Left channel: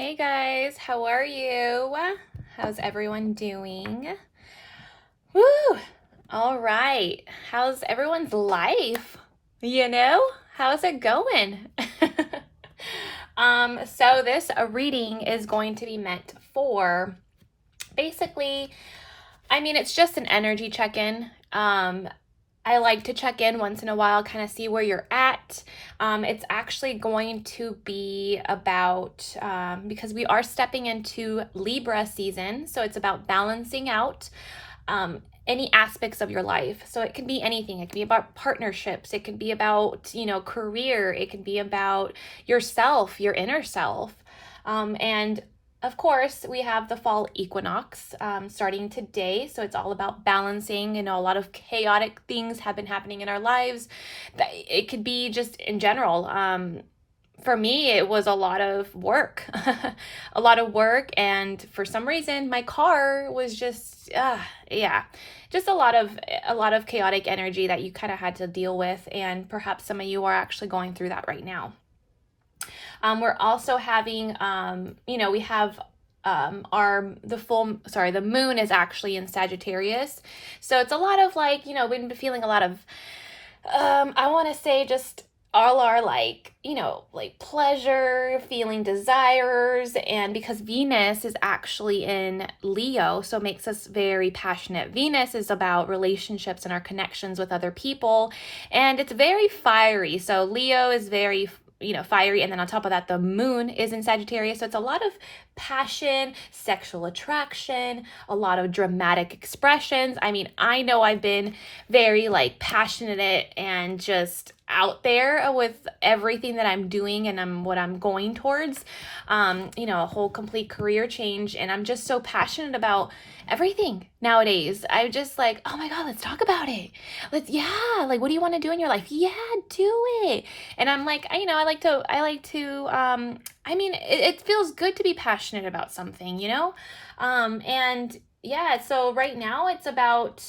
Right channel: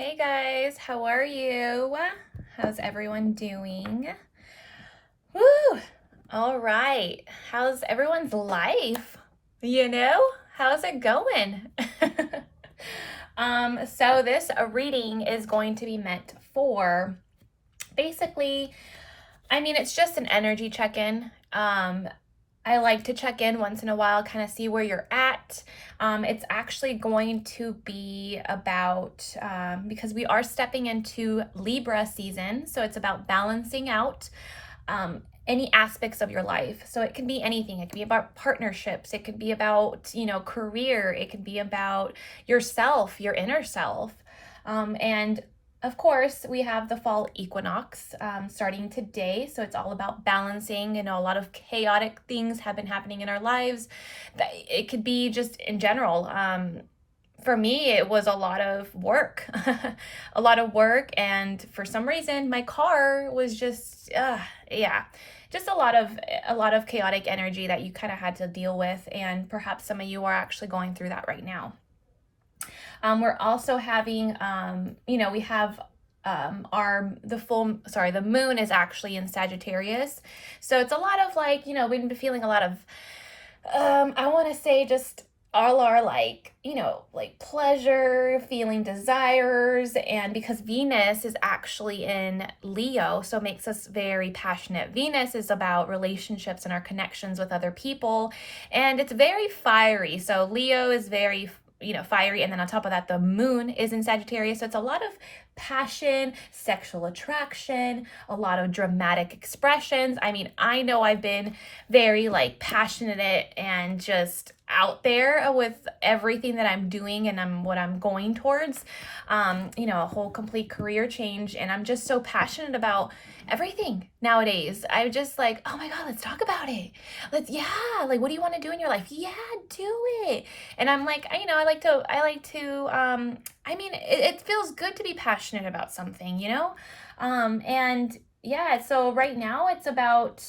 Hey guys, how are you? How's everyone doing? Woo! All right. How's everyone's life? How's it going? So this reading is going to be meant for basically, it's just an energy check-in. I like to check in once in a while, kind of see where you're at. It's actually going to be about, because we are stepping into Libra season, so it's about balancing out any aspects of your life. So it can be anything. It can be about partnerships. It could be about, career. It could be about yourself, your inner self. And of course, we have the fall equinox starting today. So it's all about balancing. A lot of chaotic things have been happening in our lives. It could be just in general. For me, it was a lot of work, a lot of work. And for some reason, my car was just, just a lot of chaotic energy that you kind of had to deal with. And perhaps some of you are actually going through that right now. We're also having, we have the moon is actually in Sagittarius. So it's a lot of we've been feeling a lot of, I want to say just all our pleasure, feeling desires. And because Venus is actually in Leo, so it makes us very passionate. Venus is about relationships and our connections with other people. And it's very fiery. So Leo is very fiery, and then on top of that the moon is in Sagittarius, so it's a lot of passion, sexual attraction, a lot of dramatic expressions. I know I've been very passionate and just out there with everything that I'm doing and what I'm going towards, a whole complete career change, and I'm just so passionate about everything nowadays. I'm just oh my God, let's talk about it. What do you want to do in your life? Yeah, do it. And I'm it feels good to be passionate about something, and yeah, so right now it's about,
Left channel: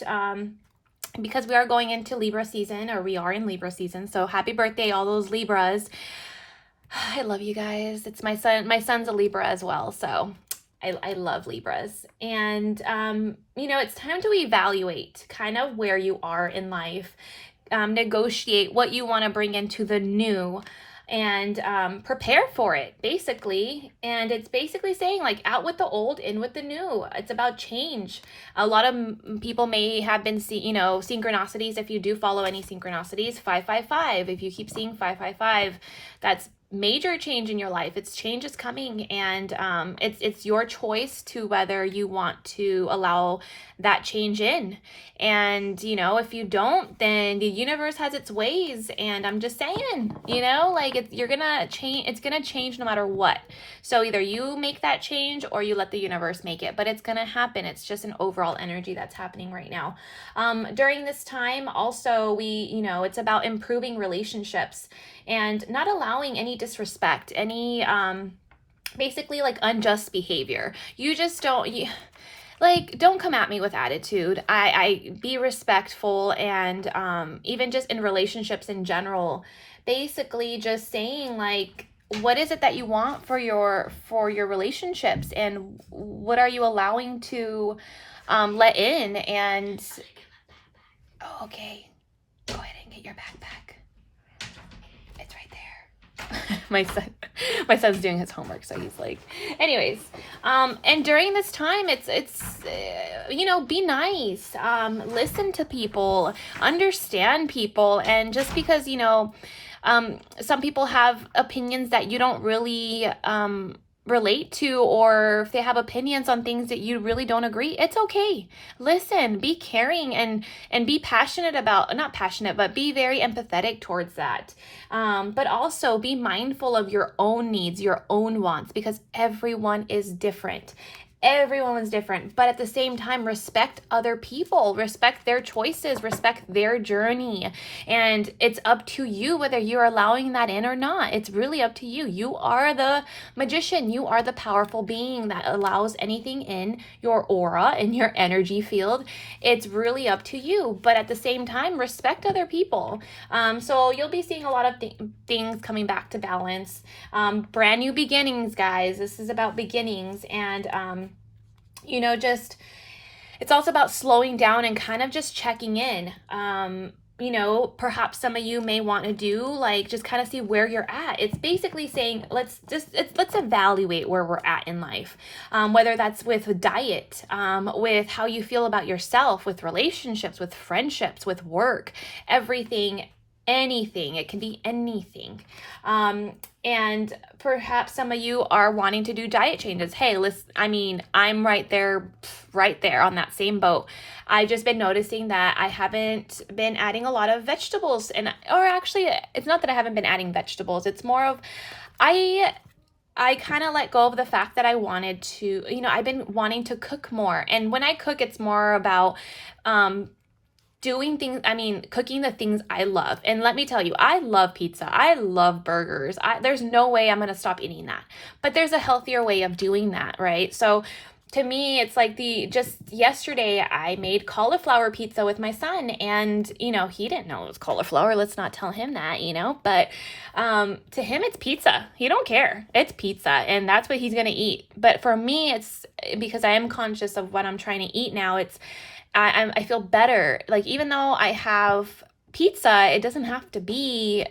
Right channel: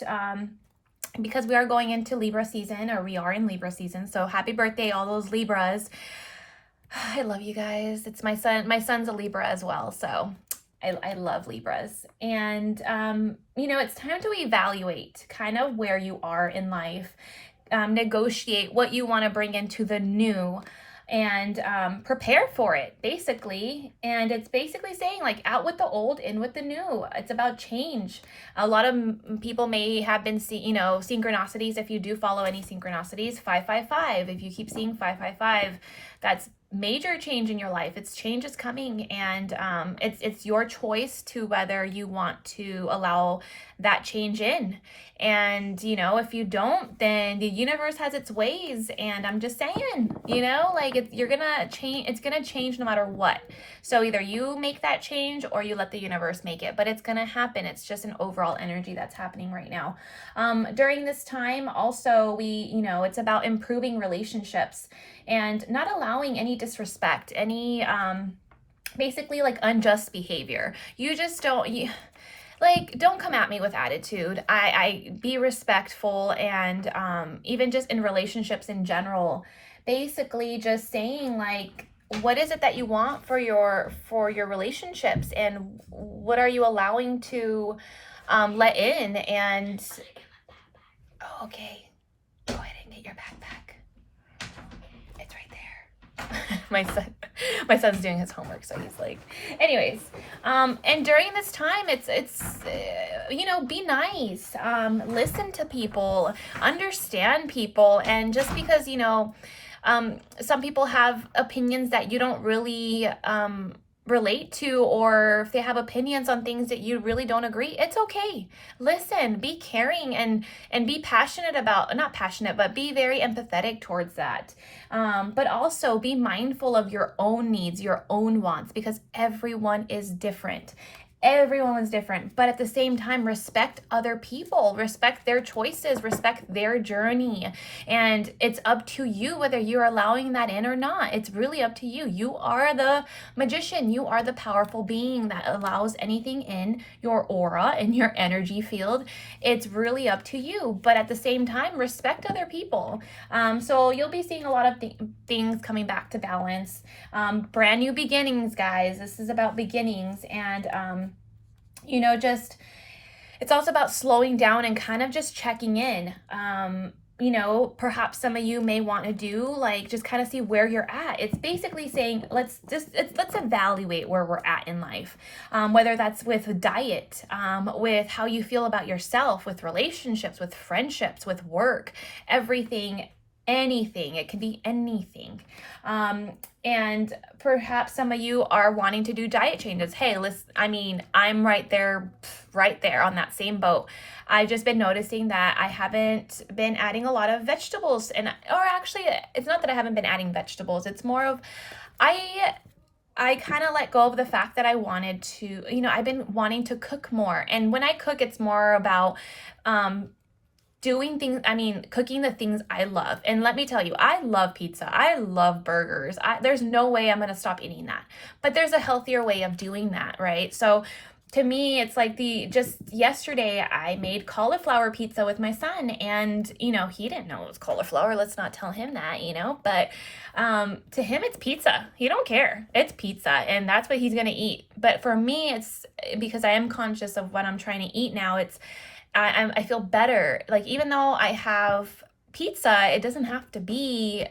because we are going into Libra season, or we are in Libra season. So happy birthday, all those Libras. I love you guys. It's my son. My son's a Libra as well. So I love Libras. And, it's time to evaluate kind of where you are in life, negotiate what you want to bring into the new, and prepare for it, basically. And it's basically saying out with the old, in with the new. It's about change. A lot of people may have been synchronicities. If you do follow any synchronicities, 555, if you keep seeing 555, that's major change in your life. Change is coming, and it's your choice to whether you want to allow that change in. And if you don't, then the universe has its ways. And I'm just saying, you're gonna change. It's gonna change no matter what. So either you make that change or you let the universe make it, but it's gonna happen. It's just an overall energy that's happening right now. During this time also, it's about improving relationships and not allowing any disrespect, any basically unjust behavior. You just don't come at me with attitude. I be respectful, and even just in relationships in general, basically just saying what is it that you want for your relationships, and what are you allowing to let in. And oh, okay, go ahead and get your backpack. It's right there. my son's doing his homework, so he's anyways. And during this time, it's be nice, listen to people, understand people. And just because some people have opinions that you don't really relate to, or if they have opinions on things that you really don't agree, it's okay. Listen, be caring, and be passionate about, not passionate, but be very empathetic towards that. But also be mindful of your own needs, your own wants, because everyone is different. Everyone's different, but at the same time, respect other people, respect their choices, respect their journey. And it's up to you whether you're allowing that in or not. It's really up to you. You are the magician. You are the powerful being that allows anything in your aura, in your energy field. It's really up to you. But at the same time, respect other people. So you'll be seeing a lot of things coming back to balance. Brand new beginnings, guys. This is about beginnings. And, just it's also about slowing down and kind of just checking in. Perhaps some of you may want to do like just kind of see where you're at. It's basically saying let's evaluate where we're at in life, whether that's with diet, with how you feel about yourself, with relationships, with friendships, with work, everything. Anything. It can be anything. And perhaps some of you are wanting to do diet changes. Hey, listen, I'm right there on that same boat. I've just been noticing that I haven't been adding a lot of vegetables, or actually, it's not that I haven't been adding vegetables. It's more of, I kind of let go of the fact that I wanted to, I've been wanting to cook more. And when I cook, it's more about, cooking the things I love. And let me tell you, I love pizza. I love burgers. There's no way I'm going to stop eating that. But there's a healthier way of doing that, right? So to me, it's like just yesterday I made cauliflower pizza with my son, and, he didn't know it was cauliflower. Let's not tell him that, but to him, it's pizza. He don't care. It's pizza, and that's what he's going to eat. But for me, it's because I am conscious of what I'm trying to eat now. I feel better. Like, even though I have pizza, it doesn't have to be,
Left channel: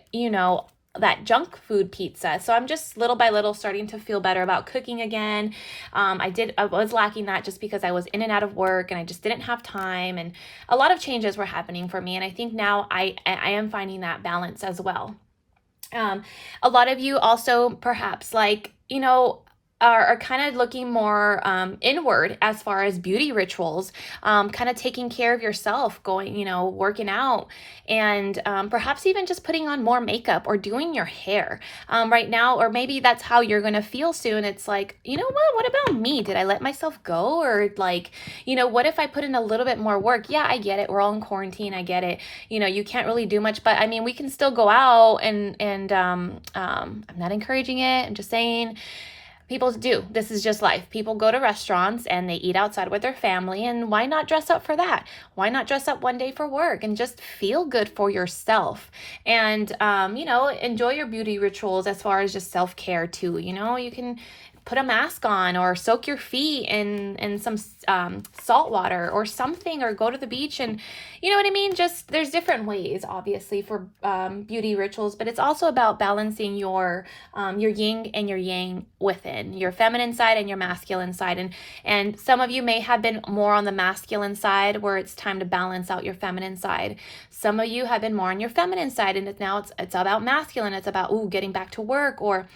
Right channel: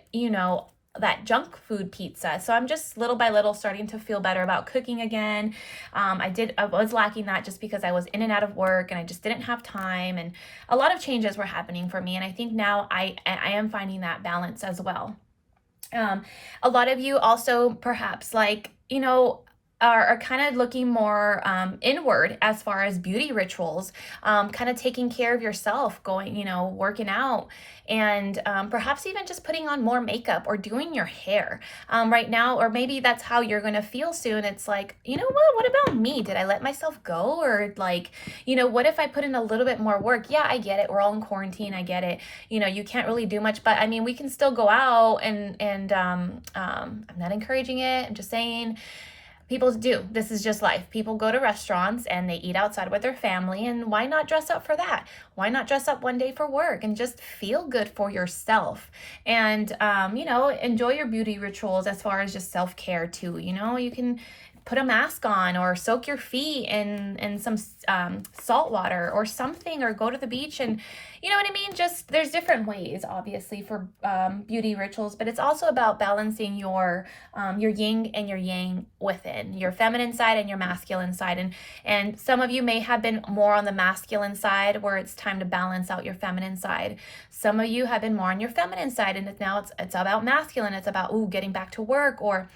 that junk food pizza. So I'm just little by little starting to feel better about cooking again. I was lacking that just because I was in and out of work and I just didn't have time, and a lot of changes were happening for me. And I think now I am finding that balance as well. A lot of you also perhaps are kind of looking more inward as far as beauty rituals, kind of taking care of yourself, going, working out, and perhaps even just putting on more makeup or doing your hair right now, or maybe that's how you're going to feel soon. It's like, what about me? Did I let myself go? Or what if I put in a little bit more work? Yeah, I get it. We're all in quarantine. I get it. You can't really do much, but we can still go out and I'm not encouraging it. I'm just saying, people do. This is just life. People go to restaurants and they eat outside with their family, and why not dress up for that? Why not dress up one day for work and just feel good for yourself? And, enjoy your beauty rituals as far as just self-care too. You can put a mask on or soak your feet in some salt water or something, or go to the beach, and just there's different ways obviously for beauty rituals, but it's also about balancing your yin and your yang within, your feminine side and your masculine side. And some of you may have been more on the masculine side where it's time to balance out your feminine side. Some of you have been more on your feminine side, and now it's about masculine. It's about getting back to work, or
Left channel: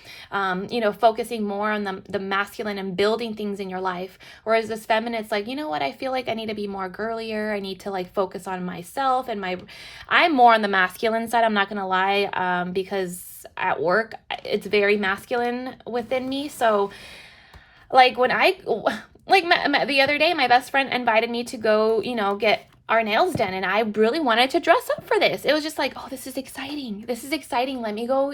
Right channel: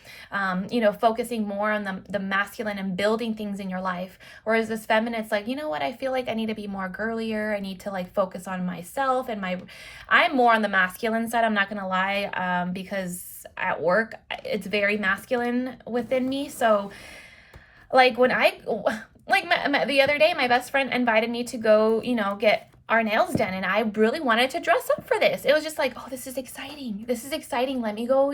focusing more on the masculine and building things in your life. Whereas this feminine, it's like, I feel like I need to be more girlier. I need to focus on myself, and I'm more on the masculine side. I'm not gonna lie, because at work it's very masculine within me. So when the other day, my best friend invited me to go, get our nails done, and I really wanted to dress up for this. It was just like, oh, this is exciting. Let me go,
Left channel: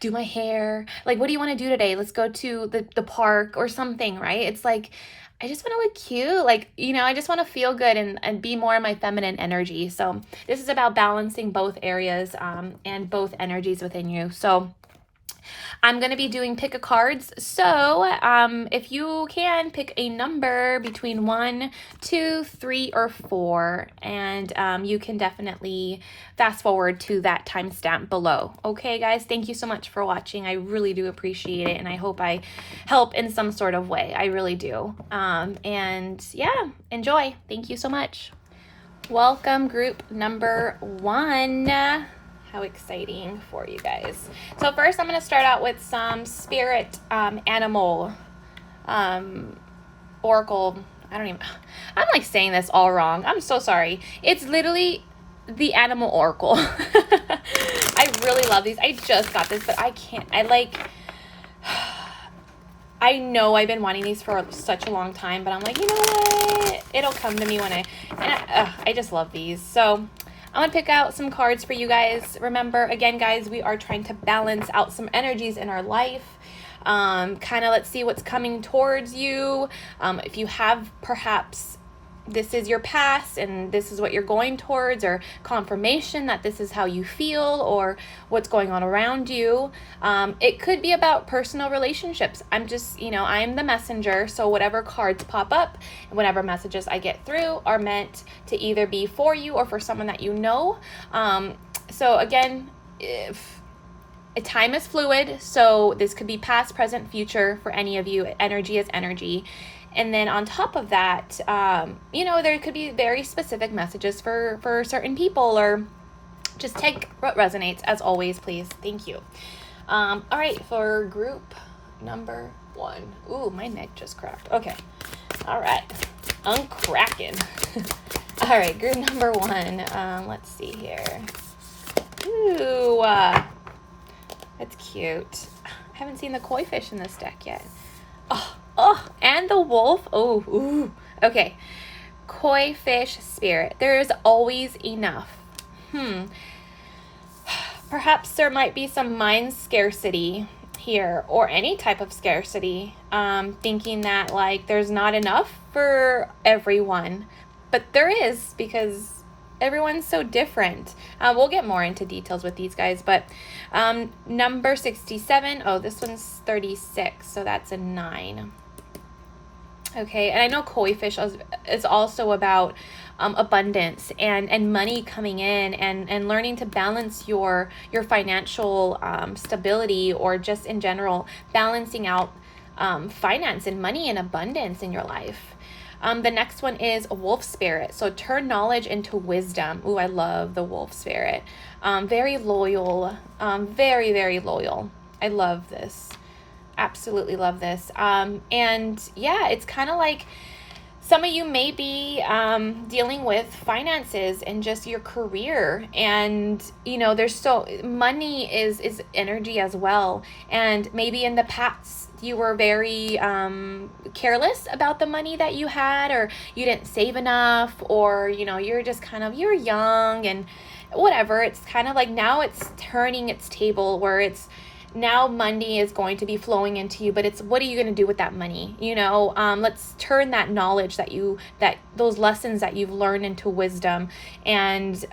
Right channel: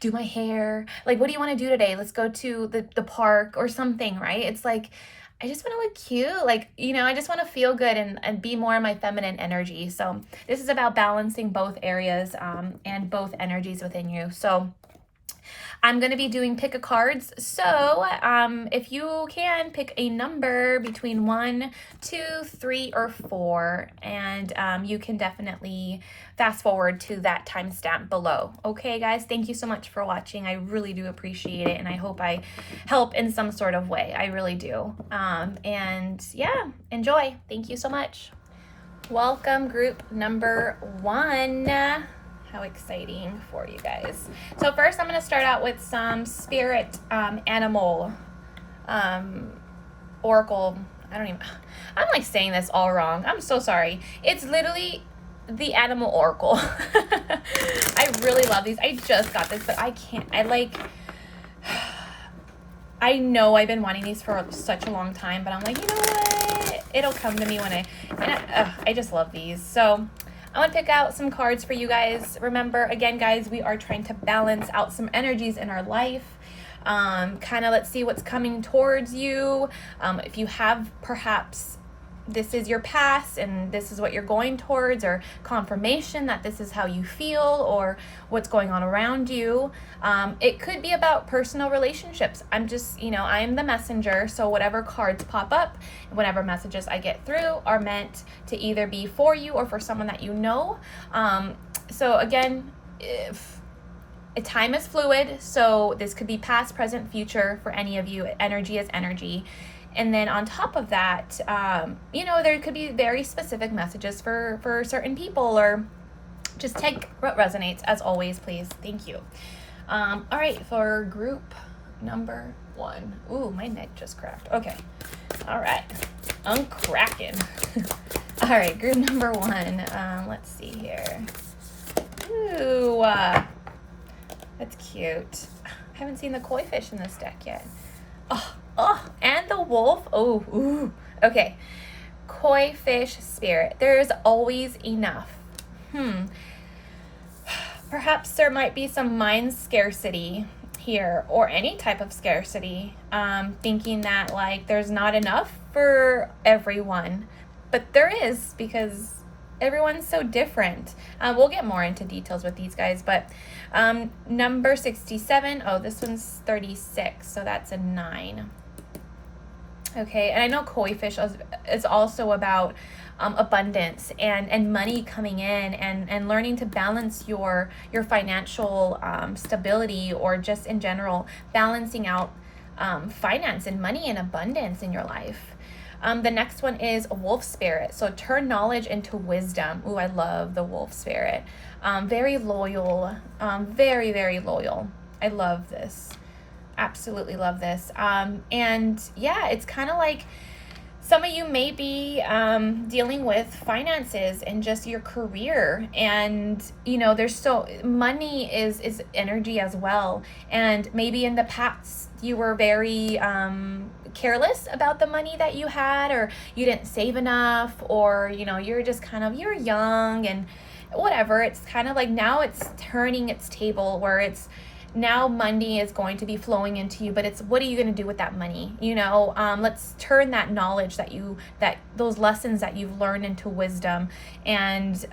do my hair. What do you want to do today? Let's go to the park or something, right? It's like, I just want to look cute. I just want to feel good and be more in my feminine energy. So this is about balancing both areas and both energies within you. So I'm going to be doing pick a cards. So if you can pick a number between 1, 2, 3, or 4, and you can definitely fast forward to that timestamp below. Okay, guys, thank you so much for watching. I really do appreciate it, and I hope I help in some sort of way. I really do. And yeah, enjoy. Thank you so much. Welcome, group number 1. How exciting for you guys. So first I'm going to start out with some spirit animal oracle. I'm saying this all wrong. I'm so sorry. It's literally the animal oracle. I really love these. I just got this, but I can't. I know I've been wanting these for such a long time, but I'm like, you know what? It'll come to me when I just love these. So I'm going to pick out some cards for you guys. Remember, again, guys, we are trying to balance out some energies in our life. Kind of let's see what's coming towards you. If you have perhaps this is your past and this is what you're going towards, or confirmation that this is how you feel or what's going on around you. It could be about personal relationships. I'm just, I'm the messenger. So whatever cards pop up, whatever messages I get through are meant to either be for you or for someone that you know. So again, if time is fluid, so this could be past, present, future for any of you. Energy is energy. And then on top of that, there could be very specific messages for certain people, or just take what resonates, as always, please. Thank you. All right, for group number 1. Ooh, my neck just cracked. Okay. All right. I'm cracking. All right, group number 1. Let's see here. Ooh, that's cute. I haven't seen the koi fish in this deck yet. Oh, and the wolf. Oh, ooh. Okay. Koi fish spirit. There's always enough. Perhaps there might be some mind scarcity here, or any type of scarcity. Thinking that like there's not enough for everyone. But there is, because everyone's so different. We'll get more into details with these guys, but number 67. Oh, this one's 36, so that's a 9. Okay, and I know koi fish is also about abundance and money coming in, and learning to balance your financial stability, or just in general balancing out finance and money and abundance in your life. The next one is a wolf spirit. So turn knowledge into wisdom. Ooh, I love the wolf spirit. Very loyal, very, very loyal. I love this. Absolutely love this. And yeah, it's kind of like some of you may be dealing with finances and just your career, and there's so money is energy as well. And maybe in the past you were very careless about the money that you had, or you didn't save enough, or you're just you're young and whatever. It's kind of like now it's turning its table, where it's now money is going to be flowing into you, but it's what are you going to do with that money? Let's turn that knowledge that those lessons that you've learned into wisdom, and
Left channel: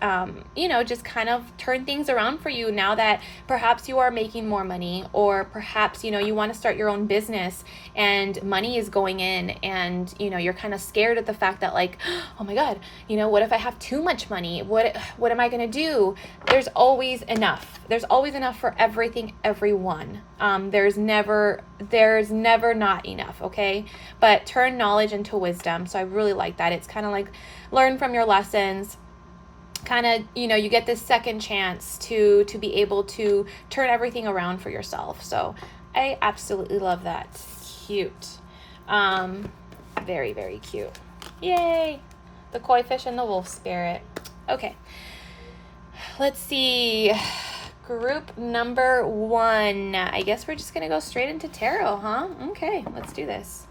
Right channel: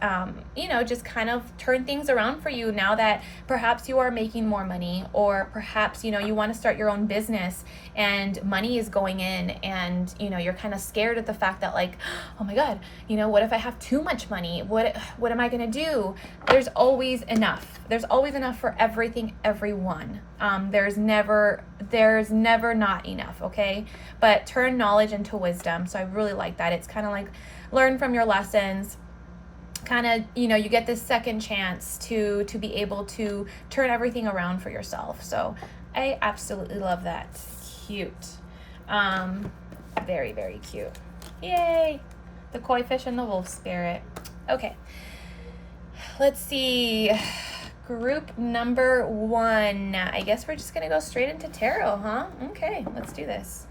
just kind of turn things around for you now that perhaps you are making more money, or perhaps you want to start your own business and money is going in, and you're kind of scared at the fact that like, oh my god, what if I have too much money? What am I going to do? There's always enough for everything, everyone. There's never not enough, okay? But turn knowledge into wisdom. So I really like that. It's kind of like learn from your lessons. Kind of, you get this second chance to be able to turn everything around for yourself. So I absolutely love that. Cute. Very, very cute. Yay! The koi fish and the wolf spirit. Okay. Let's see. Group number 1. I guess we're just gonna go straight into tarot, huh? Okay, let's do this.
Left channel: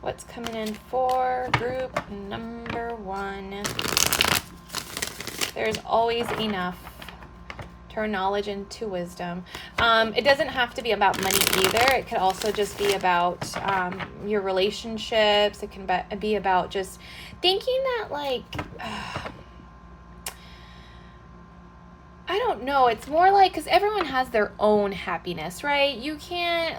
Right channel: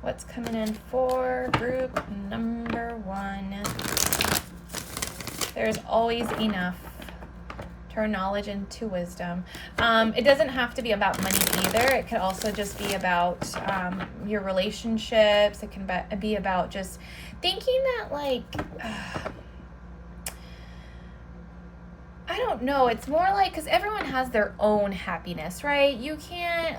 What's coming in for group number 1? There's always enough. Turn knowledge into wisdom. It doesn't have to be about money either. It could also just be about your relationships. It can be about just thinking that like, I don't know. It's more like, because everyone has their own happiness, right? You can't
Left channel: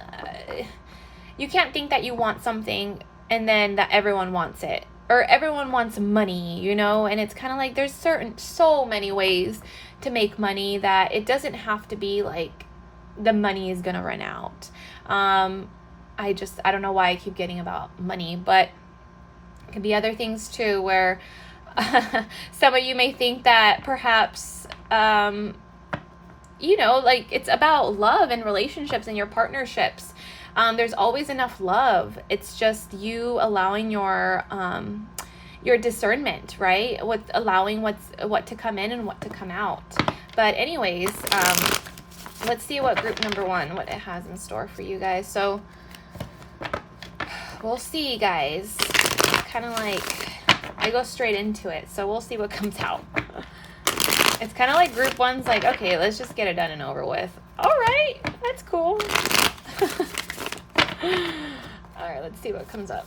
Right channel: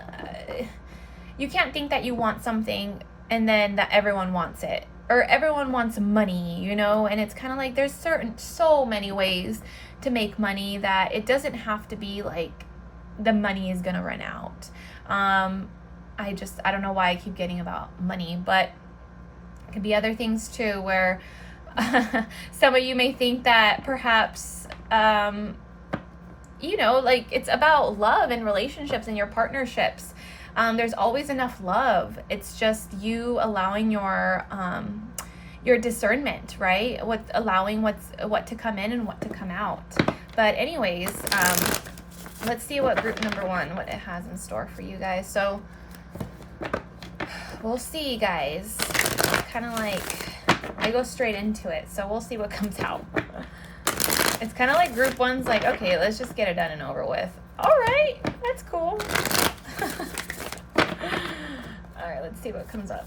think that you want something and then that everyone wants it, or everyone wants money, and it's kind of like there's so many ways to make money that it doesn't have to be like the money is gonna run out. I don't know why I keep getting about money, but it could be other things too, where some of you may think that perhaps like it's about love and relationships and your partnerships. There's always enough love. It's just you allowing your discernment, right? With allowing what to come in and what to come out. But anyways, let's see what group number 1, what it has in store for you guys. So we'll see, guys. Kind of like, I go straight into it, so we'll see what comes out. It's kind of like group 1's like, okay, let's just get it done and over with. All right, that's cool. All right, let's see what comes up.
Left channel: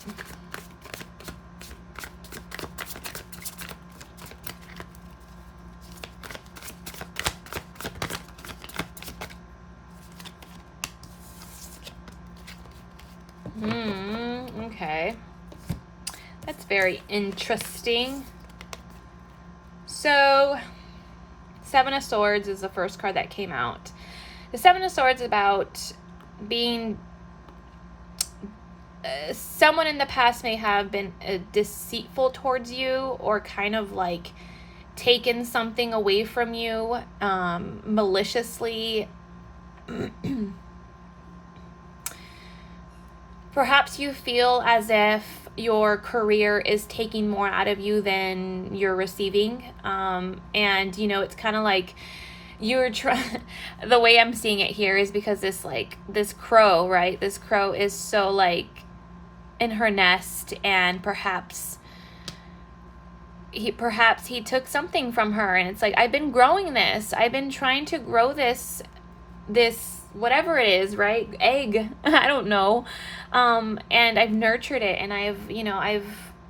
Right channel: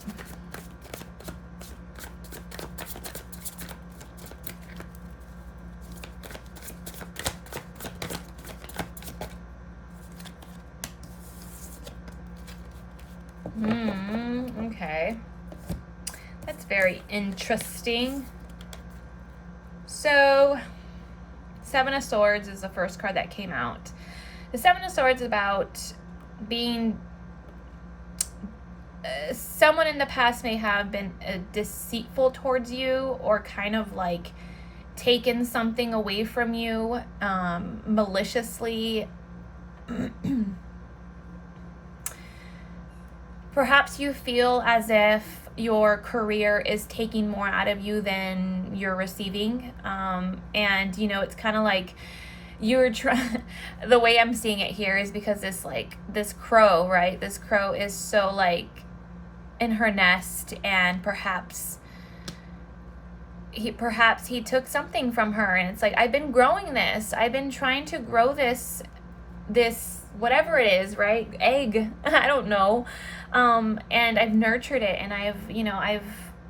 Okay. That's very interesting. So, 7 of Swords is the first card that came out. The 7 of Swords is about being... someone in the past may have been deceitful towards you, or kind of like taken something away from you maliciously. Perhaps you feel as if your career is taking more out of you than you're receiving. And, you know, it's kind of like you're trying, the way I'm seeing it here is because this crow, right? This crow is so like in her nest, and perhaps he took something from her, and it's like, I've been growing this. I've been trying to grow this whatever it is, right? Egg. I don't know. And I've nurtured it, and I've,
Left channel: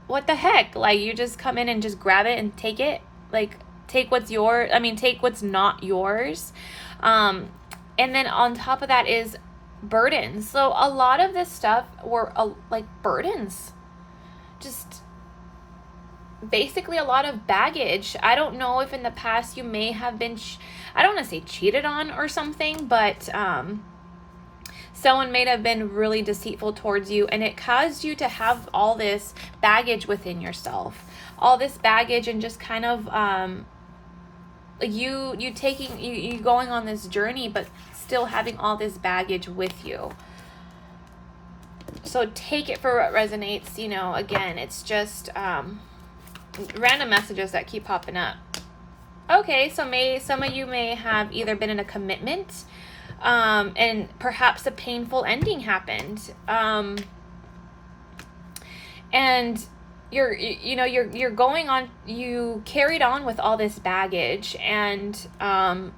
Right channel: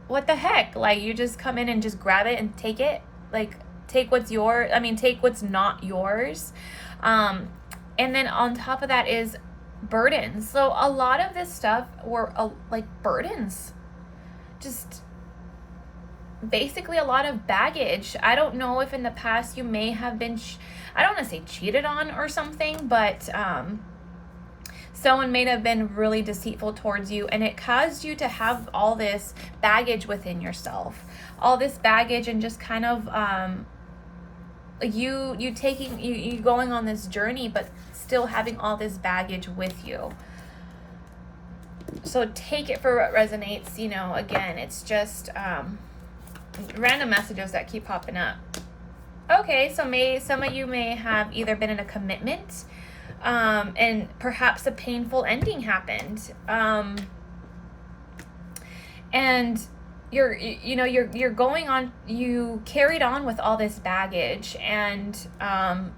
what the heck? Like, you just come in and just grab it and take it. Like, take what's take what's not yours. And then on top of that is burdens. So a lot of this stuff were like burdens. Just basically a lot of baggage. I don't know if in the past you may have been, I don't want to say cheated on or something, but someone may have been really deceitful towards you, and it caused you to have all this baggage within yourself, all this baggage, and just kind of you going on this journey, but still having all this baggage with you. So take it for what resonates. You know, again, it's just random messages that keep popping up. Okay, so some of you may have either been in a commitment, and perhaps a painful ending happened, and you're going on. You carried on with all this baggage, and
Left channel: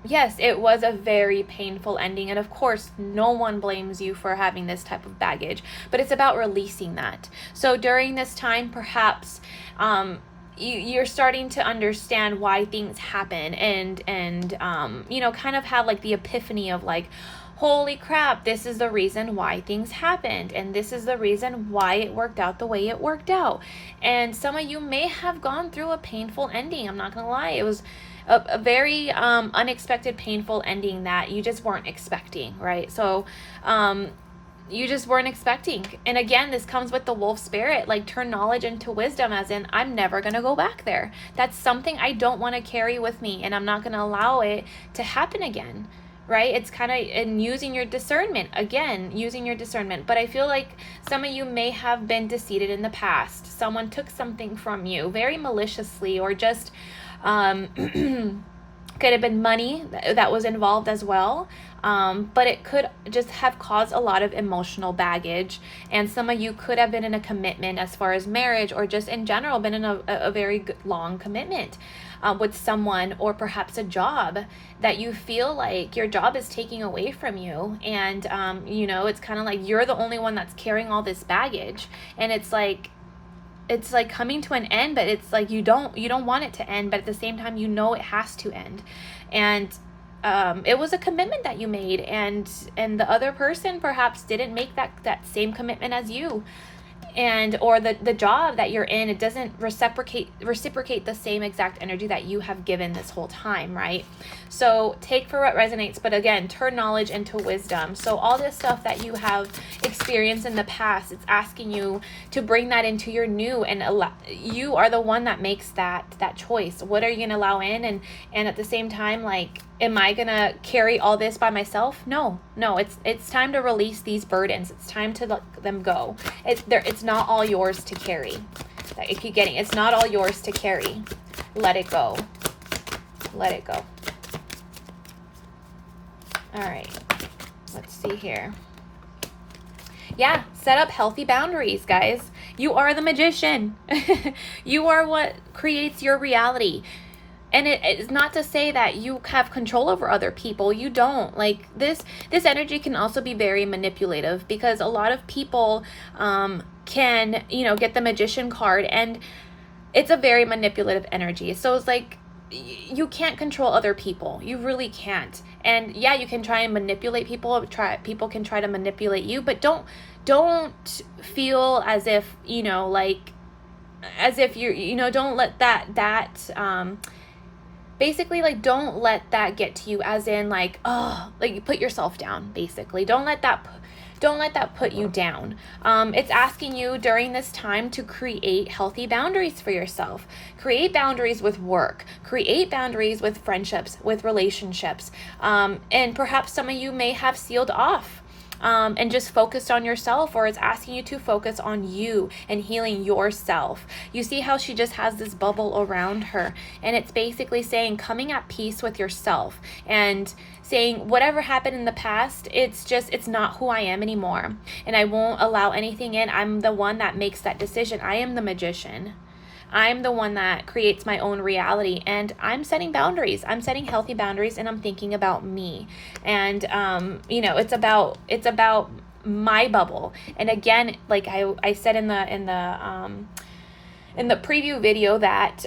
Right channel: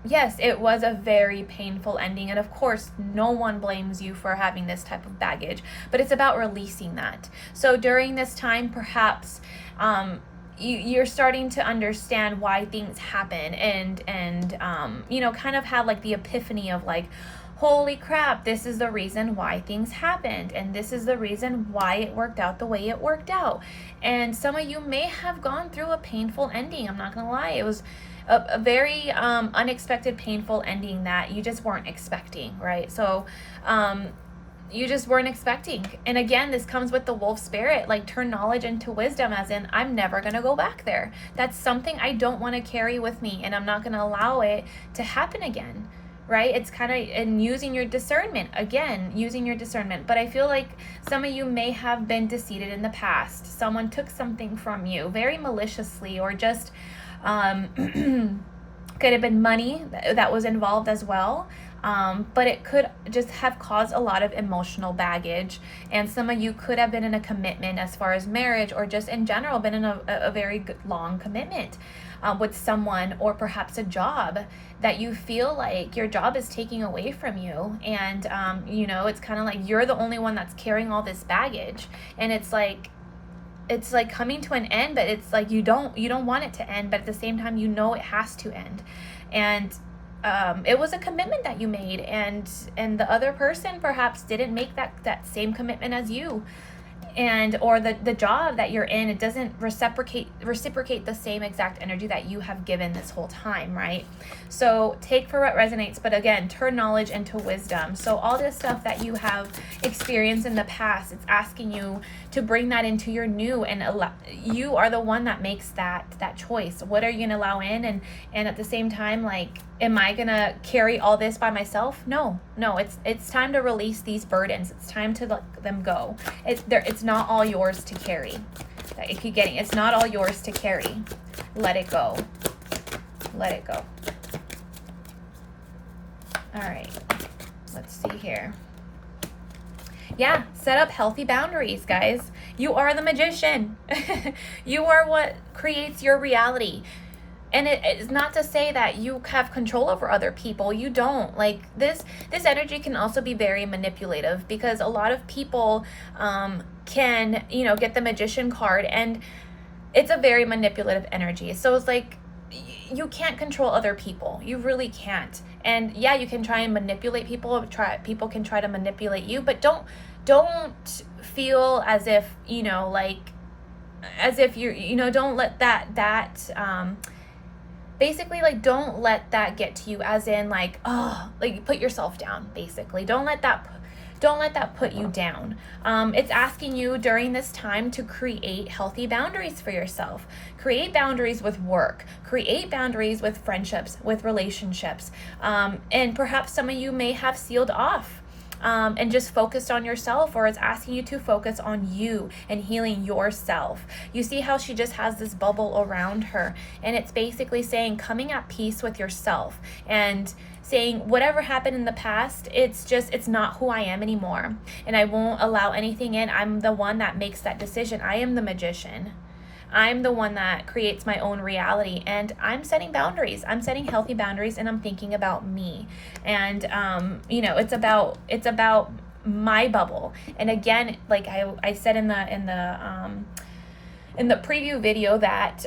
yes, it was a very painful ending, and of course, no one blames you for having this type of baggage, but it's about releasing that. So during this time, perhaps you're starting to understand why things happen, and kind of have like the epiphany of like, holy crap, this is the reason why things happened, and this is the reason why it worked out the way it worked out. And some of you may have gone through a painful ending. I'm not gonna lie, it was a very unexpected, painful ending that you just weren't expecting, right? So you just weren't expecting. And again, this comes with the wolf spirit, like turn knowledge into wisdom, as in, I'm never going to go back there. That's something I don't want to carry with me, and I'm not going to allow it to happen again, right? It's kind of in using your discernment, again, using your discernment. But I feel like some of you may have been deceived in the past. Someone took something from you very maliciously, or just could have been money that was involved as well. But it could just have caused a lot of emotional baggage. And some of you could have been in a commitment as far as marriage, or just in general been in a very good, long commitment with someone, or perhaps a job that you feel like your job is taking away from you. And, it's kind of like you're the only one that's carrying all this baggage. And it's like coming to an end, but it's like you don't want it to end, but at the same time, it has to end. And it was a commitment that you made, and the other person perhaps didn't make that same commitment as you, or the job that you're in, it doesn't reciprocate the same exact energy that you have given this whole time, right? So take for what resonates, but again, turn knowledge into wisdom. So all this stuff that you have experienced in the past, it's asking you to bring that into your new, and you are the one that makes that choice. What are you gonna allow in, and at the same time, like, am I gonna carry all this by myself? No, it's time to release these burdens. It's time to let them go. It's not all yours to carry. I keep getting, it's not all yours to carry. Let it go. Let it go. All right, let's see here. Yeah, set up healthy boundaries, guys. You are the magician. You are what creates your reality. And it is not to say that you have control over other people. You don't. Like this energy can also be very manipulative, because a lot of people can, get the magician card, and it's a very manipulative energy. So it's like, you can't control other people. You really can't. And yeah, you can try and manipulate people. People can try to manipulate you, but don't feel as if, as if you're, don't let that basically, like, don't let that get to you, as in, like, oh, like, you put yourself down, basically. Don't let that put you down. It's asking you during this time to create healthy boundaries for yourself. Create boundaries with work. Create boundaries with friendships, with relationships. And perhaps some of you may have sealed off and just focused on yourself, or it's asking you to focus on you and healing yourself. You see how she just has this bubble around her, and it's basically saying coming at peace with yourself and saying whatever happened in the past, it's not who I am anymore, and I won't allow anything in. I'm the one that makes that decision. I am the magician. I'm the one that creates my own reality, and I'm setting boundaries. I'm setting healthy boundaries, and I'm thinking about me. And it's about my bubble. And again, like I said in the preview video,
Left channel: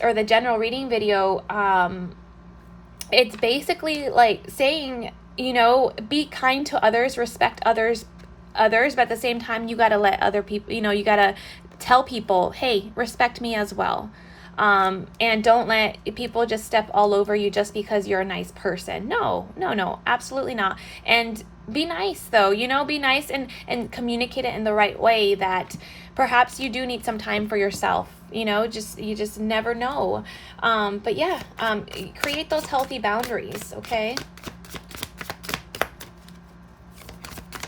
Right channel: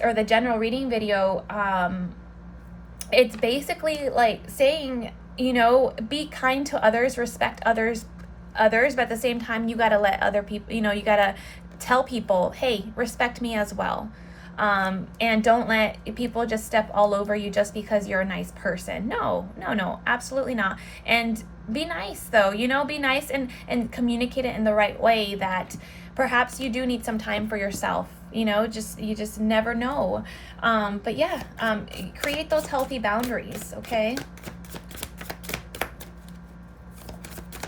or the general reading video, it's basically like saying, be kind to others, respect others, but at the same time, you got to let other people, you got to tell people, hey, respect me as well. And don't let people just step all over you just because you're a nice person. No, absolutely not. And be nice though, be nice and communicate it in the right way, that perhaps you do need some time for yourself. You just never know. But yeah, create those healthy boundaries, okay?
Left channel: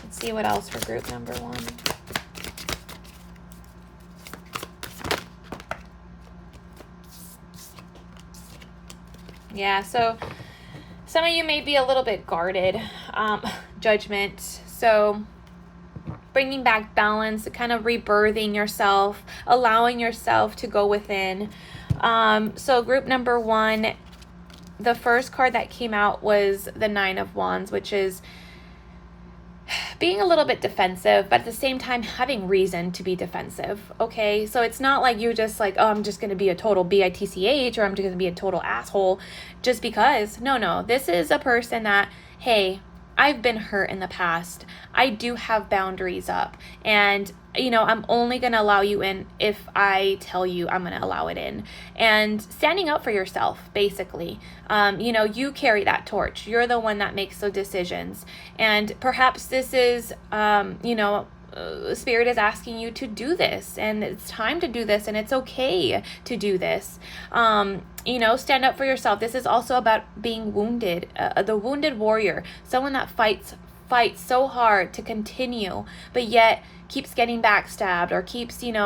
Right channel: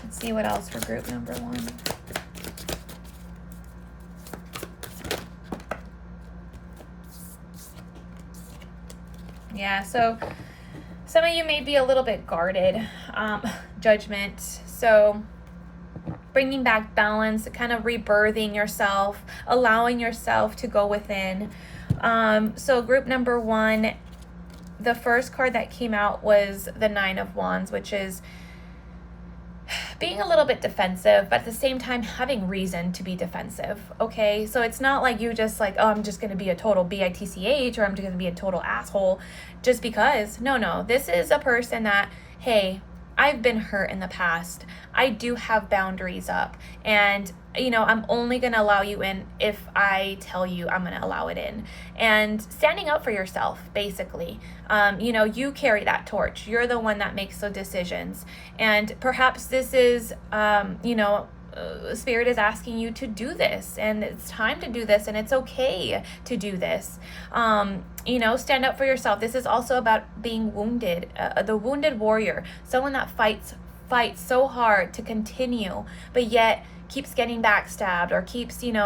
Let's see what else for group number 1. Yeah, so some of you may be a little bit guarded, judgment. So bringing back balance, kind of rebirthing yourself, allowing yourself to go within. So group number 1, the first card that came out was the 9 of Wands, which is being a little bit defensive, but at the same time having reason to be defensive, okay? So it's not like you just like, oh, I'm just going to be a total bitch, or I'm just going to be a total asshole just because. No, this is a person that, hey, I've been hurt in the past. I do have boundaries up, and I'm only going to allow you in if I tell you I'm going to allow it in. And standing up for yourself, basically. You carry that torch. You're the one that makes those decisions. And perhaps this is, Spirit is asking you to do this, and it's time to do this, and it's okay to do this. Stand up for yourself. This is also about being wounded, the wounded warrior, someone that fights so hard to continue, but yet keeps getting backstabbed, or keeps, the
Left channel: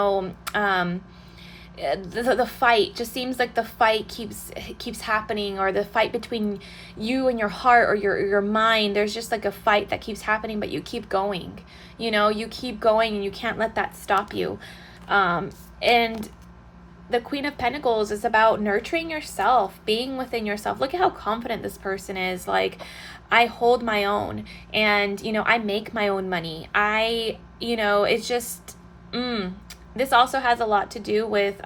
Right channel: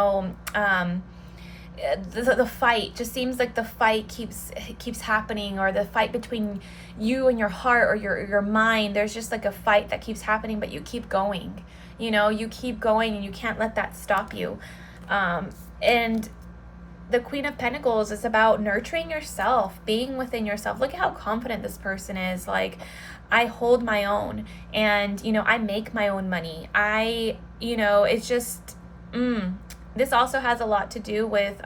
fight just seems like the fight keeps happening, or the fight between you and your heart or your mind. There's just like a fight that keeps happening, but you keep going. You keep going, and you can't let that stop you. And the Queen of Pentacles is about nurturing yourself, being within yourself. Look at how confident this person is. Like, I hold my own, and, I make my own money. It's just, this also has a lot to do with,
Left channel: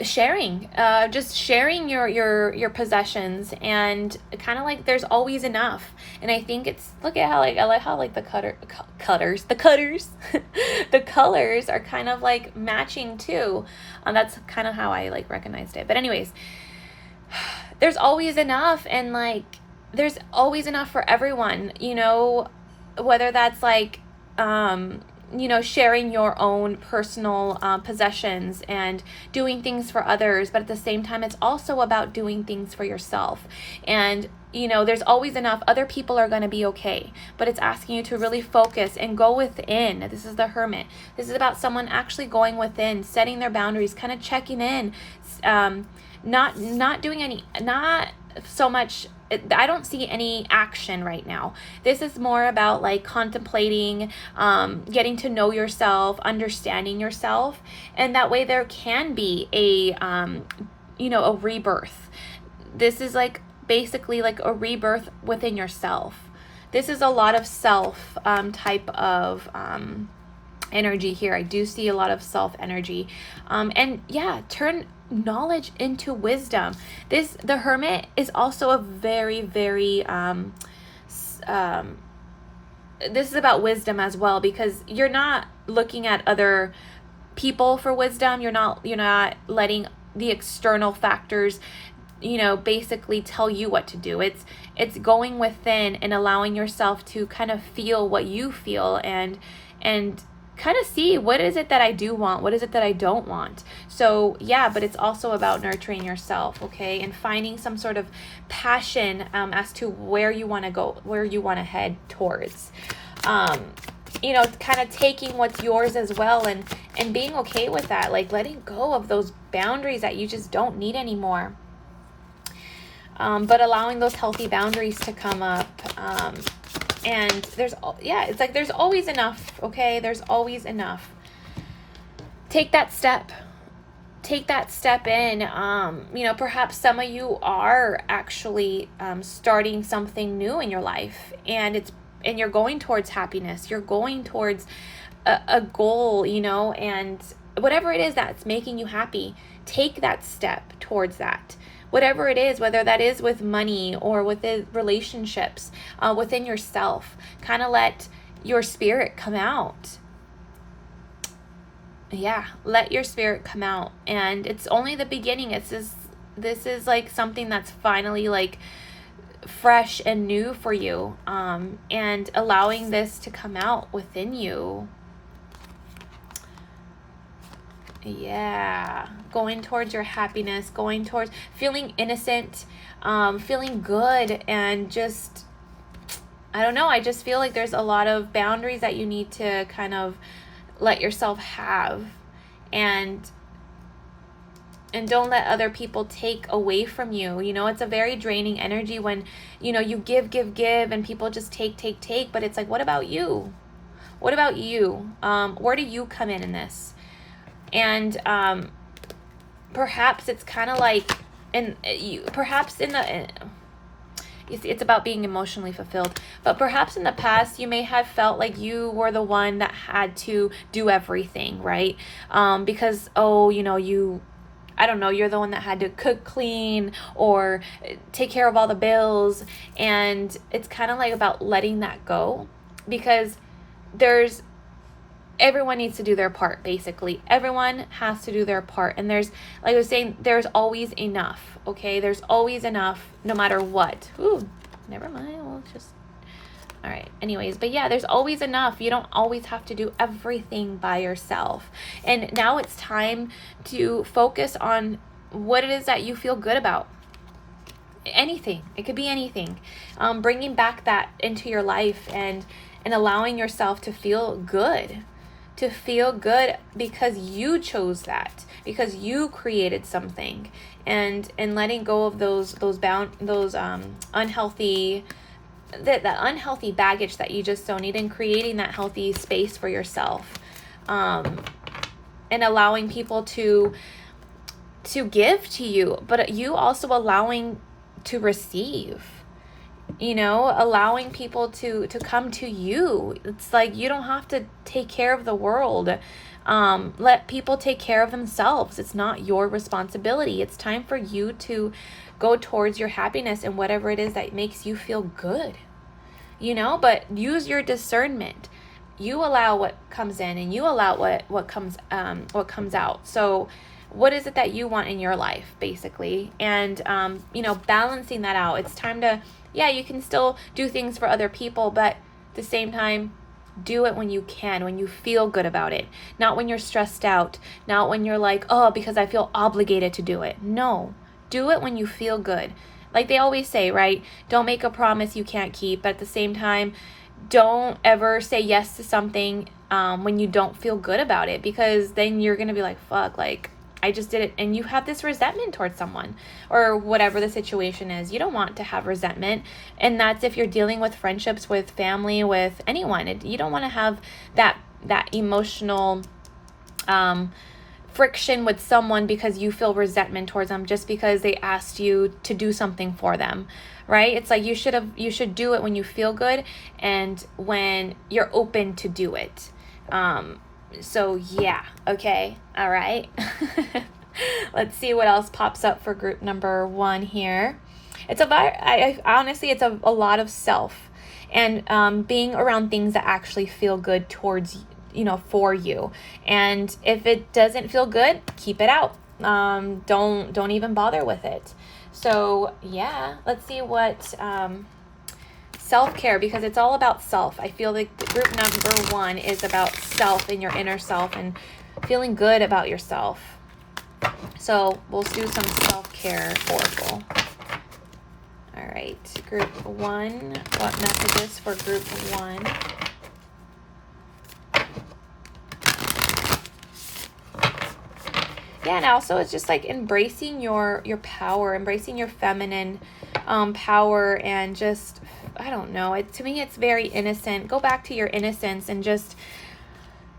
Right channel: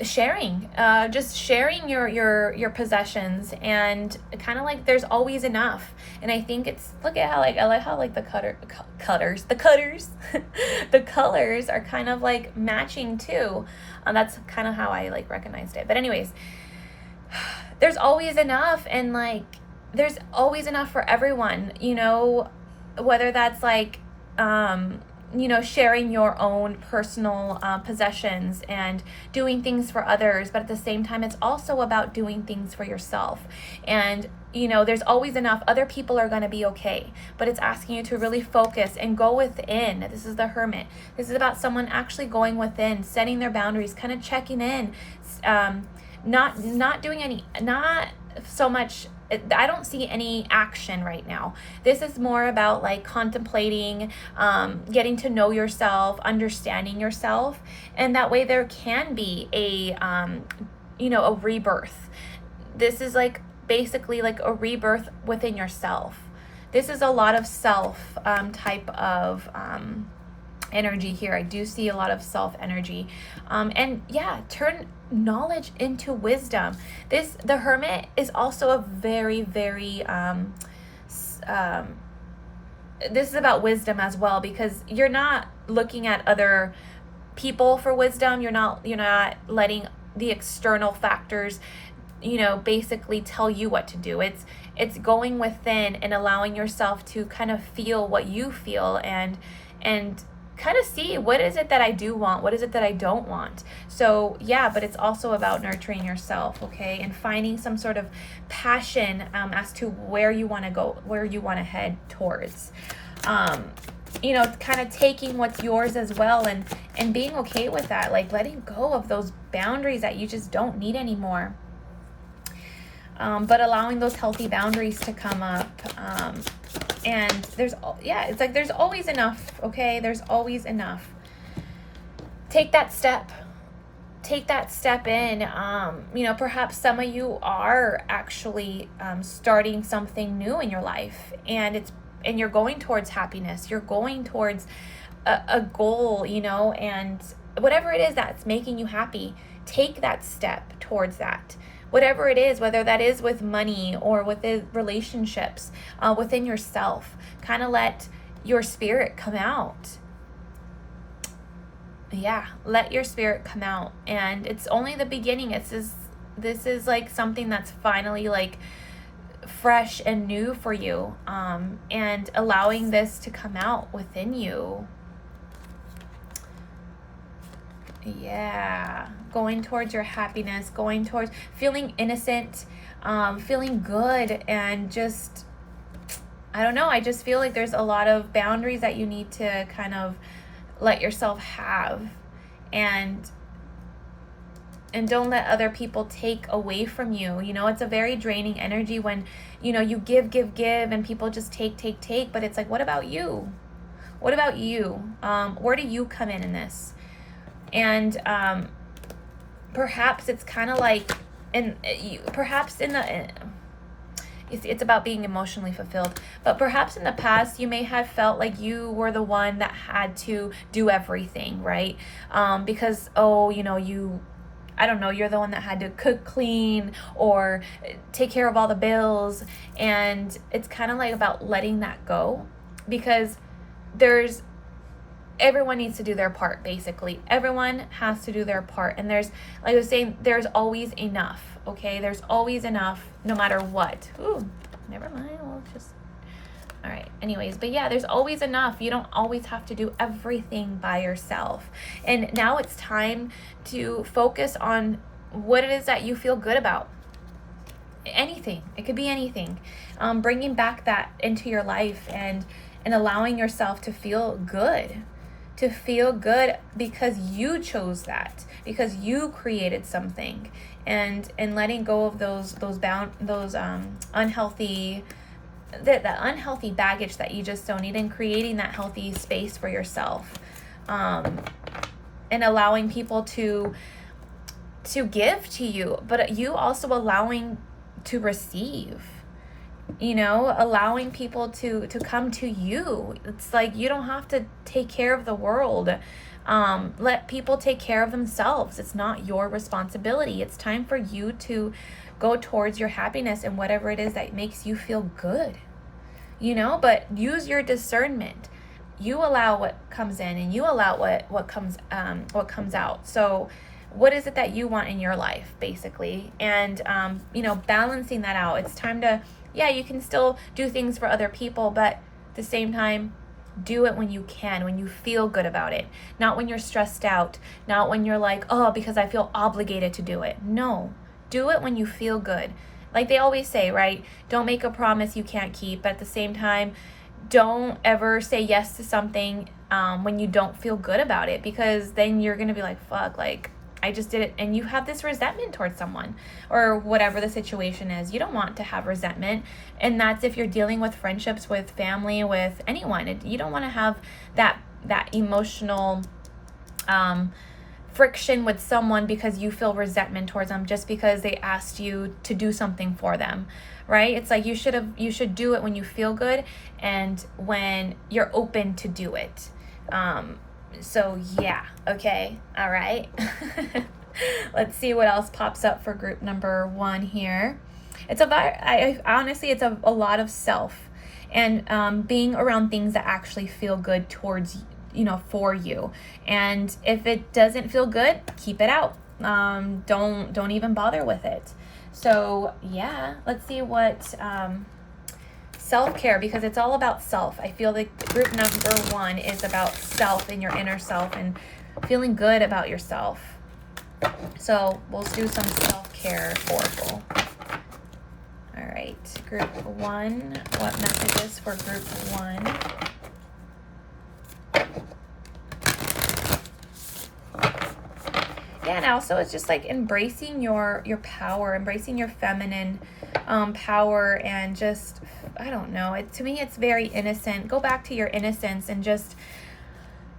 just sharing your possessions, and kind of like there's always enough. And I think it's, look at how I like how like the cutters the colors are kind of like matching too. That's kind of how I like recognized it. But anyways, there's always enough, and like there's always enough for everyone, whether that's like sharing your own personal possessions and doing things for others, but at the same time, it's also about doing things for yourself. And, there's always enough. Other people are going to be okay, but it's asking you to really focus and go within. This is the Hermit. This is about someone actually going within, setting their boundaries, kind of checking in, not so much, I don't see any action right now. This is more about like contemplating, getting to know yourself, understanding yourself, and that way there can be a rebirth. This is like basically like a rebirth within yourself. This is a lot of self type of energy here. I do see a lot of self energy. And yeah, turn knowledge into wisdom. The Hermit is also a very, very this is about wisdom as well, because you're not looking at other people for wisdom. You're not letting the external factors basically tell you what to do. It's going within and allowing yourself to kind of feel what you feel, and kind of see, what is it that I do want, what is it that I don't want. So yeah, but it's also about nurturing yourself, okay, and finding some sort of passion as to where you want to go, where you want to head towards. Kind of taking what's yours as well, and being okay with that, like letting go of those boundaries that you just don't need anymore. But allowing those healthy boundaries to come up. And it's like there's always enough, okay? There's always enough. Take that step in. Perhaps some of you are actually starting something new in your life, and you're going towards happiness. You're going towards a goal, and whatever it is that's making you happy, take that step towards that. Whatever it is, whether that is with money or with the relationships, within yourself, kind of let your spirit come out. Yeah, let your spirit come out. And it's only the beginning. This is like something that's finally like fresh and new for you, and allowing this to come out within you. Yeah, going towards your happiness, going towards feeling innocent, feeling good, and just, I don't know, I just feel like there's a lot of boundaries that you need to kind of let yourself have, and don't let other people take away from you. It's a very draining energy when, you give, and people just take, but it's like, what about you? What about you? Where do you come in this? And perhaps it's kind of like, it's about being emotionally fulfilled. But perhaps in the past, you may have felt like you were the one that had to do everything, right? Because, I don't know, you're the one that had to cook, clean, or take care of all the bills. And it's kind of like about letting that go, because everyone needs to do their part, basically. Everyone has to do their part. And there's, like I was saying, there's always enough, okay? There's always enough, no matter what. Ooh, never mind. All right. Anyways, but yeah, there's always enough. You don't always have to do everything by yourself. And now it's time to focus on what it is that you feel good about. Anything. It could be anything. Bringing back that into your life, and allowing yourself to feel good. To feel good because you chose that, because you created something, and letting go of those unhealthy, that unhealthy baggage that you just don't need, and creating that healthy space for yourself, and allowing people to give to you, but you also allowing to receive. Allowing people to come to you. It's like, you don't have to take care of the world. Let people take care of themselves. It's not your responsibility. It's time for you to go towards your happiness and whatever it is that makes you feel good. But use your discernment. You allow what comes in, and you allow what comes out. So what is it that you want in your life, basically? And balancing that out. It's time to, you can still do things for other people, but at the same time, do it when you can, when you feel good about it. Not when you're stressed out, not when you're like, oh, because I feel obligated to do it. No, do it when you feel good. Like they always say, right? Don't make a promise you can't keep, but at the same time, don't ever say yes to something when you don't feel good about it, because then you're going to be like, fuck, like, I just did it, and you have this resentment towards someone or whatever the situation is. You don't want to have resentment, and that's if you're dealing with friendships, with family, with anyone. You don't want to have that emotional friction with someone because you feel resentment towards them just because they asked you to do something for them, right? It's like you should do it when you feel good and when you're open to do it. So yeah, okay, all right. Let's see what else pops up for group number 1 here. It's about, honestly, it's a lot of self and being around things that actually feel good towards for you. And if it doesn't feel good, keep it out. Don't even bother with it. So yeah, let's see what self-care, because it's all about self. I feel like group number 1 is about self and your inner self and feeling good about yourself. So we'll do some self-care oracle. All right, group 1, what messages for group 1? Yeah, and also it's just like embracing your power, embracing your feminine power, and just, I don't know, to me it's very innocent. Go back to your innocence and just,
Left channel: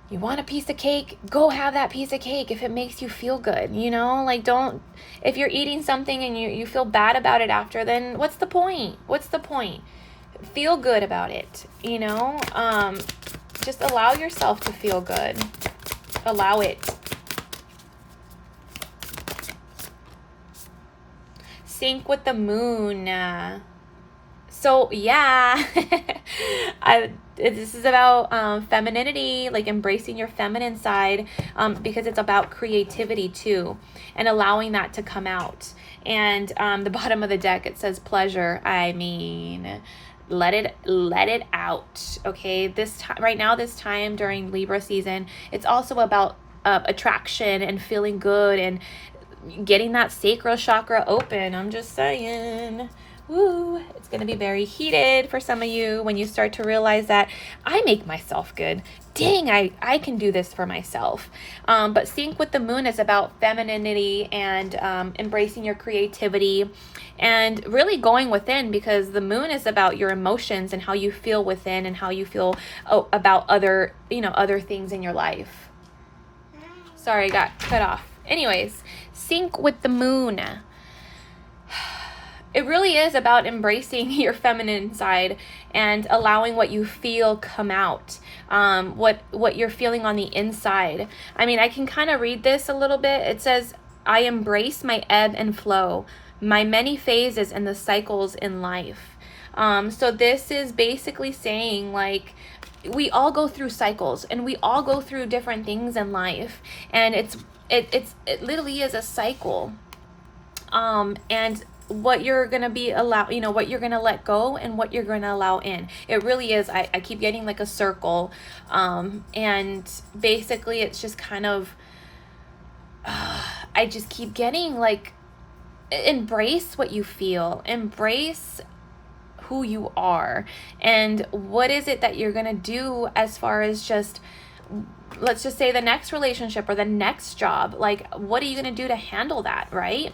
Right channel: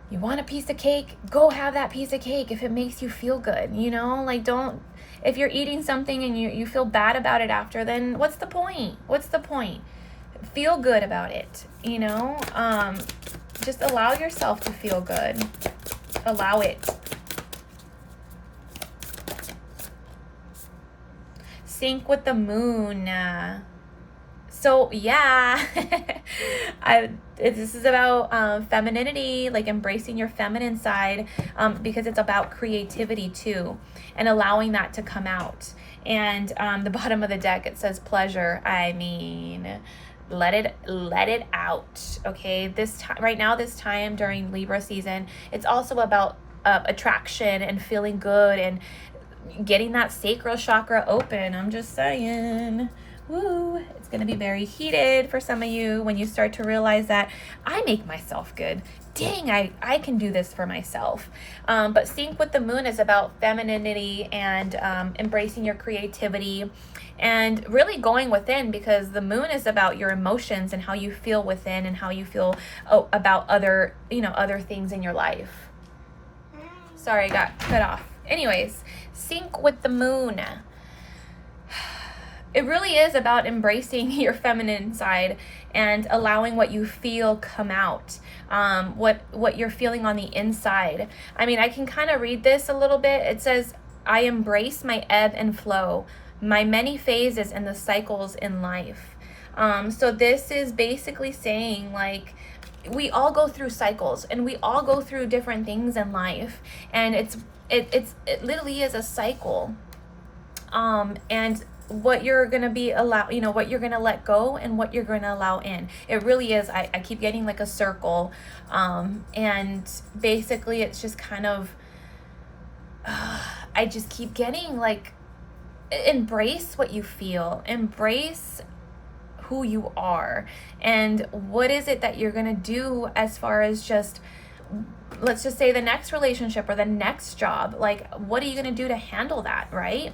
you want a piece of cake, go have that piece of cake if it makes you feel good, like if you're eating something and you feel bad about it after, then what's the point? Feel good about it, just allow yourself to feel good. Allow it. Sync with the moon. So yeah, this is about femininity, like embracing your feminine side, because it's about creativity too, and allowing that to come out. And the bottom of the deck, it says pleasure. I mean, let it out. Okay, this time during Libra season, it's also about attraction and feeling good and getting that sacral chakra open. I'm just saying. Woo, it's going to be very heated for some of you when you start to realize that I make myself good. Dang, I can do this for myself. But sync with the moon is about femininity and embracing your creativity and really going within, because the moon is about your emotions and how you feel within and how you feel about other things in your life. Sorry, I got cut off. Anyways, sync with the moon. It really is about embracing your feminine side and allowing what you feel come out, what you're feeling on the inside. I mean, I can kind of read this a little bit. It says, I embrace my ebb and flow, my many phases and the cycles in life. So this is basically saying, like, we all go through cycles and we all go through different things in life, and it literally is a cycle. And what you're going to what you're going to let go and what you're going to allow in. It really is. I keep getting like a circle. And basically it's just kind of, I just keep getting like, embrace what you feel, embrace who you are, and what is it that you're going to do as far as just, let's just say the next relationship or the next job. Like, what are you going to do to handle that, right?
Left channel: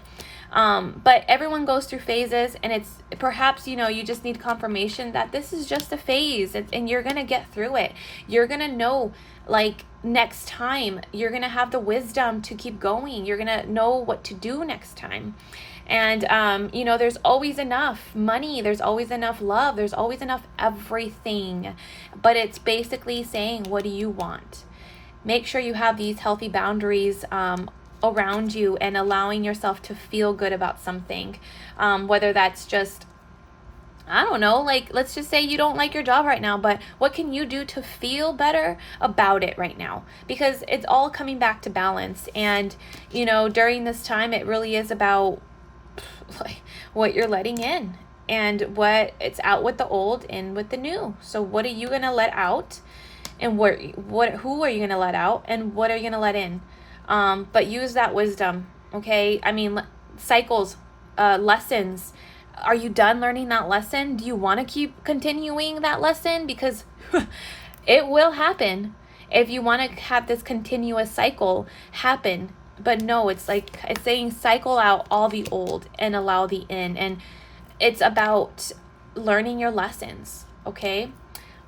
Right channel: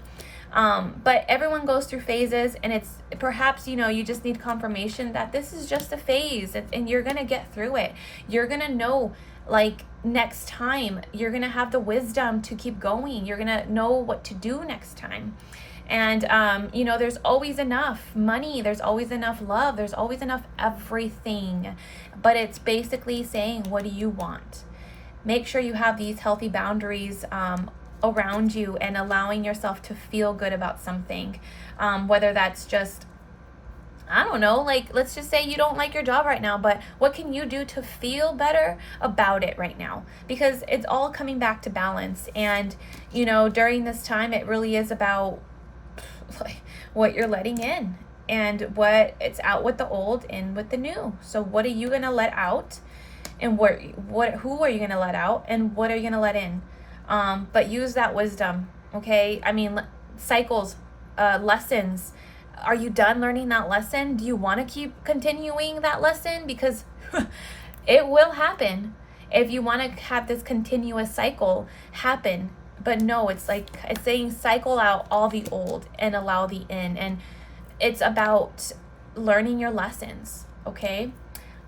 But everyone goes through phases, and it's perhaps, you just need confirmation that this is just a phase, and you're going to get through it. You're going to know, like, next time you're going to have the wisdom to keep going. You're going to know what to do next time. And, there's always enough money. There's always enough love. There's always enough everything. But it's basically saying, what do you want? Make sure you have these healthy boundaries around you and allowing yourself to feel good about something. Whether that's just, I don't know, like, let's just say you don't like your job right now, but what can you do to feel better about it right now? Because it's all coming back to balance. And, during this time, it really is about like what you're letting in, and what it's out with the old, in with the new. So what are you going to let out, and who are you going to let out, and what are you going to let in? But use that wisdom. Okay. I mean, cycles, lessons. Are you done learning that lesson? Do you want to keep continuing that lesson? Because it will happen. If you want to have this continuous cycle happen, but no, it's like, it's saying cycle out all the old and allow the in. And it's about learning your lessons, okay?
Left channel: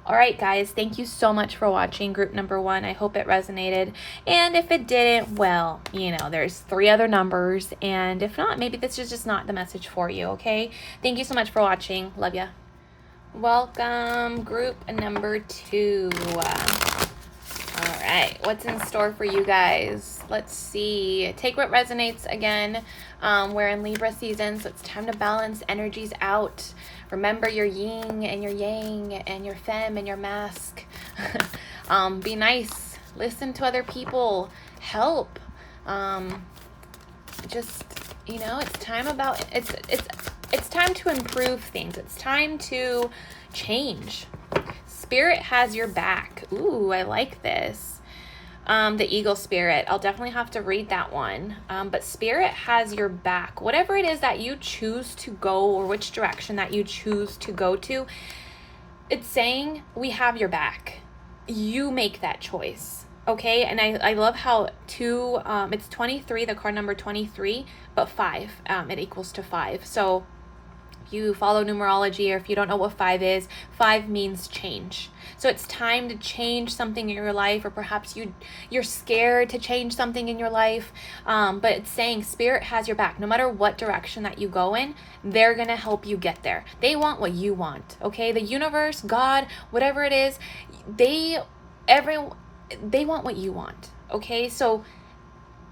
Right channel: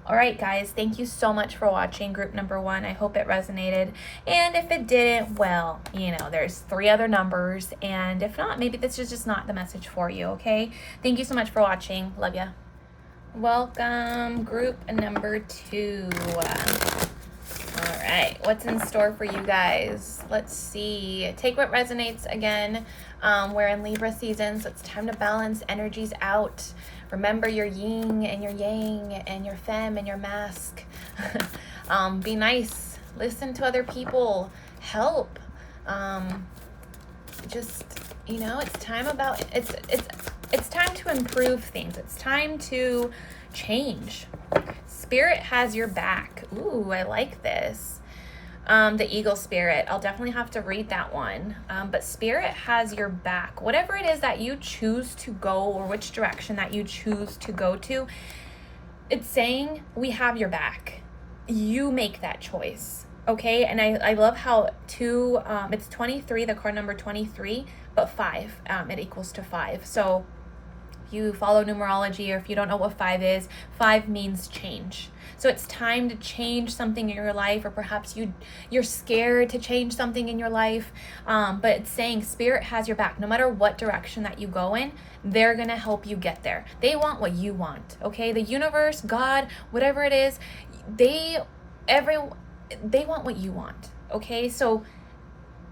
All right, guys, thank you so much for watching group number 1. I hope it resonated. And if it didn't, well, you know, there's 3 other numbers. And if not, maybe this is just not the message for you, okay? Thank you so much for watching. Love ya. Welcome, group number 2. All right, what's in store for you guys? Let's see. Take what resonates again. We're in Libra season, so it's time to balance energies out. Remember your yin and your yang and your femme and your mask. Be nice. Listen to other people. Help. Just, you know, it's time to improve things. It's time to change. Spirit has your back. Ooh, I like this. The eagle spirit. I'll definitely have to read that one. But spirit has your back. Whatever it is that you choose to go, or which direction that you choose to go to, it's saying we have your back. You make that choice. Okay, and I love how it's 23, the card number 23, but 5, it equals to 5. So you follow numerology, or if you don't know what 5 is, 5 means change. So it's time to change something in your life, or perhaps you're scared to change something in your life. But it's saying spirit has your back. No matter what direction that you go in, they're gonna help you get there. They want what you want, okay? The universe, God, whatever it is, they want what you want, okay? So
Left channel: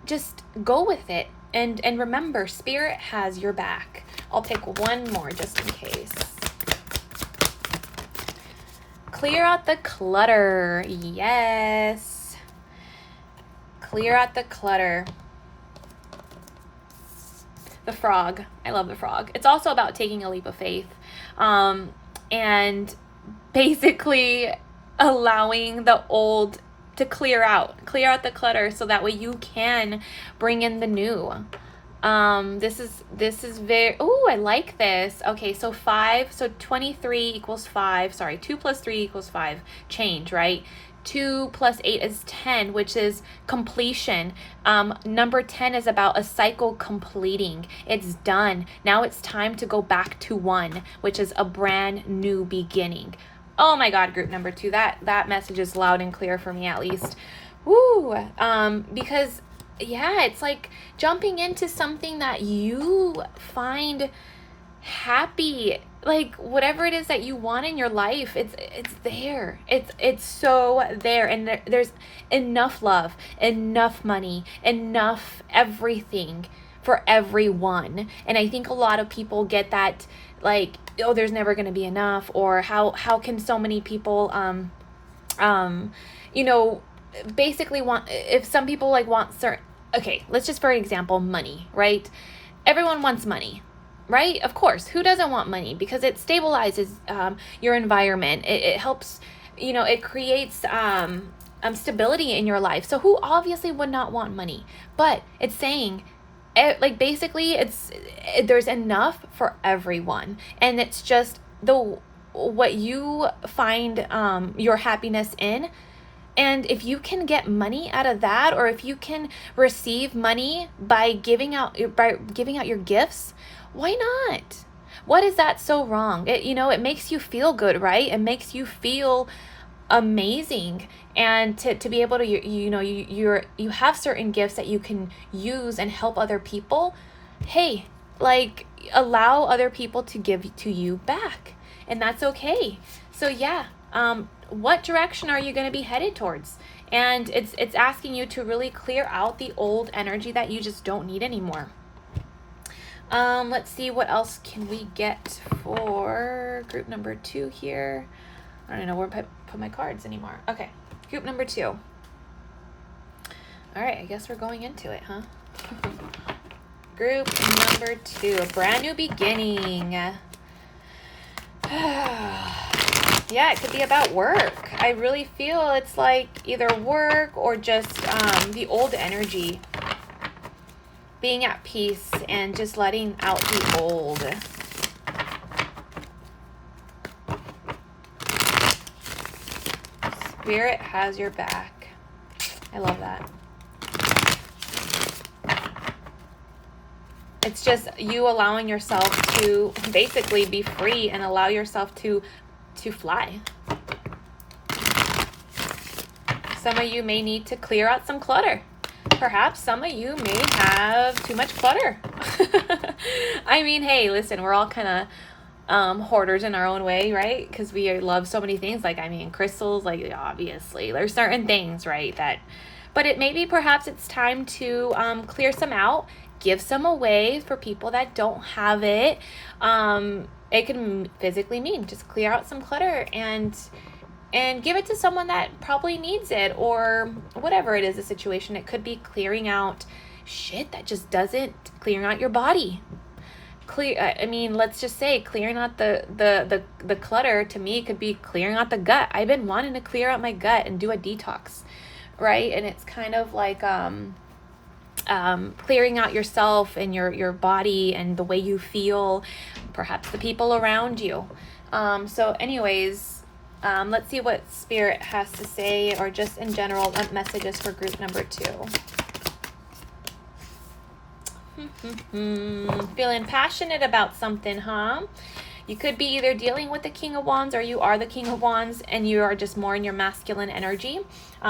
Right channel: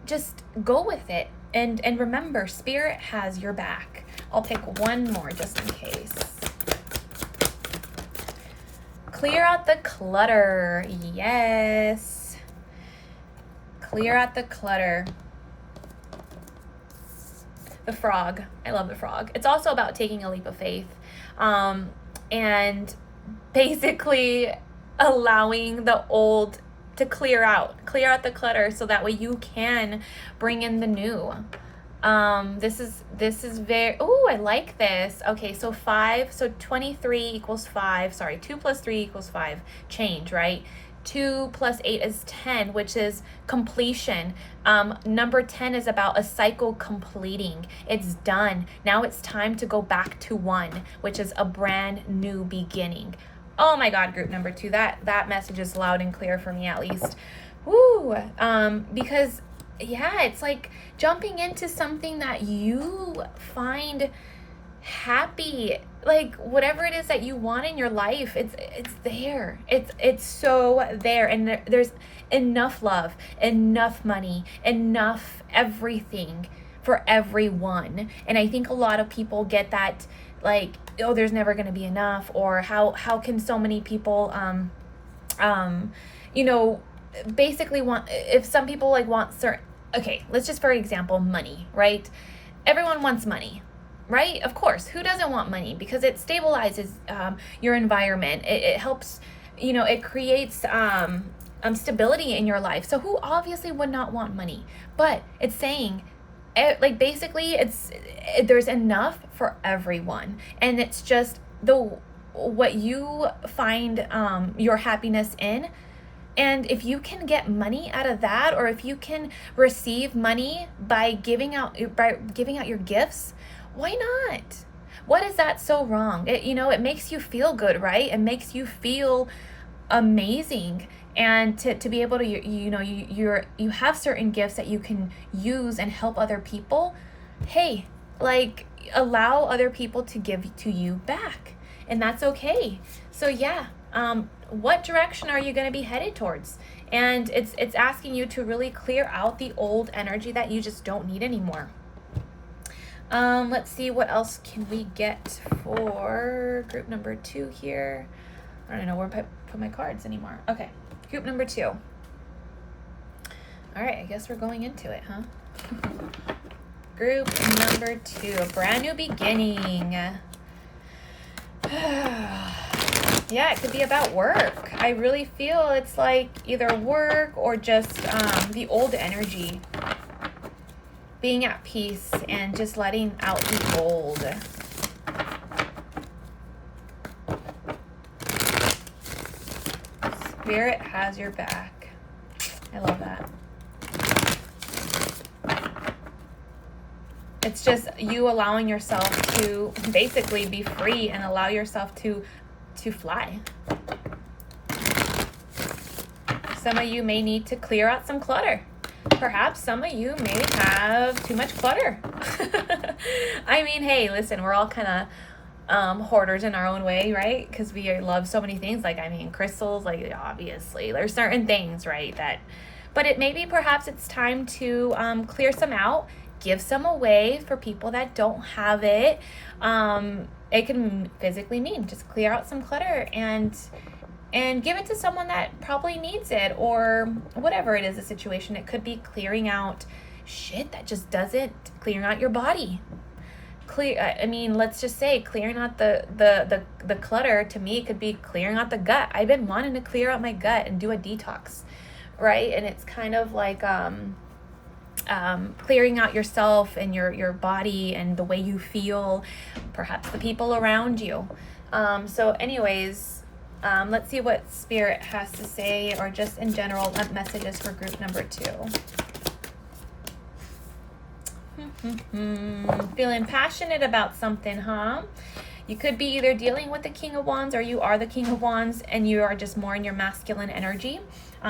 just go with it. And remember, spirit has your back. I'll pick one more just in case. Clear out the clutter. Yes. Clear out the clutter. The frog. I love the frog. It's also about taking a leap of faith. And basically allowing the old to clear out the clutter, so that way you can bring in the new. This is very, oh, I like this. Okay, so 5, so 23 equals 5, sorry, 2 plus 3 equals 5, change, right? 2 plus 8 is 10, which is completion. Number 10 is about a cycle completing. It's done. Now it's time to go back to 1, which is a brand new beginning. Oh my God, group number 2, that message is loud and clear for me, at least. Woo! Because yeah, it's like jumping into something that you find happy, like whatever it is that you want in your life, it's there. It's so there, and there's enough love, enough money, enough everything for everyone. And I think a lot of people get that, like, oh, there's never going to be enough, or how can so many people you know, basically want, if some people like want certain, okay, let's just, for example, money, right? Everyone wants money, right? Of course, who doesn't want money? Because it stabilizes your environment. It helps, you know, it creates stability in your life. So who obviously would not want money? But it's saying, like, basically there's enough for everyone, and it's just what you find your happiness in. And if you can get money out of that, or if you can receive money by giving out your gifts, why not? What is that so wrong? It makes you feel good, right? It makes you feel amazing. And to be able to, you have certain gifts that you can use and help other people. Hey, like, allow other people to give to you back, and that's okay. So yeah, what direction are you going to be headed towards? And it's asking you to really clear out the old energy that you just don't need anymore. Let's see, what else can we get for group number 2 here? I don't know where to put my cards anymore. Okay, group number 2. All right, I guess we're going into it, huh? Group number 2, brand new beginning. Yeah, it could be about work. I really feel it's like either work or just the old energy. Being at peace and just letting out the old. Spirit has your back. I love that. It's just you allowing yourself to basically be free and allow yourself to fly. Some of you may need to clear out some clutter. Perhaps some of you may have too much clutter. I mean, hey, listen, we're all kind of hoarders in our own way, right? Because we love so many things. Like, I mean, crystals, like, obviously there's certain things, right, that, but it maybe perhaps it's time to clear some out, give some away for people that don't have it. It can physically mean just clear out some clutter and give it to someone that probably needs it, or whatever it is, the situation. It could be clearing out shit that just doesn't, clearing out your body. I mean, let's just say clearing out the clutter. To me, it could be clearing out the gut. I've been wanting to clear out my gut and do a detox, right? And it's kind of like clearing out yourself and your body and the way you feel, perhaps the people around you. So anyways, let's see what Spirit has to say, or just in general messages for group number 2. Feeling passionate about something, huh? You could be either dealing with the King of Wands, or you are the King of Wands and you are just more in your masculine energy.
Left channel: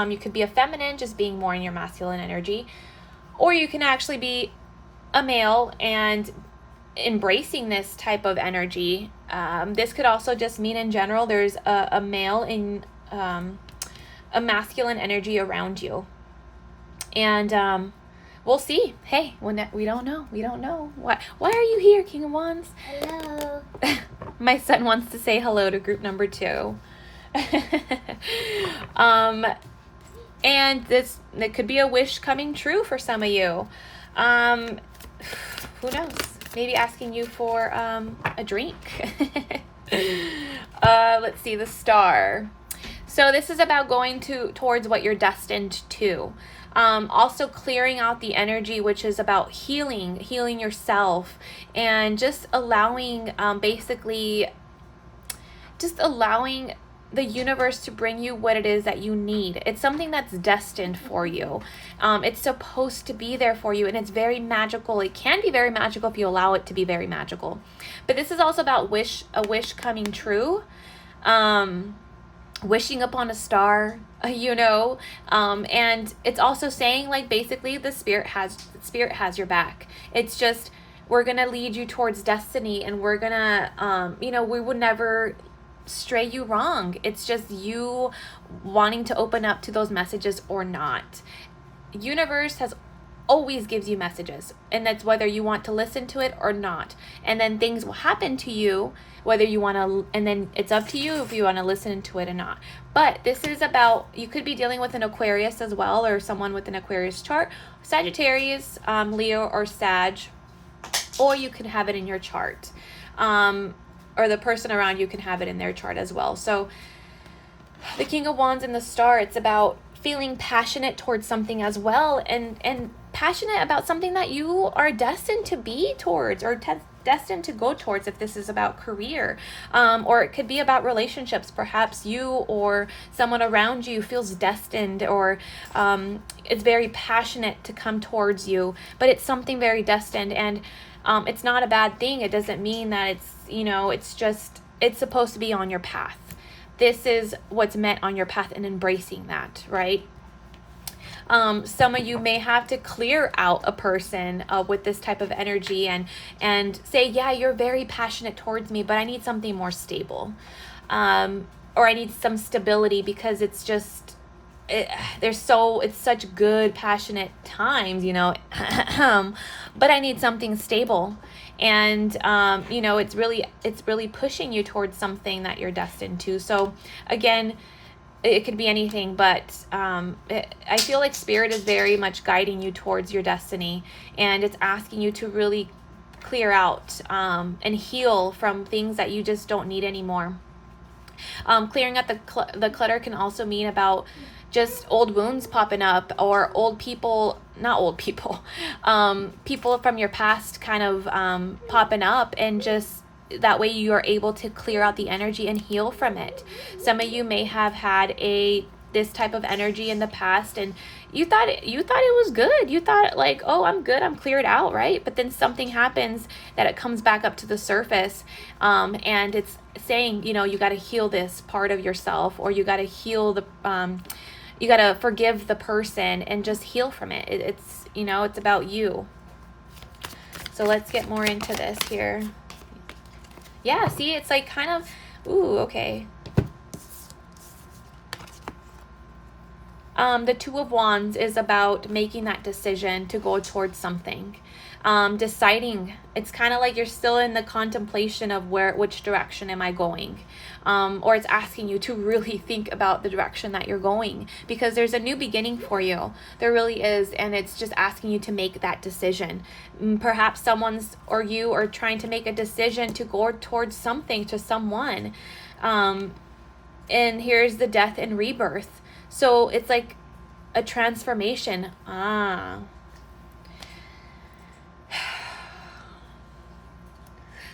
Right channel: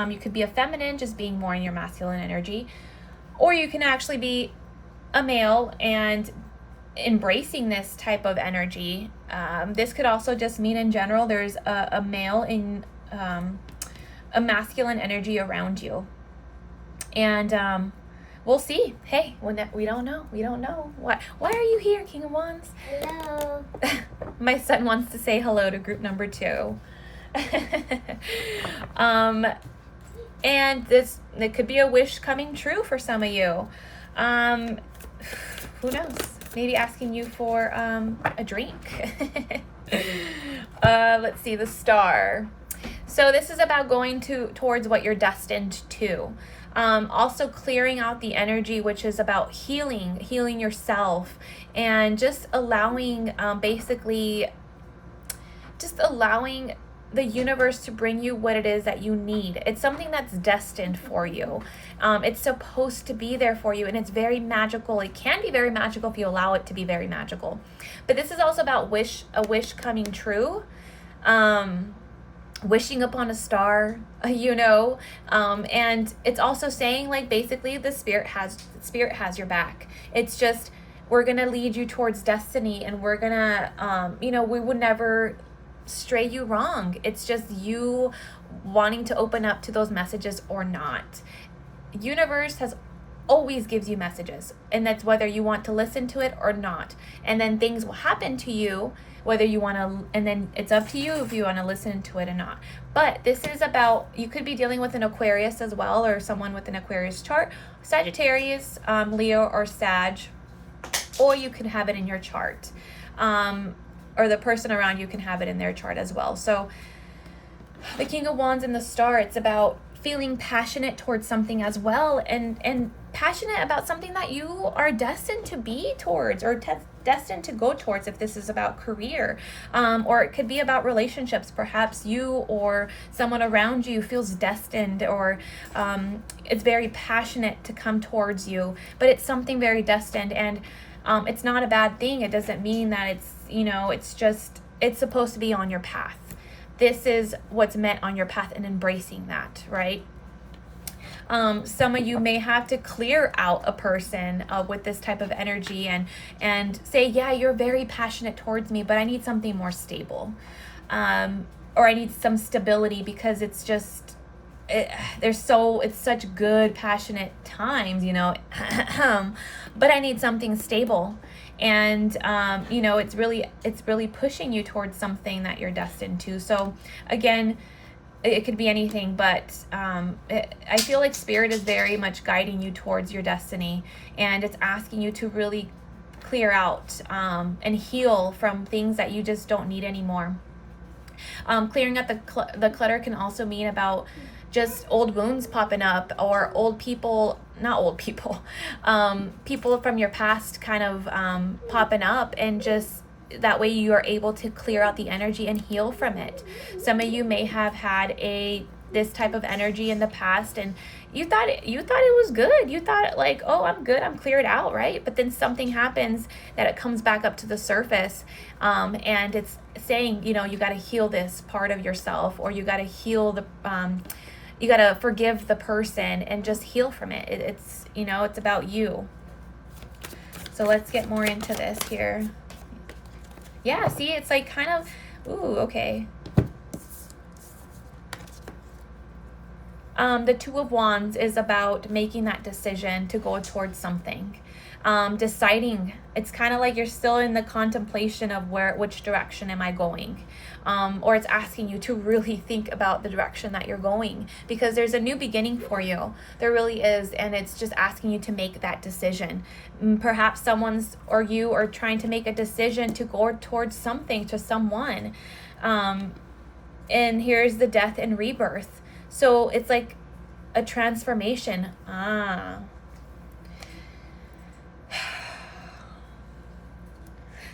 You could be a feminine, just being more in your masculine energy. Or you can actually be a male and embracing this type of energy. This could also just mean in general there's a male in a masculine energy around you. And we'll see. Hey, we don't know. Why are you here, King of Wands? Hello. My son wants to say hello to group number 2. And it could be a wish coming true for some of you. Who knows? Maybe asking you for a drink. Let's see, the Star. So this is about going towards what you're destined to. Also clearing out the energy, which is about healing yourself, and just allowing, allowing the universe to bring you what it is that you need. It's something that's destined for you. It's supposed to be there for you, and it's very magical. It can be very magical if you allow it to be very magical. But this is also about a wish coming true. Wishing upon a star, and it's also saying, like, basically the spirit has your back. It's just, we're gonna lead you towards destiny, and we're gonna we would never stray you wrong. It's just you wanting to open up to those messages or not. Universe always gives you messages, and that's whether you want to listen to it or not. And then things will happen to you whether you want to, and then it's up to you if you want to listen to it or not. But this is about, you could be dealing with an Aquarius as well, or someone with an Aquarius chart, Sagittarius, Leo, or Sag, or you can have it in your chart, or the person around you can have it in their chart as well. So the King of Wands and the Star, it's about feeling passionate towards something as well, and passionate about something that you are destined to be towards, or destined to go towards, if this is about career, or it could be about relationships. Perhaps you or someone around you feels destined, or it's very passionate to come towards you, but it's something very destined, and it's not a bad thing. It doesn't mean that it's, it's just, it's supposed to be on your path. This is what's meant on your path, and embracing that, right? Some of you may have to clear out a person with this type of energy, and say, yeah, you're very passionate towards me, but I need something more stable, or I need some stability, because it's just, it's such good passionate times, but I need something stable. And it's really pushing you towards something that you're destined to. So again, it could be anything, but I feel like Spirit is very much guiding you towards your destiny, and it's asking you to really clear out and heal from things that you just don't need anymore. Clearing out the clutter can also mean about just old wounds popping up, or people from your past kind of popping up, and just that way you are able to clear out the energy and heal from it. Some of you may have had a this type of energy in the past, and you thought it was good. You thought like, oh, I'm good, I'm cleared out, right? But then something happens that it comes back up to the surface, and it's saying, you know, you got to heal this part of yourself, or you got to heal the you got to forgive the person and just heal from it. It's, you know, it's about you. So let's get more into this here. Yeah, see, it's like kind of, ooh, okay. The Two of Wands is about making that decision to go towards something. Deciding. It's kind of like you're still in the contemplation of which direction am I going? Or it's asking you to really think about the direction that you're going, because there's a new beginning for you. There really is. And it's just asking you to make that decision. Perhaps someone's or you are trying to make a decision to go towards something, to someone. And here's the Death and Rebirth. So it's like a transformation.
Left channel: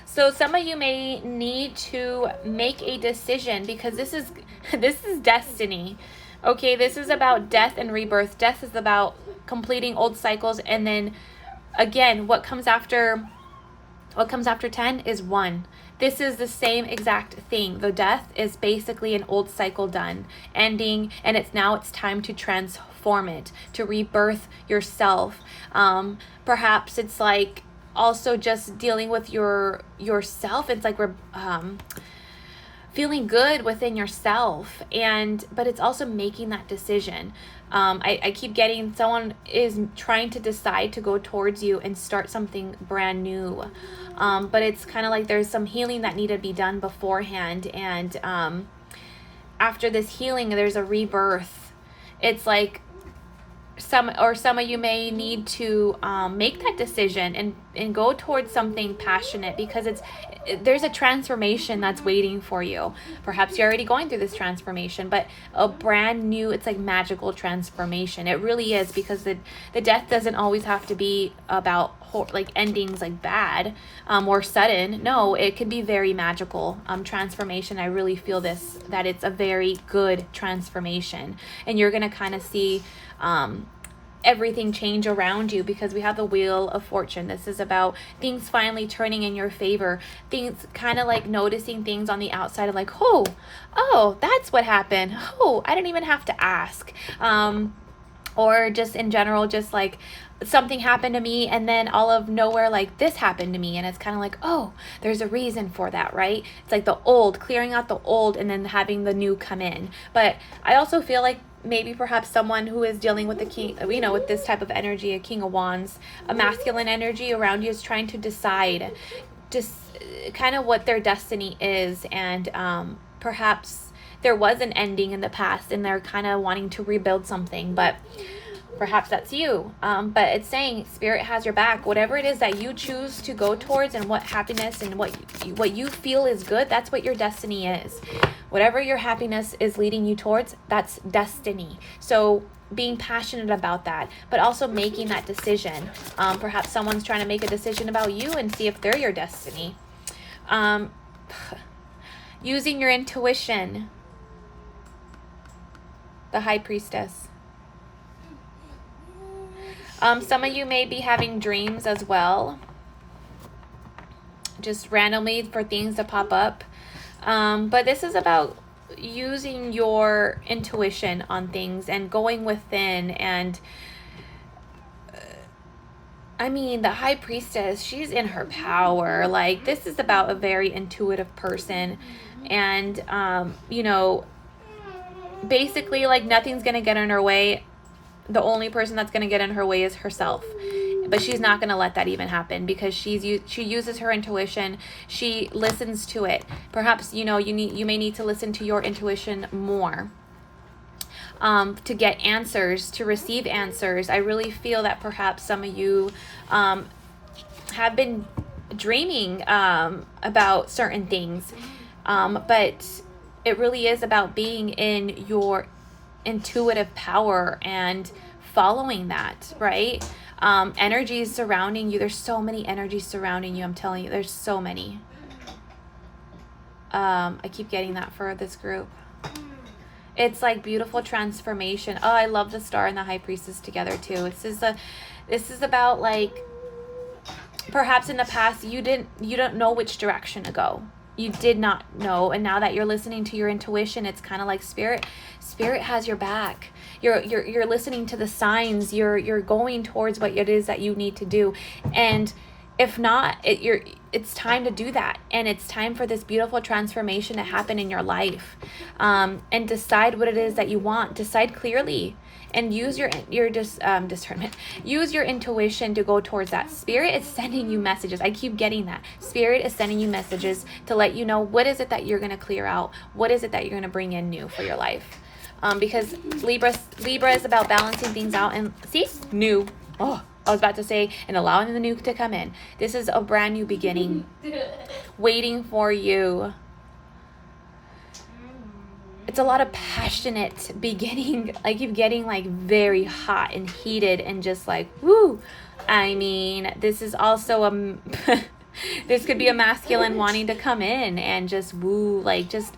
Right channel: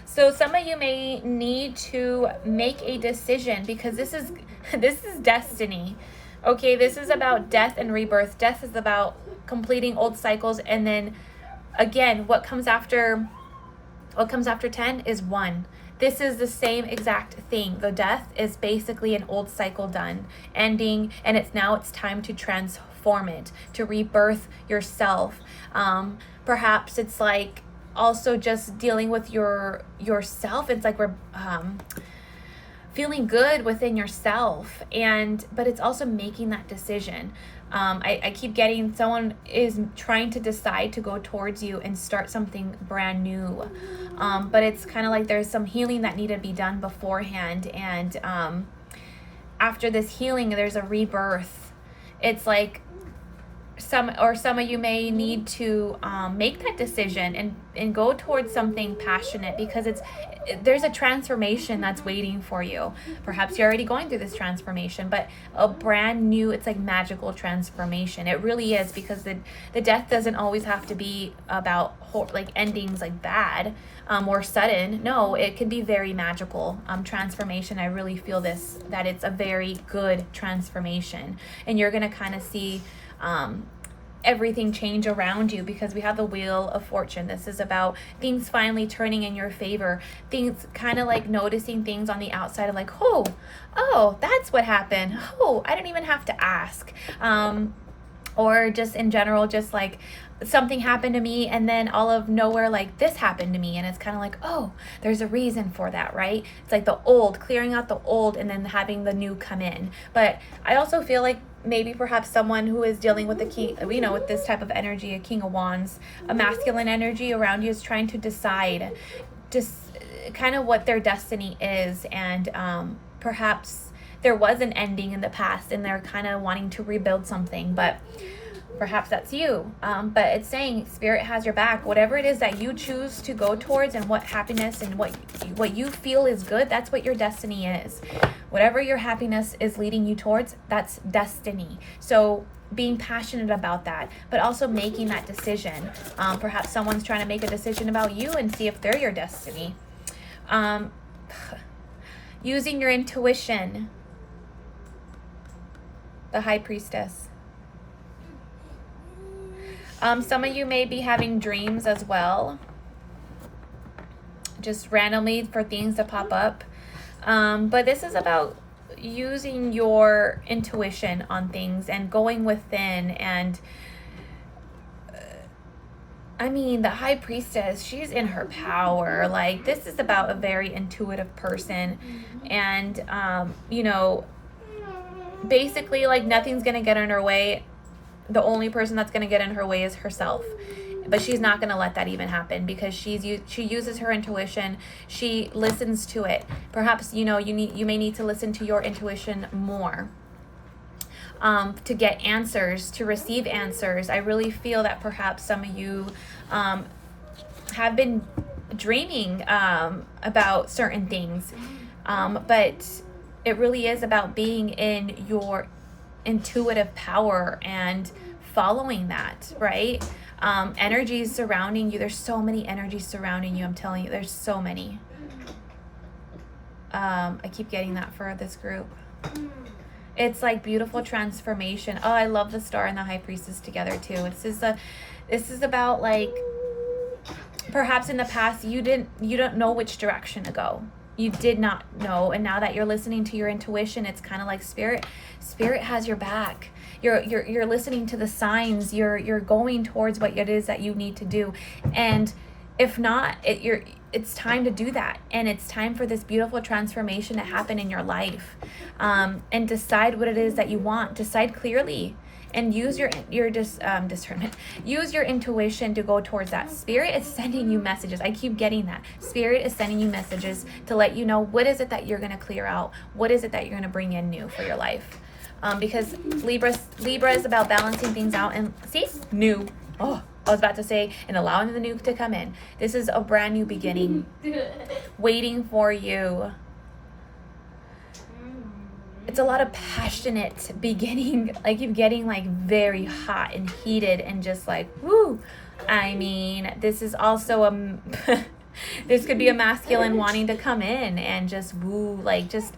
So some of you may need to make a decision, because this is destiny. Okay, this is about death and rebirth. Death is about completing old cycles, and then again, what comes after 10 is 1. This is the same exact thing. The death is basically an old cycle done, ending, and it's time to transform it, to rebirth yourself. Perhaps it's like also just dealing with yourself. It's like we're feeling good within yourself, but it's also making that decision. I keep getting someone is trying to decide to go towards you and start something brand new, but it's kind of like there's some healing that needed to be done beforehand, and after this healing there's a rebirth. It's like some of you may need to make that decision and go towards something passionate, because there's a transformation that's waiting for you. Perhaps you're already going through this transformation, but a brand new, it's like magical transformation. It really is, because the death doesn't always have to be about like endings like bad or sudden. No, it can be very magical transformation. I really feel that it's a very good transformation, and you're gonna kind of see everything change around you, because we have the Wheel of Fortune. This is about things finally turning in your favor. Things kind of like noticing things on the outside of like, oh, that's what happened. Oh, I didn't even have to ask. Or just in general, just like something happened to me, and then all of nowhere, like this happened to me, and it's kind of like, oh, there's a reason for that, right? It's like the old, clearing out the old, and then having the new come in. But I also feel like maybe perhaps someone who is dealing with the king, you know, with this type of energy, a King of Wands, a masculine energy around you, is trying to decide just kind of what their destiny is, and perhaps there was an ending in the past and they're kind of wanting to rebuild something, but perhaps that's you. But it's saying Spirit has your back. Whatever it is that you choose to go towards, and what happiness and what you feel is good, that's what your destiny is. Whatever your happiness is leading you towards, that's destiny. So being passionate about that, but also making that decision. Perhaps someone's trying to make a decision about you and see if they're your destiny. Using your intuition. The High Priestess. Some of you may be having dreams as well, just randomly for things to pop up. But this is about using your intuition on things and going within. And I mean, the High Priestess, she's in her power. Like, this is about a very intuitive person. And, you know, basically, like, nothing's going to get in her way. The only person that's going to get in her way is herself. But she's not going to let that even happen, because she uses her intuition. She listens to it. Perhaps, you know, you may need to listen to your intuition more to get answers, to receive answers. I really feel that perhaps some of you have been dreaming about certain things, but it really is about being in your intuitive power and following that, right? Energies surrounding you. There's so many energies surrounding you. I'm telling you, there's so many. I keep getting that for this group. It's like beautiful transformation. Oh, I love the Star and the High Priestess together too. This is about like, perhaps in the past you don't know which direction to go. You did not know, and now that you're listening to your intuition, it's kind of like spirit has your back. You're listening to the signs. You're going towards what it is that you need to do. And if not, it's time to do that, and it's time for this beautiful transformation to happen in your life. And decide what it is that you want. Decide clearly, and use your discernment. Use your intuition to go towards that. Spirit is sending you messages. I keep getting that. Spirit is sending you messages to let you know what is it that you're going to clear out. What is it that you're going to bring in new for your life? Because Libra is about balancing things out, and see, new. Oh, I was about to say, and allowing the new to come in. This is a brand new beginning waiting for you. It's a lot of passionate beginning. Like, you're getting like very hot and heated and just like, woo. I mean, this is also this could be a masculine wanting to come in and just woo, like just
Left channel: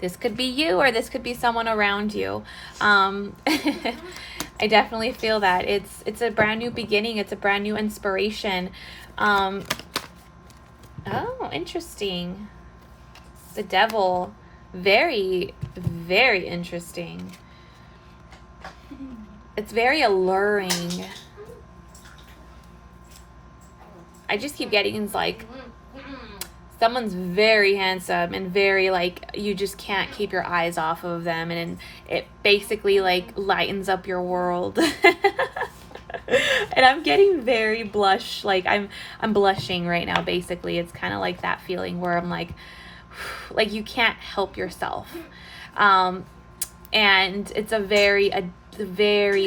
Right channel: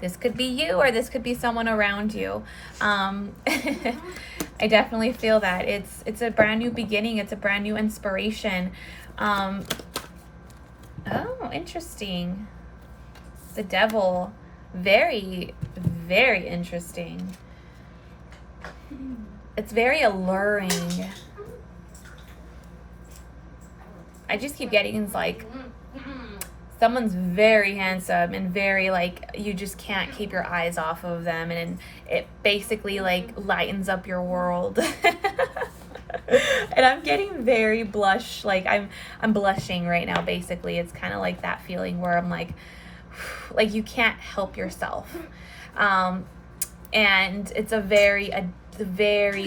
This could be you, or this could be someone around you. I definitely feel that it's a brand new beginning. It's a brand new inspiration. Oh, interesting. The Devil, very, very interesting. It's very alluring. I just keep getting like, someone's very handsome and very like, you just can't keep your eyes off of them, and it basically like lightens up your world. And I'm getting very blush, like I'm blushing right now. Basically, it's kind of like that feeling where I'm like you can't help yourself. And it's a very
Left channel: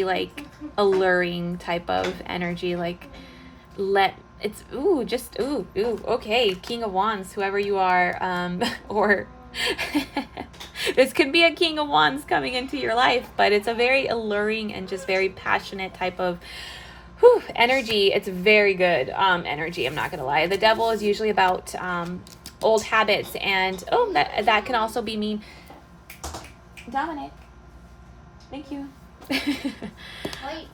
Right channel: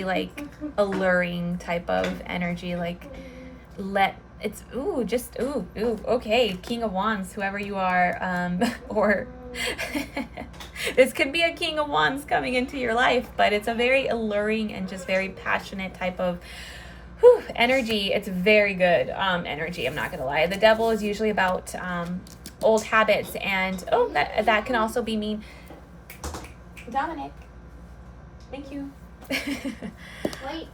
like alluring type of energy. Like, it's okay, King of Wands, whoever you are, or this could be a King of Wands coming into your life, but it's a very alluring and just very passionate type of energy. It's very good energy, I'm not gonna lie. The Devil is usually about old habits, and that can also be mean. Dominic, thank you. Wait.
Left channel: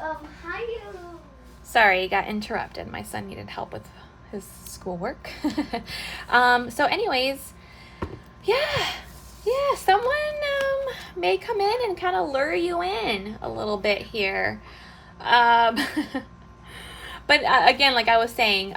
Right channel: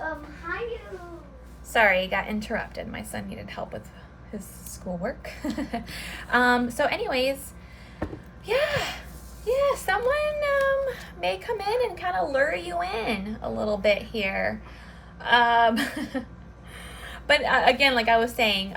How do you... Sorry, I got interrupted. My son needed help with his schoolwork. So anyways, yeah, someone may come in and kind of lure you in a little bit here. But again, like I was saying,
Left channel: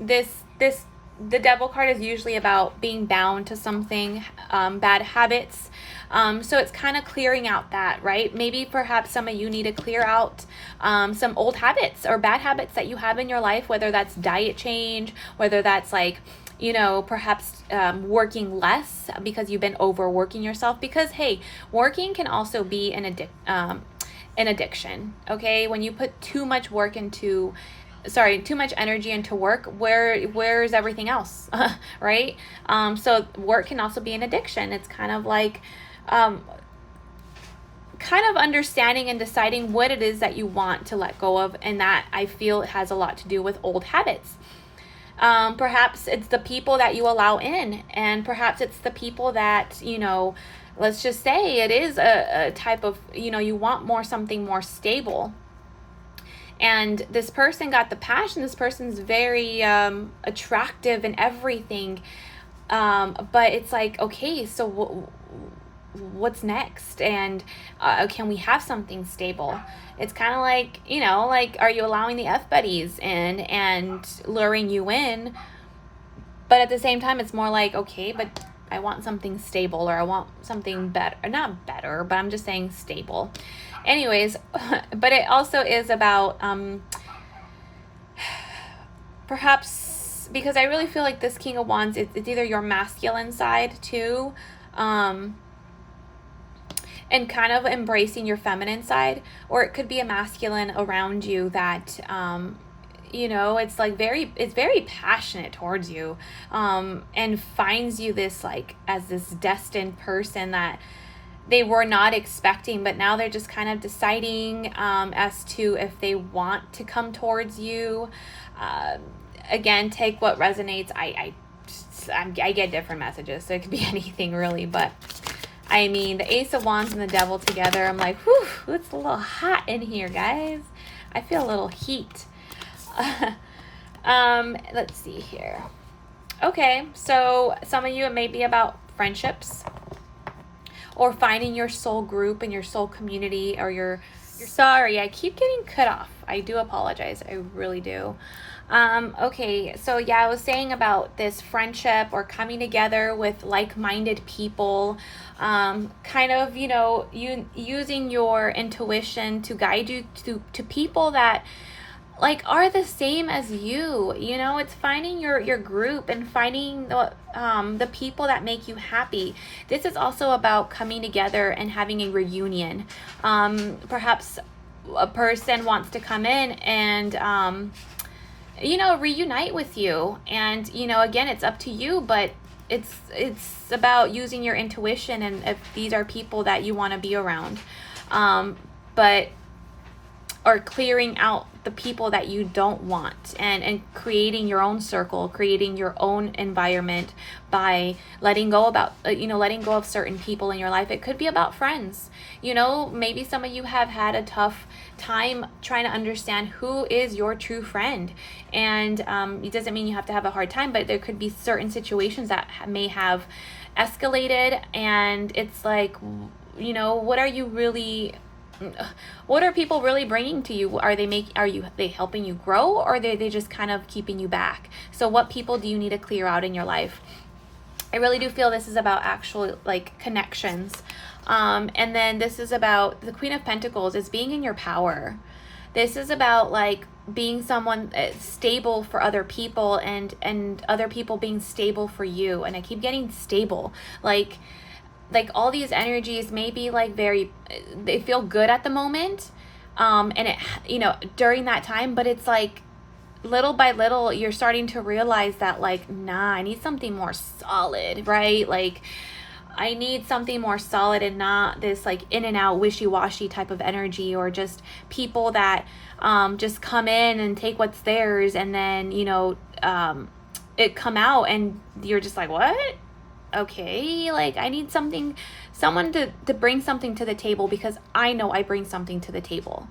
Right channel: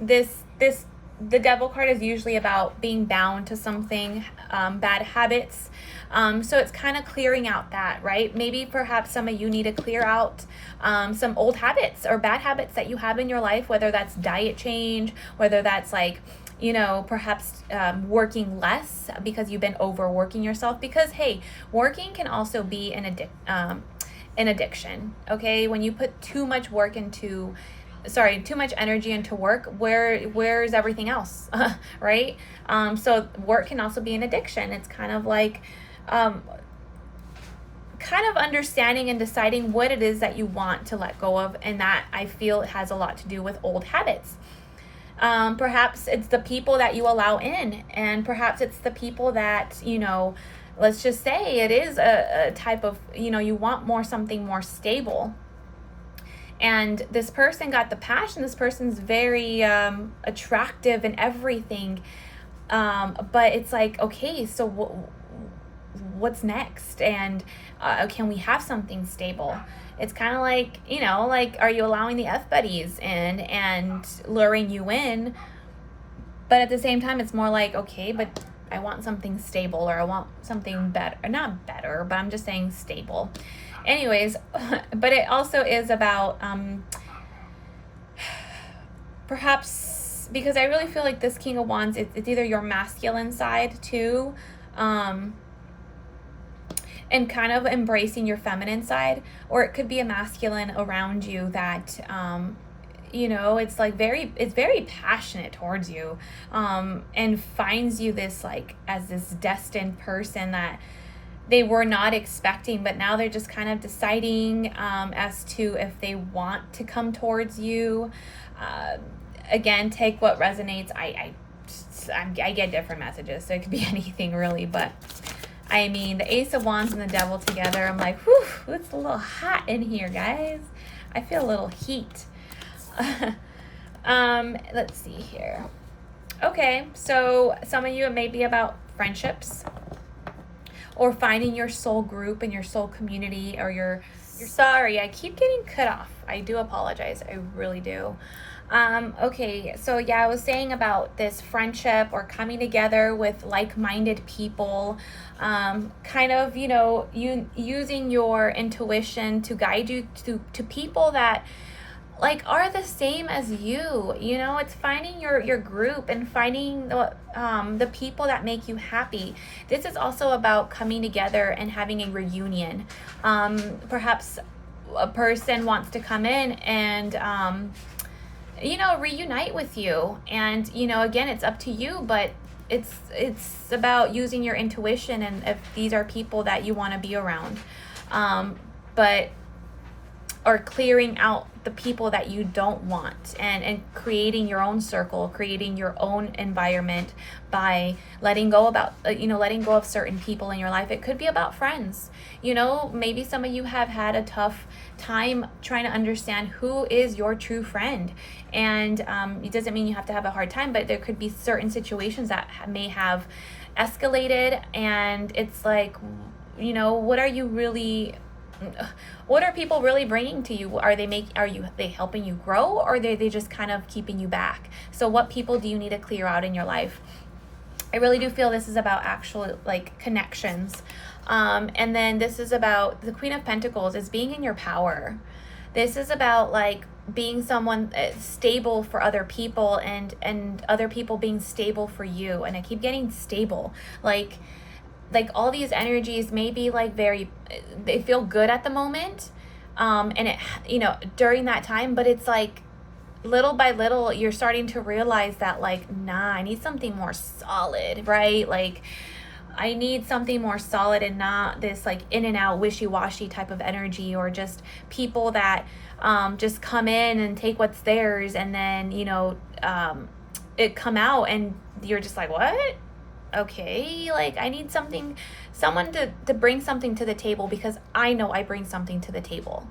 the Devil card is usually about being bound to something, bad habits. So it's kind of clearing out that, right? Maybe perhaps some of you need to clear out some old habits or bad habits that you have in your life, whether that's diet change, whether that's like, perhaps working less because you've been overworking yourself. Because, hey, working can also be an addiction, okay? When you put too much energy into work, where's everything else? Right? So work can also be an addiction. It's kind of like kind of understanding and deciding what it is that you want to let go of, and that I feel has a lot to do with old habits. Perhaps it's the people that you allow in, and perhaps it's the people that, let's just say it is a type of, you want something more stable. And this person got the passion. This person's very attractive and everything. But it's like, okay, so what's next? And can we have something stable? It's kind of like, are you allowing the F-buddies in and luring you in? But at the same time, it's more like, okay, but I want something stable, or I want something better. Not better, but I'm just saying stable. Anyways, but it also is about perhaps, because I really feel like this King of Wands, it's either your masculine side too, and kind of embracing your feminine side, or it could be a masculine around you that it's like it's very passionate towards you, and finds you this like as this destined person that they were not expecting, but now they're just kind of deciding as to if they want to come towards you. Again, take what resonates. I I get different messages, so it could be anything really, but I mean, the Ace of Wands and the Devil together, I'm like, whew, it's a little hot in here, guys. I feel a little heat. Let's see here. Okay, so some of you, it may be about friendships or finding your soul group and your soul community, or you're sorry, I keep getting cut off. I do apologize. I really do. Okay, so yeah, I was saying about this friendship or coming together with like-minded people, kind of, you know, using your intuition to guide you to people that like are the same as you. You know, it's finding your group and finding the people that make you happy. This is also about coming together and having a reunion. Perhaps a person wants to come in and you know, reunite with you, and you know, again, it's up to you, but it's about using your intuition, and if these are people that you want to be around, but or clearing out the people that you don't want, and creating your own circle, creating your own environment by letting go about letting go of certain people in your life. It could be about friends. You know, maybe some of you have had a tough time trying to understand who is your true friend, and it doesn't mean you have to have a hard time, but there could be certain situations that may have escalated, and it's like, you know, what are people really bringing to you? Are they helping you grow, or are they just kind of keeping you back? So what people do you need to clear out in your life? I really do feel this is about actual like connections. And then this is about the Queen of Pentacles is being in your power. This is about like being someone stable for other people, and other people being stable for you. And I keep getting stable, like all these energies may be like they feel good at the moment, and it, you know, during that time, but it's like little by little you're starting to realize that like, nah, I need something more solid, right? Like I need something more solid, and not this like in and out wishy-washy type of energy, or just people that just come in and take what's theirs, and then, you know, it come out and you're just like, what? Okay, like I need someone to bring something to the table, because I know I bring something to the table.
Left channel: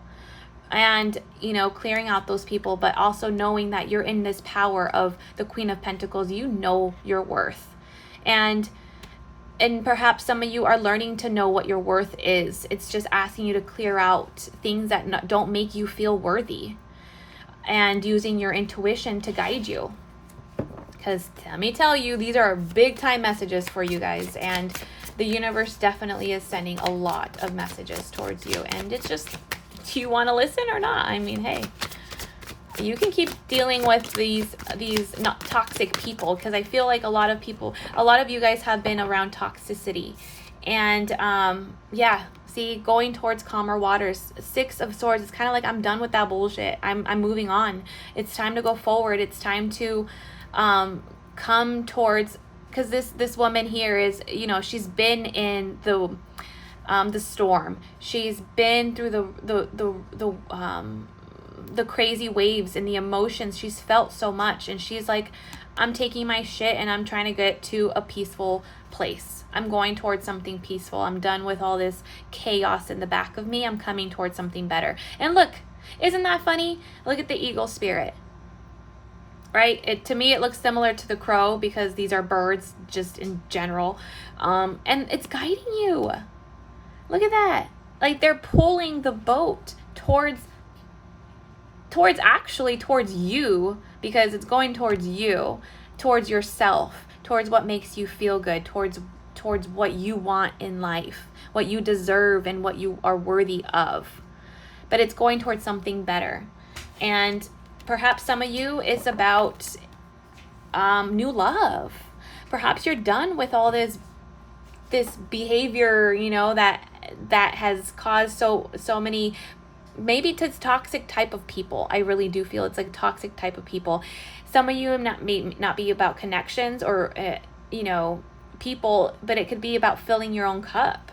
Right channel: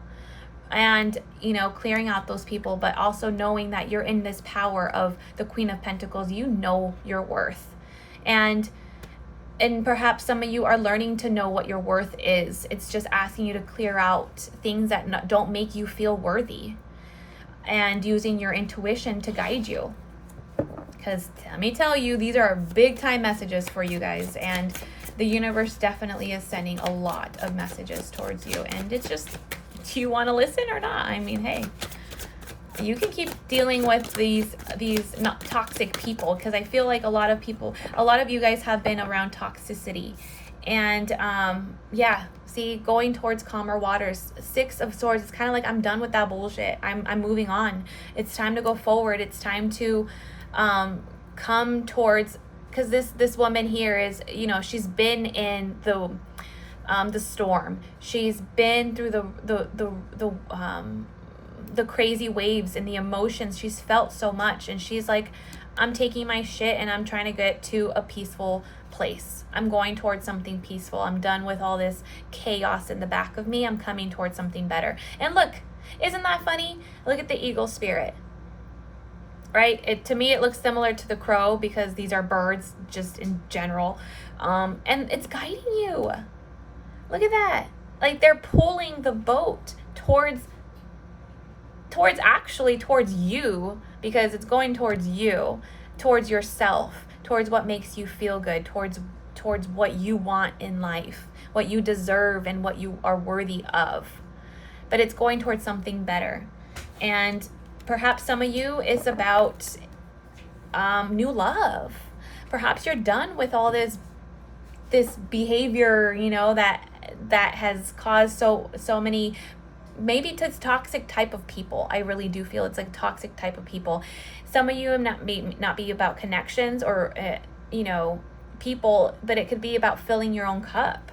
And, you know, clearing out those people, but also knowing that you're in this power of the Queen of Pentacles. You know your worth, and perhaps some of you are learning to know what your worth is. It's just asking you to clear out things that don't make you feel worthy, and using your intuition to guide you. Because let me tell you, these are big time messages for you guys, and the universe definitely is sending a lot of messages towards you, and it's just, do you want to listen or not? I mean, hey, you can keep dealing with these not toxic people, because I feel like a lot of you guys have been around toxicity, and yeah, see, going towards calmer waters. 6 of Swords, it's kind of like, I'm done with that bullshit. I'm moving on. It's time to go forward. It's time to come towards, because this woman here is, you know, she's been in the storm. She's been through the crazy waves and the emotions. She's felt so much, and she's like, I'm taking my shit and I'm trying to get to a peaceful place. I'm going towards something peaceful. I'm done with all this chaos in the back of me. I'm coming towards something better. And look, isn't that funny? Look at the eagle spirit. Right? To me, it looks similar to the crow, because these are birds just in general. And it's guiding you. Look at that. Like they're pulling the boat towards you, because it's going towards you, towards yourself, towards what makes you feel good, towards what you want in life, what you deserve, and what you are worthy of. But it's going towards something better. And perhaps some of you is about new love. Perhaps you're done with all this behavior, you know, that has caused so many, maybe it's toxic type of people. I really do feel it's like toxic type of people. Some of you may not be about connections or you know, people, but it could be about filling your own cup.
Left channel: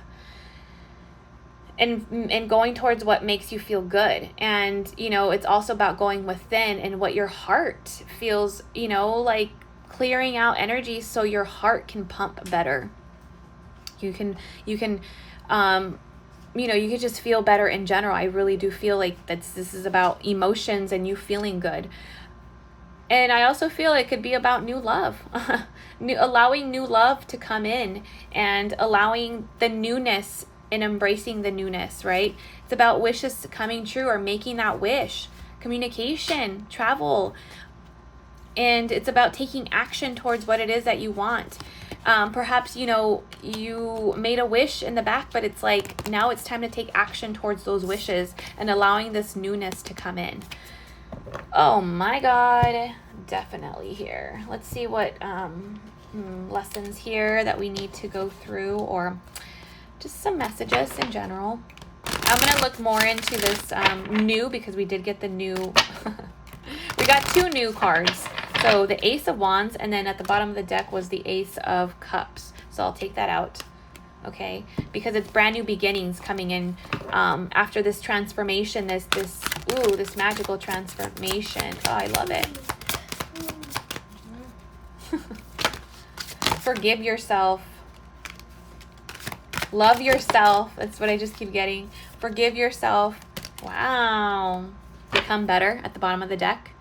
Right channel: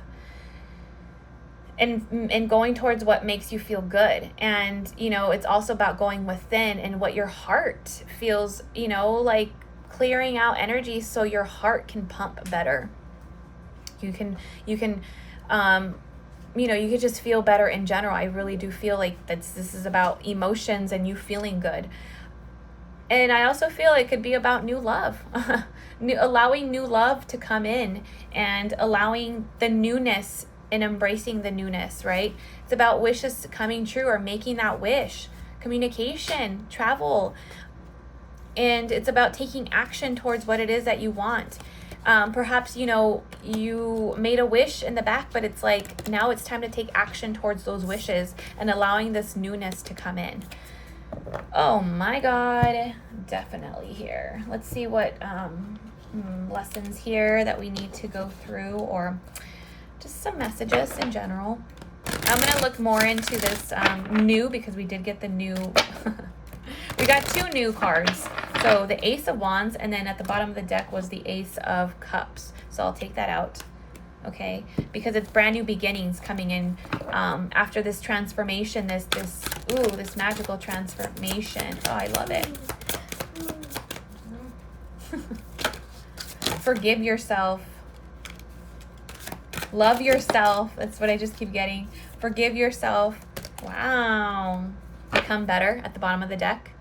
And going towards what makes you feel good. And, you know, it's also about going within and what your heart feels, you know, like clearing out energy so your heart can pump better. You can you can just feel better in general. I really do feel like this is about emotions and you feeling good. And I also feel it could be about new love. Allowing new love to come in and allowing the newness and embracing the newness, right? It's about wishes coming true or making that wish. Communication, travel. And it's about taking action towards what it is that you want. Perhaps, you made a wish in the back, but it's like now it's time to take action towards those wishes and allowing this newness to come in. Oh my God, definitely here. Let's see what lessons here that we need to go through, or just some messages in general. I'm going to look more into this new, because we did get the new. We got 2 new cards. So the Ace of Wands, and then at the bottom of the deck was the Ace of Cups. So I'll take that out, okay? Because it's brand new beginnings coming in after this transformation, this magical transformation. Oh, I love it. Forgive yourself. Love yourself. That's what I just keep getting. Forgive yourself. Wow. Become better at the bottom of the deck.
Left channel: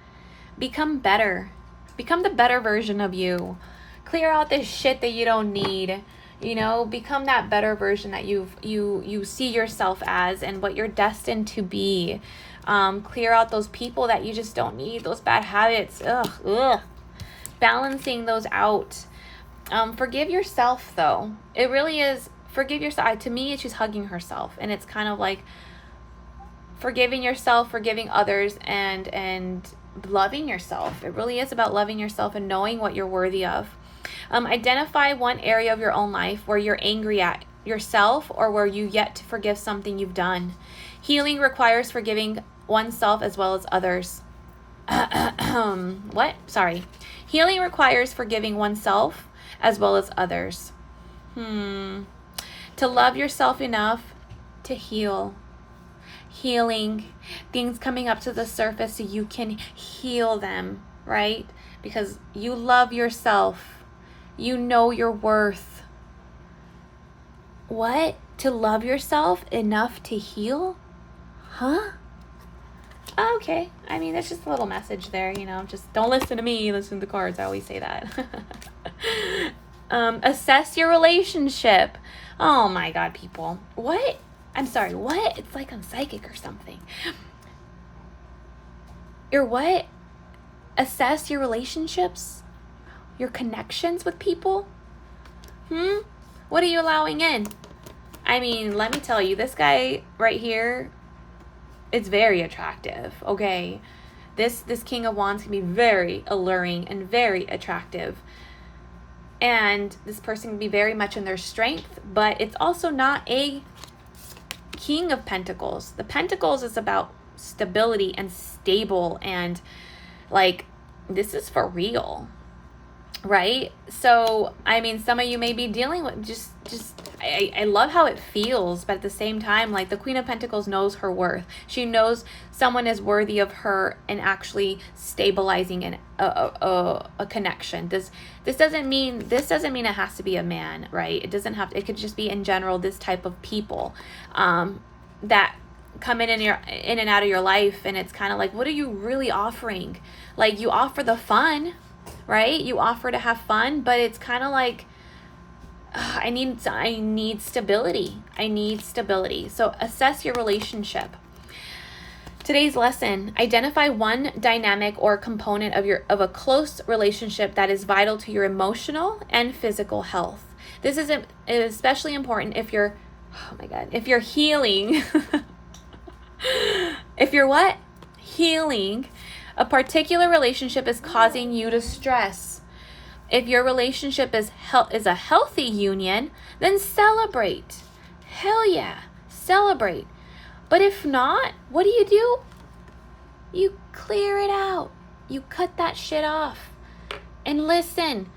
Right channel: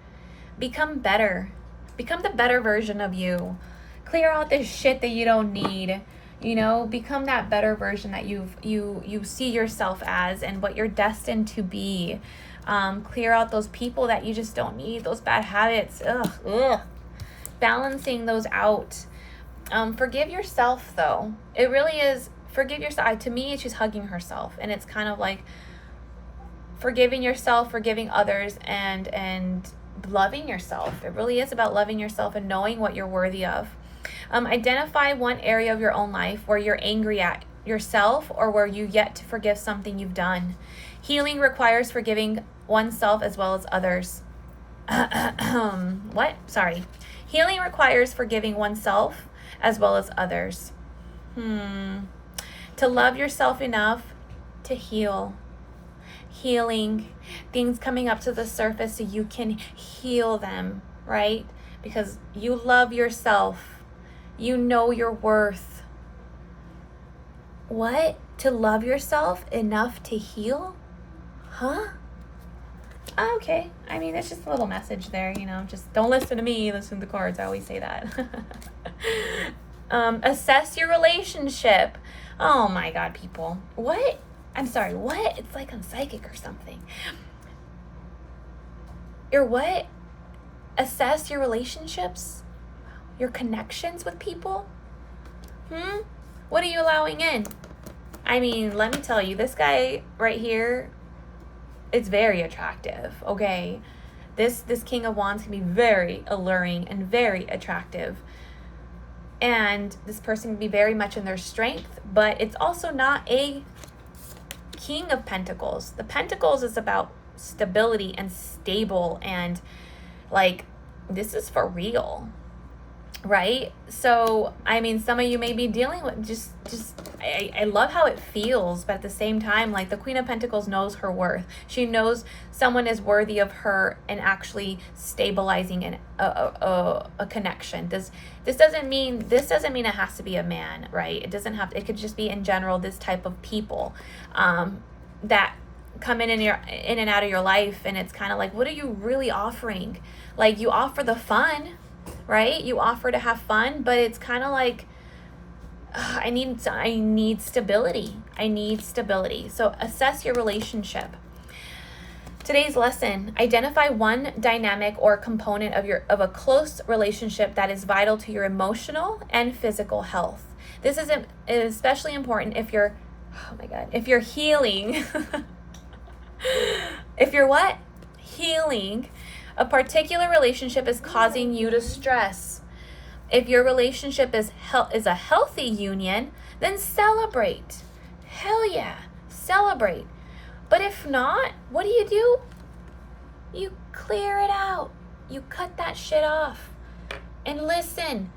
Become better. Become the better version of you. Clear out this shit that you don't need. Become that better version that you see yourself as and what you're destined to be. Clear out those people that you just don't need, those bad habits. Ugh. Balancing those out. Forgive yourself, though. It really is. Forgive yourself. To me, she's hugging herself, and it's kind of like forgiving yourself, forgiving others, and loving yourself. It really is about loving yourself and knowing what you're worthy of. Identify one area of your own life where you're angry at yourself or where you yet to forgive something you've done. Healing requires forgiving oneself as well as others. What? Sorry. Healing requires forgiving oneself as well as others. To love yourself enough to heal. Healing, things coming up to the surface so you can heal them, right? Because you love yourself. You know your worth. What? To love yourself enough to heal? Huh? Okay. I mean, that's just a little message there, just don't listen to me, listen to the cards. I always say that. Assess your relationship. Oh my God, people. What? I'm sorry, what? It's like I'm psychic or something. Your what? Assess your relationships? Your connections with people? What are you allowing in? I mean, let me tell you, this guy right here, it's very attractive, okay? This King of Wands can be very alluring and very attractive. And this person can be very much in their strength, but it's also not a King of Pentacles. The Pentacles is about stability and stable, and like, this is for real, right? So, I mean, some of you may be dealing with I love how it feels, but at the same time, like, the Queen of Pentacles knows her worth. She knows someone is worthy of her and actually stabilizing a connection. This doesn't mean it has to be a man, right? It could just be in general this type of people that come in and out of your life, and it's kind of like, what are you really offering? Like, you offer the fun, right? You offer to have fun, but it's kind of like, I need stability. I need stability. So assess your relationship. Today's lesson: identify one dynamic or component of a close relationship that is vital to your emotional and physical health. This is especially important if you're, if you're healing. If you're what? Healing. A particular relationship is causing you to stress. If your relationship is a healthy union, then celebrate. Hell yeah, celebrate. But if not, what do? You clear it out. You cut that shit off. And listen,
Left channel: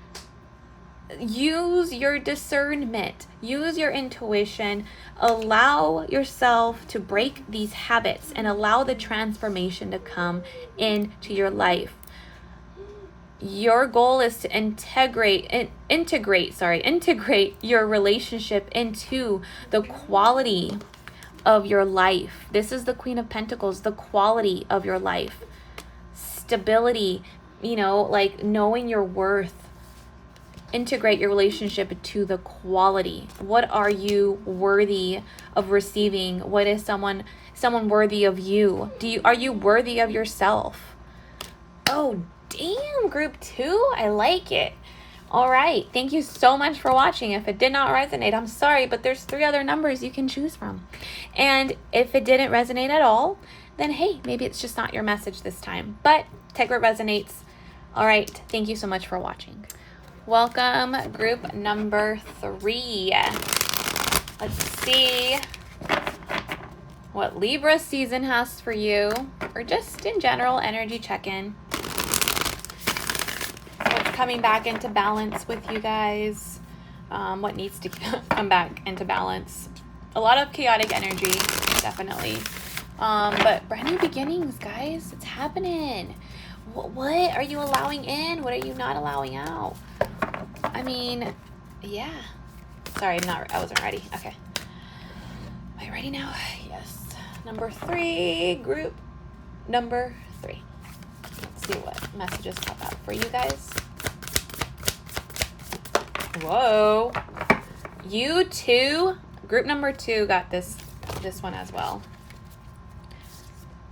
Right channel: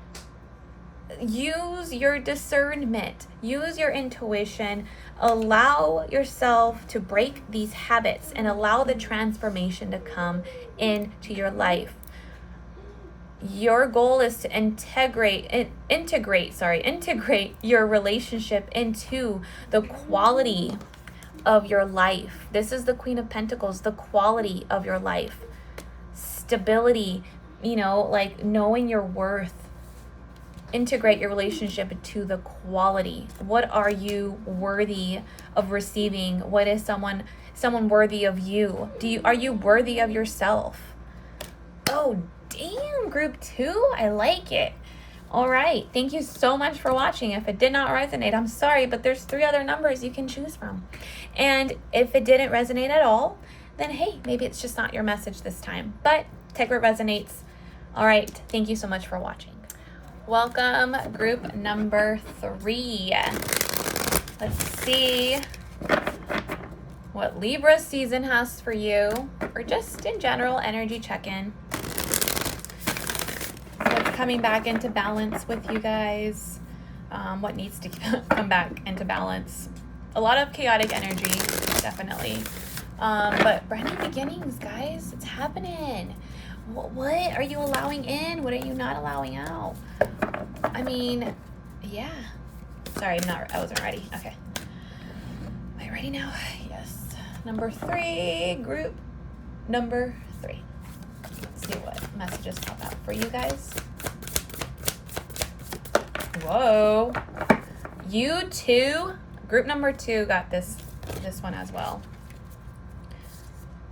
use your discernment, use your intuition, allow yourself to break these habits and allow the transformation to come into your life. Your goal is to integrate your relationship into the quality of your life. This is the Queen of Pentacles, the quality of your life. Stability, like knowing your worth. Integrate your relationship to the quality. What are you worthy of receiving? What is someone worthy of you? Are you worthy of yourself? Oh, damn, group 2. I like it. All right. Thank you so much for watching. If it did not resonate, I'm sorry, but there's 3 other numbers you can choose from. And if it didn't resonate at all, then hey, maybe it's just not your message this time. But take what resonates. All right. Thank you so much for watching. Welcome, group number 3. Let's see what Libra season has for you, or just in general, energy check-in. What's coming back into balance with you guys? What needs to come back into balance? A lot of chaotic energy, definitely. But brand new beginnings, guys. It's happening. What are you allowing in? What are you not allowing out? I mean, yeah. Sorry, I wasn't ready. Okay. Am I ready now? Yes. Number 3, group number 3. Let's see what messages pop out for you guys. Whoa. You too. Group number 2 got this one as well.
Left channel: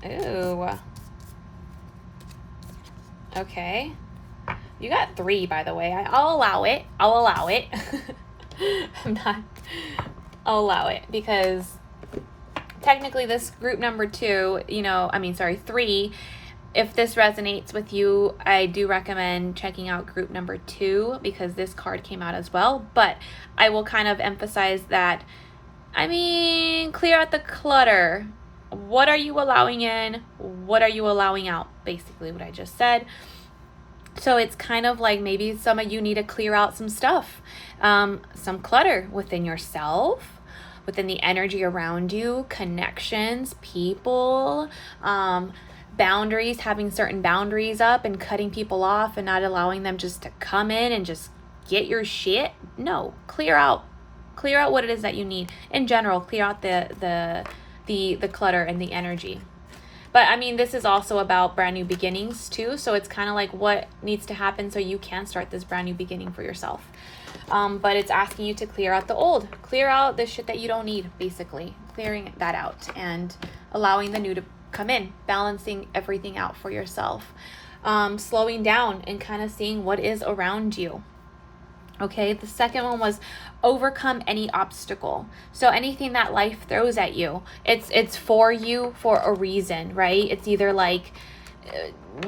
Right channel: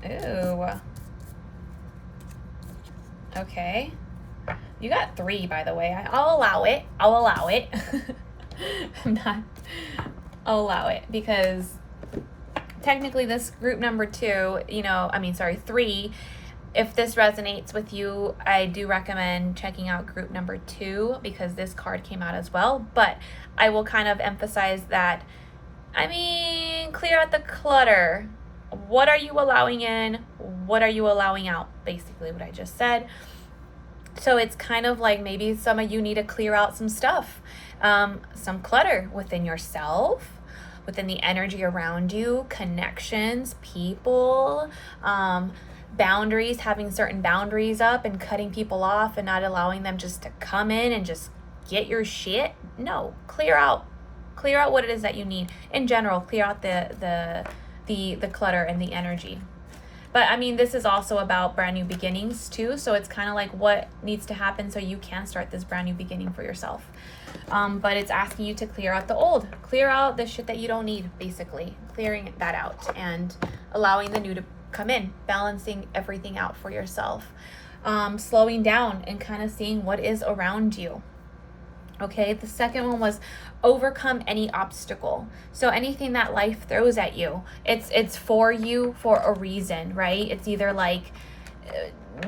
Ooh. Okay. You got 3, by the way. I'll allow it. I'll allow it. I'll allow it because technically this group number 2, 3, if this resonates with you, I do recommend checking out group number 2 because this card came out as well. But I will kind of emphasize that, clear out the clutter. What are you allowing in? What are you allowing out? Basically what I just said. So it's kind of like maybe some of you need to clear out some stuff, some clutter within yourself, within the energy around you, connections, people, boundaries, having certain boundaries up and cutting people off and not allowing them just to come in and just get your shit. No, clear out what it is that you need. In general, clear out the clutter and the energy. But this is also about brand new beginnings too. So it's kind of like what needs to happen so you can start this brand new beginning for yourself. But it's asking you to clear out the old, clear out the shit that you don't need, basically clearing that out and allowing the new to come in, balancing everything out for yourself, slowing down and kind of seeing what is around you. Okay, the second one was overcome any obstacle. So anything that life throws at you, it's for you for a reason, right? It's either like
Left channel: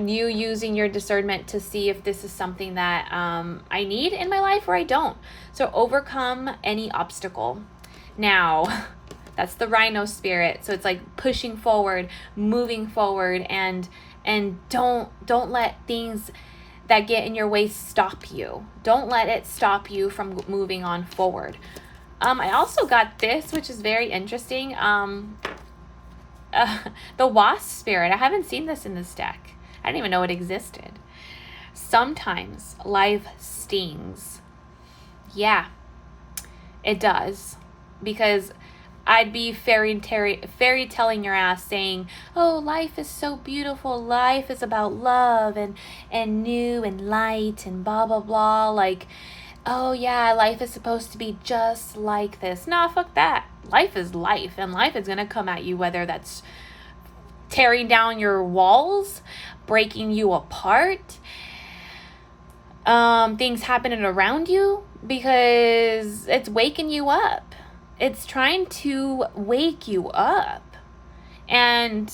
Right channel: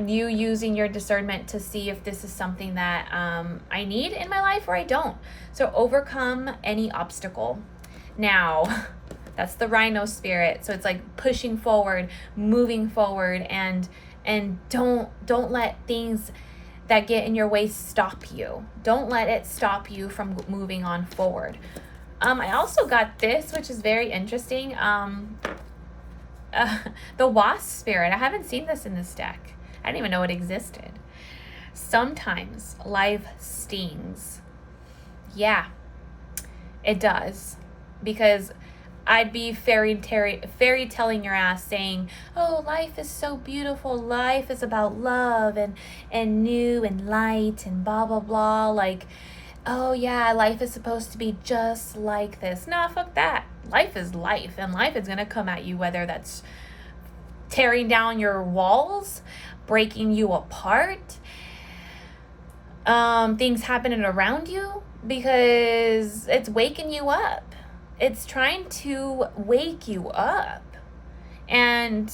you using your discernment to see if this is something that I need in my life or I don't. So overcome any obstacle. Now, that's the rhino spirit. So it's like pushing forward, moving forward, and don't let things that get in your way stop you. Don't let it stop you from moving on forward. I also got this, which is very interesting. The wasp spirit. I haven't seen this in this deck. I didn't even know it existed. Sometimes life stings. Yeah, it does. Because I'd be fairy telling your ass saying, oh, life is so beautiful. Life is about love and new and light and blah, blah, blah. Like, oh yeah, life is supposed to be just like this. Nah, fuck that. Life is life, and life is going to come at you, whether that's tearing down your walls, breaking you apart, things happening around you, because it's waking you up. It's trying to wake you up. And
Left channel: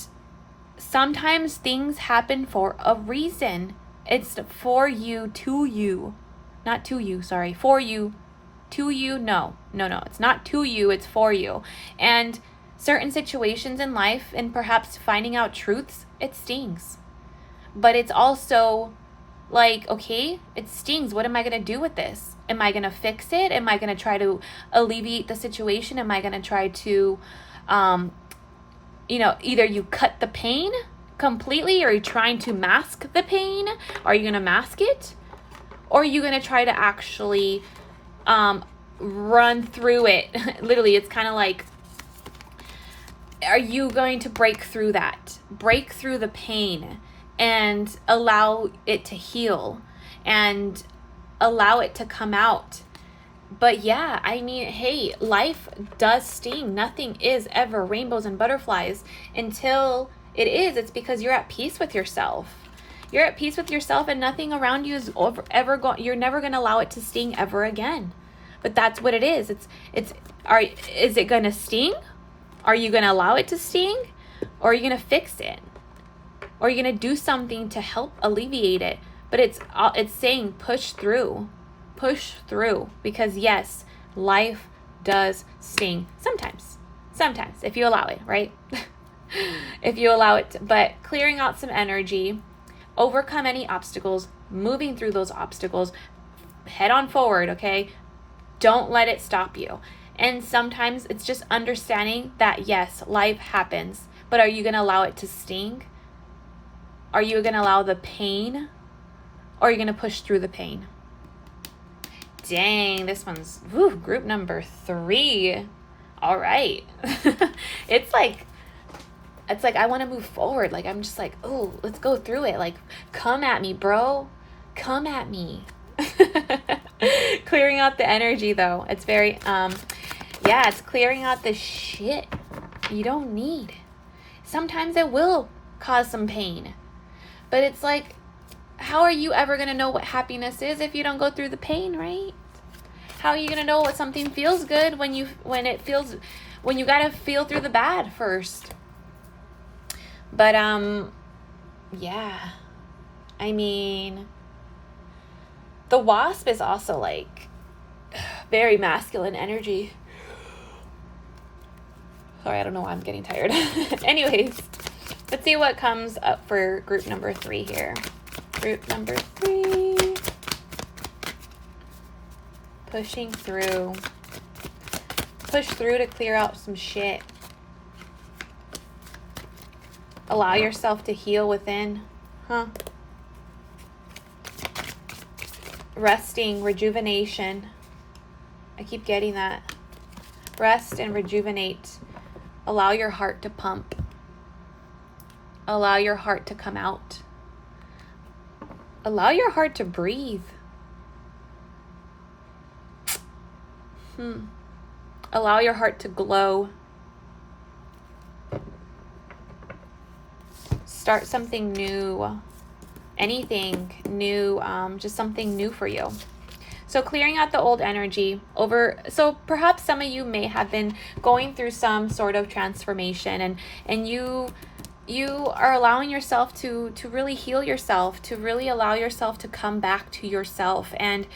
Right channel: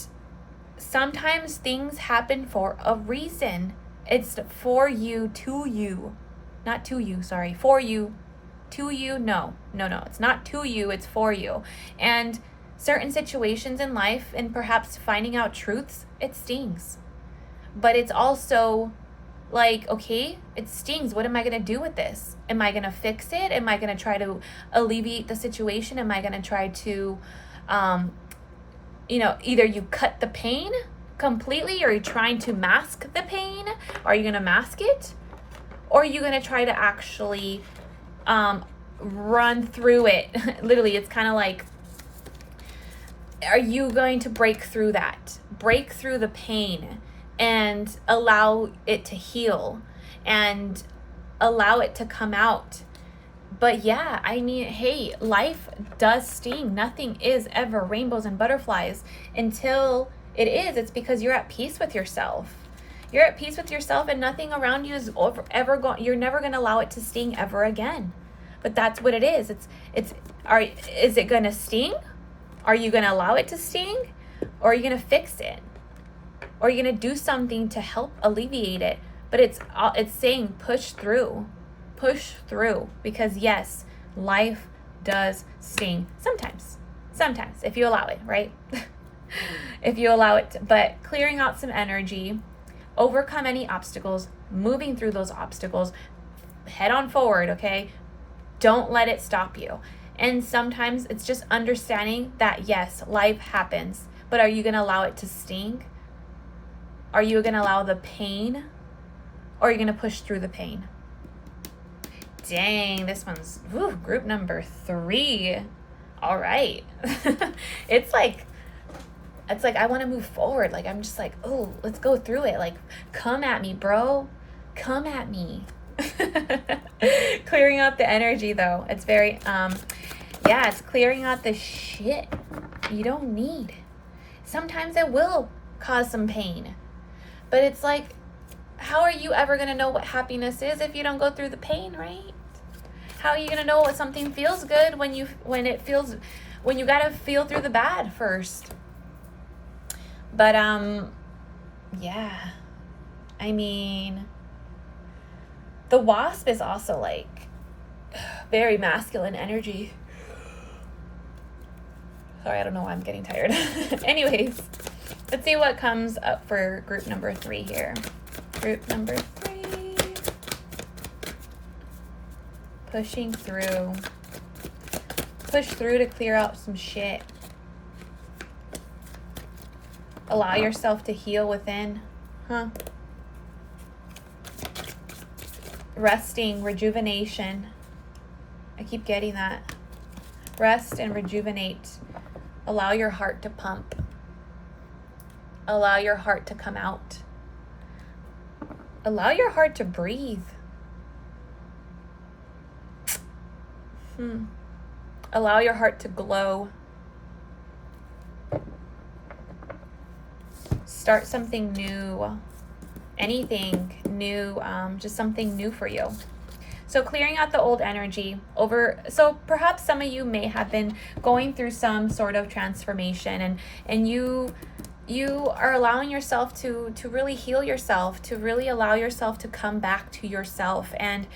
sometimes things happen for a reason. It's for you, to you. Not to you, sorry. For you, to you. No. It's not to you, it's for you. And certain situations in life and perhaps finding out truths, it stings. But it's also like, okay, it stings. What am I going to do with this? Am I going to fix it? Am I going to try to alleviate the situation? Am I going to try to, either you cut the pain completely? Are you trying to mask the pain? Are you going to mask it? Or are you going to try to actually run through it? Literally, it's kind of like, are you going to break through that? Break through the pain and allow it to heal and allow it to come out. But yeah, I mean, hey, life does sting. Nothing is ever rainbows and butterflies until it is. It's because you're at peace with yourself. You're at peace with yourself, and nothing around you is ever going. You're never going to allow it to sting ever again. But that's what it is. Is it going to sting? Are you going to allow it to sting? Or are you going to fix it? Or are you going to do something to help alleviate it? But it's saying push through. Push through. Because yes, life does sting. Sometimes, if you allow it, right? If you allow it. But clearing out some energy, overcome any obstacles, moving through those obstacles, head on forward, okay? Don't let it stop you. And sometimes it's just understanding that yes, life happens, but are you going to allow it to sting? Are you going to allow the pain? Or are you going to push through the pain? Dang, this one's group number 3. All right. It's like I want to move forward. Like I'm just like, oh, let's go through it. Like, come at me, bro. Come at me. Clearing out the energy though. It's very it's clearing out the shit you don't need. Sometimes it will cause some pain. But it's like, how are you ever going to know what happiness is if you don't go through the pain, right? How are you going to know what something feels good when you got to feel through the bad first? But yeah. I mean, the wasp is also like very masculine energy. Sorry, I don't know why I'm getting tired. Anyways, let's see what comes up for group number 3 here. Group number 3. Pushing through. Push through to clear out some shit. Allow yourself to heal within. Resting, rejuvenation. I keep getting that. Rest and rejuvenate. Allow your heart to pump. Allow your heart to come out. Allow your heart to breathe. Allow your heart to glow. Start something new. Anything new, just something new for you. So clearing out the old energy so perhaps some of you may have been going through some sort of transformation and you are allowing yourself to really heal yourself, to really allow yourself to come back to yourself. And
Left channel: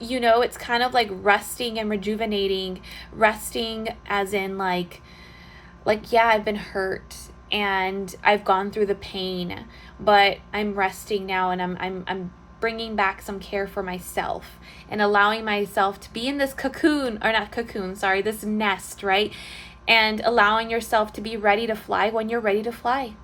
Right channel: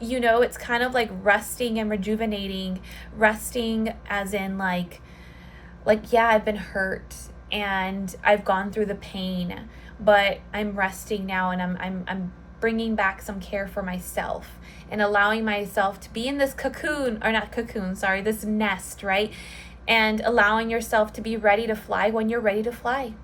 it's kind of like resting and rejuvenating. Resting as in like yeah, I've been hurt and I've gone through the pain, but I'm resting now, and I'm bringing back some care for myself and allowing myself to be in this this nest, right? And allowing yourself to be ready to fly when you're ready to fly.